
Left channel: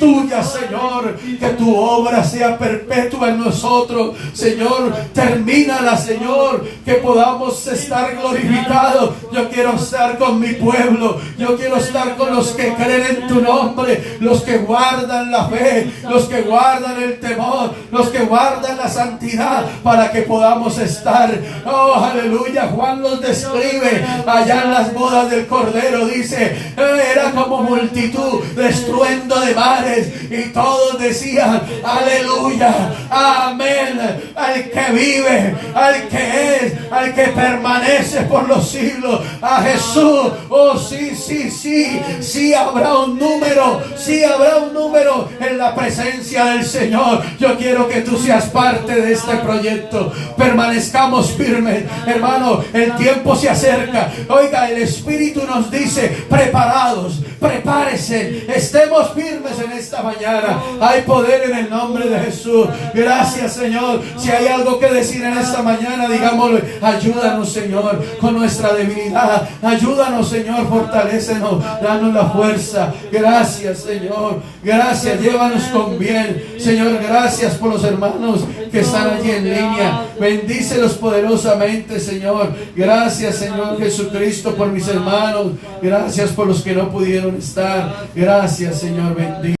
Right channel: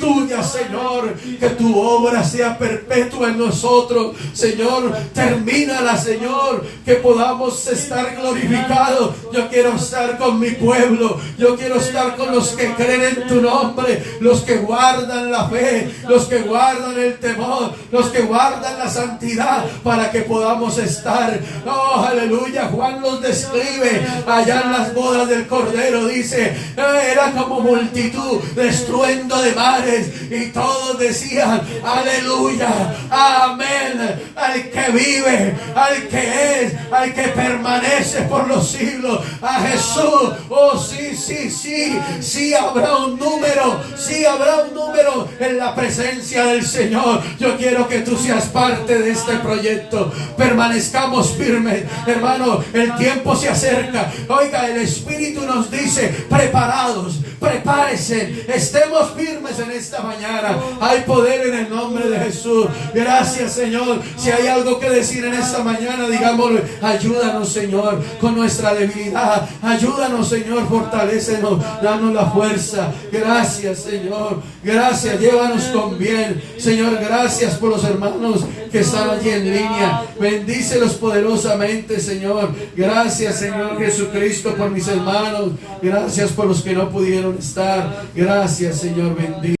tuyas, Señor. Que tu obra sea perpetua en nosotros, Señor. Termínala, Señor. Que podamos estar glorificados. Yo quiero estar con mi pueblo. Yo quiero estar con los que creen en tu nombre, los que guardan la fe, los que guardan el temor, los que guardan la santidad, para que podamos estar. Oh, aleluya. Juan los describe allá en las bodas del Cordero. Dice, era como multitud de estruendo de mares, y todos decían, aleluya, amén, al que vive, al que es, al que permanece por los siglos, a Jesús. Oh, sí, sí, sí, sí habrá un número, sí habrá un número en la presencia del Señor. Yo quiero que tú seas parte de este proyecto. Permanezcamos firmes, hermano. El tiempo se acerca. Oiga, el Espíritu nos dice, preparados, prepárese, estemos firmes en esta mañana. Hay poder en el nombre de Jesús. Gracias, Señor. Si hay algo que decir en esta mañana, digámoslo. Ayúdanos, Señor, con nuestra debilidad. Ayúdanos, Señor, fortalécenos, danos la fuerza. Gracias, Señor. Gracias, llévanos con bien, Señor. Gracias por los hermanos que están allí en línea. Bendícelos poderosamente, Señor. Gracias, Señor Jesucristo, por mis hermanos. Gracias por los que no pudieron estar. Gracias, Señor. Bendito.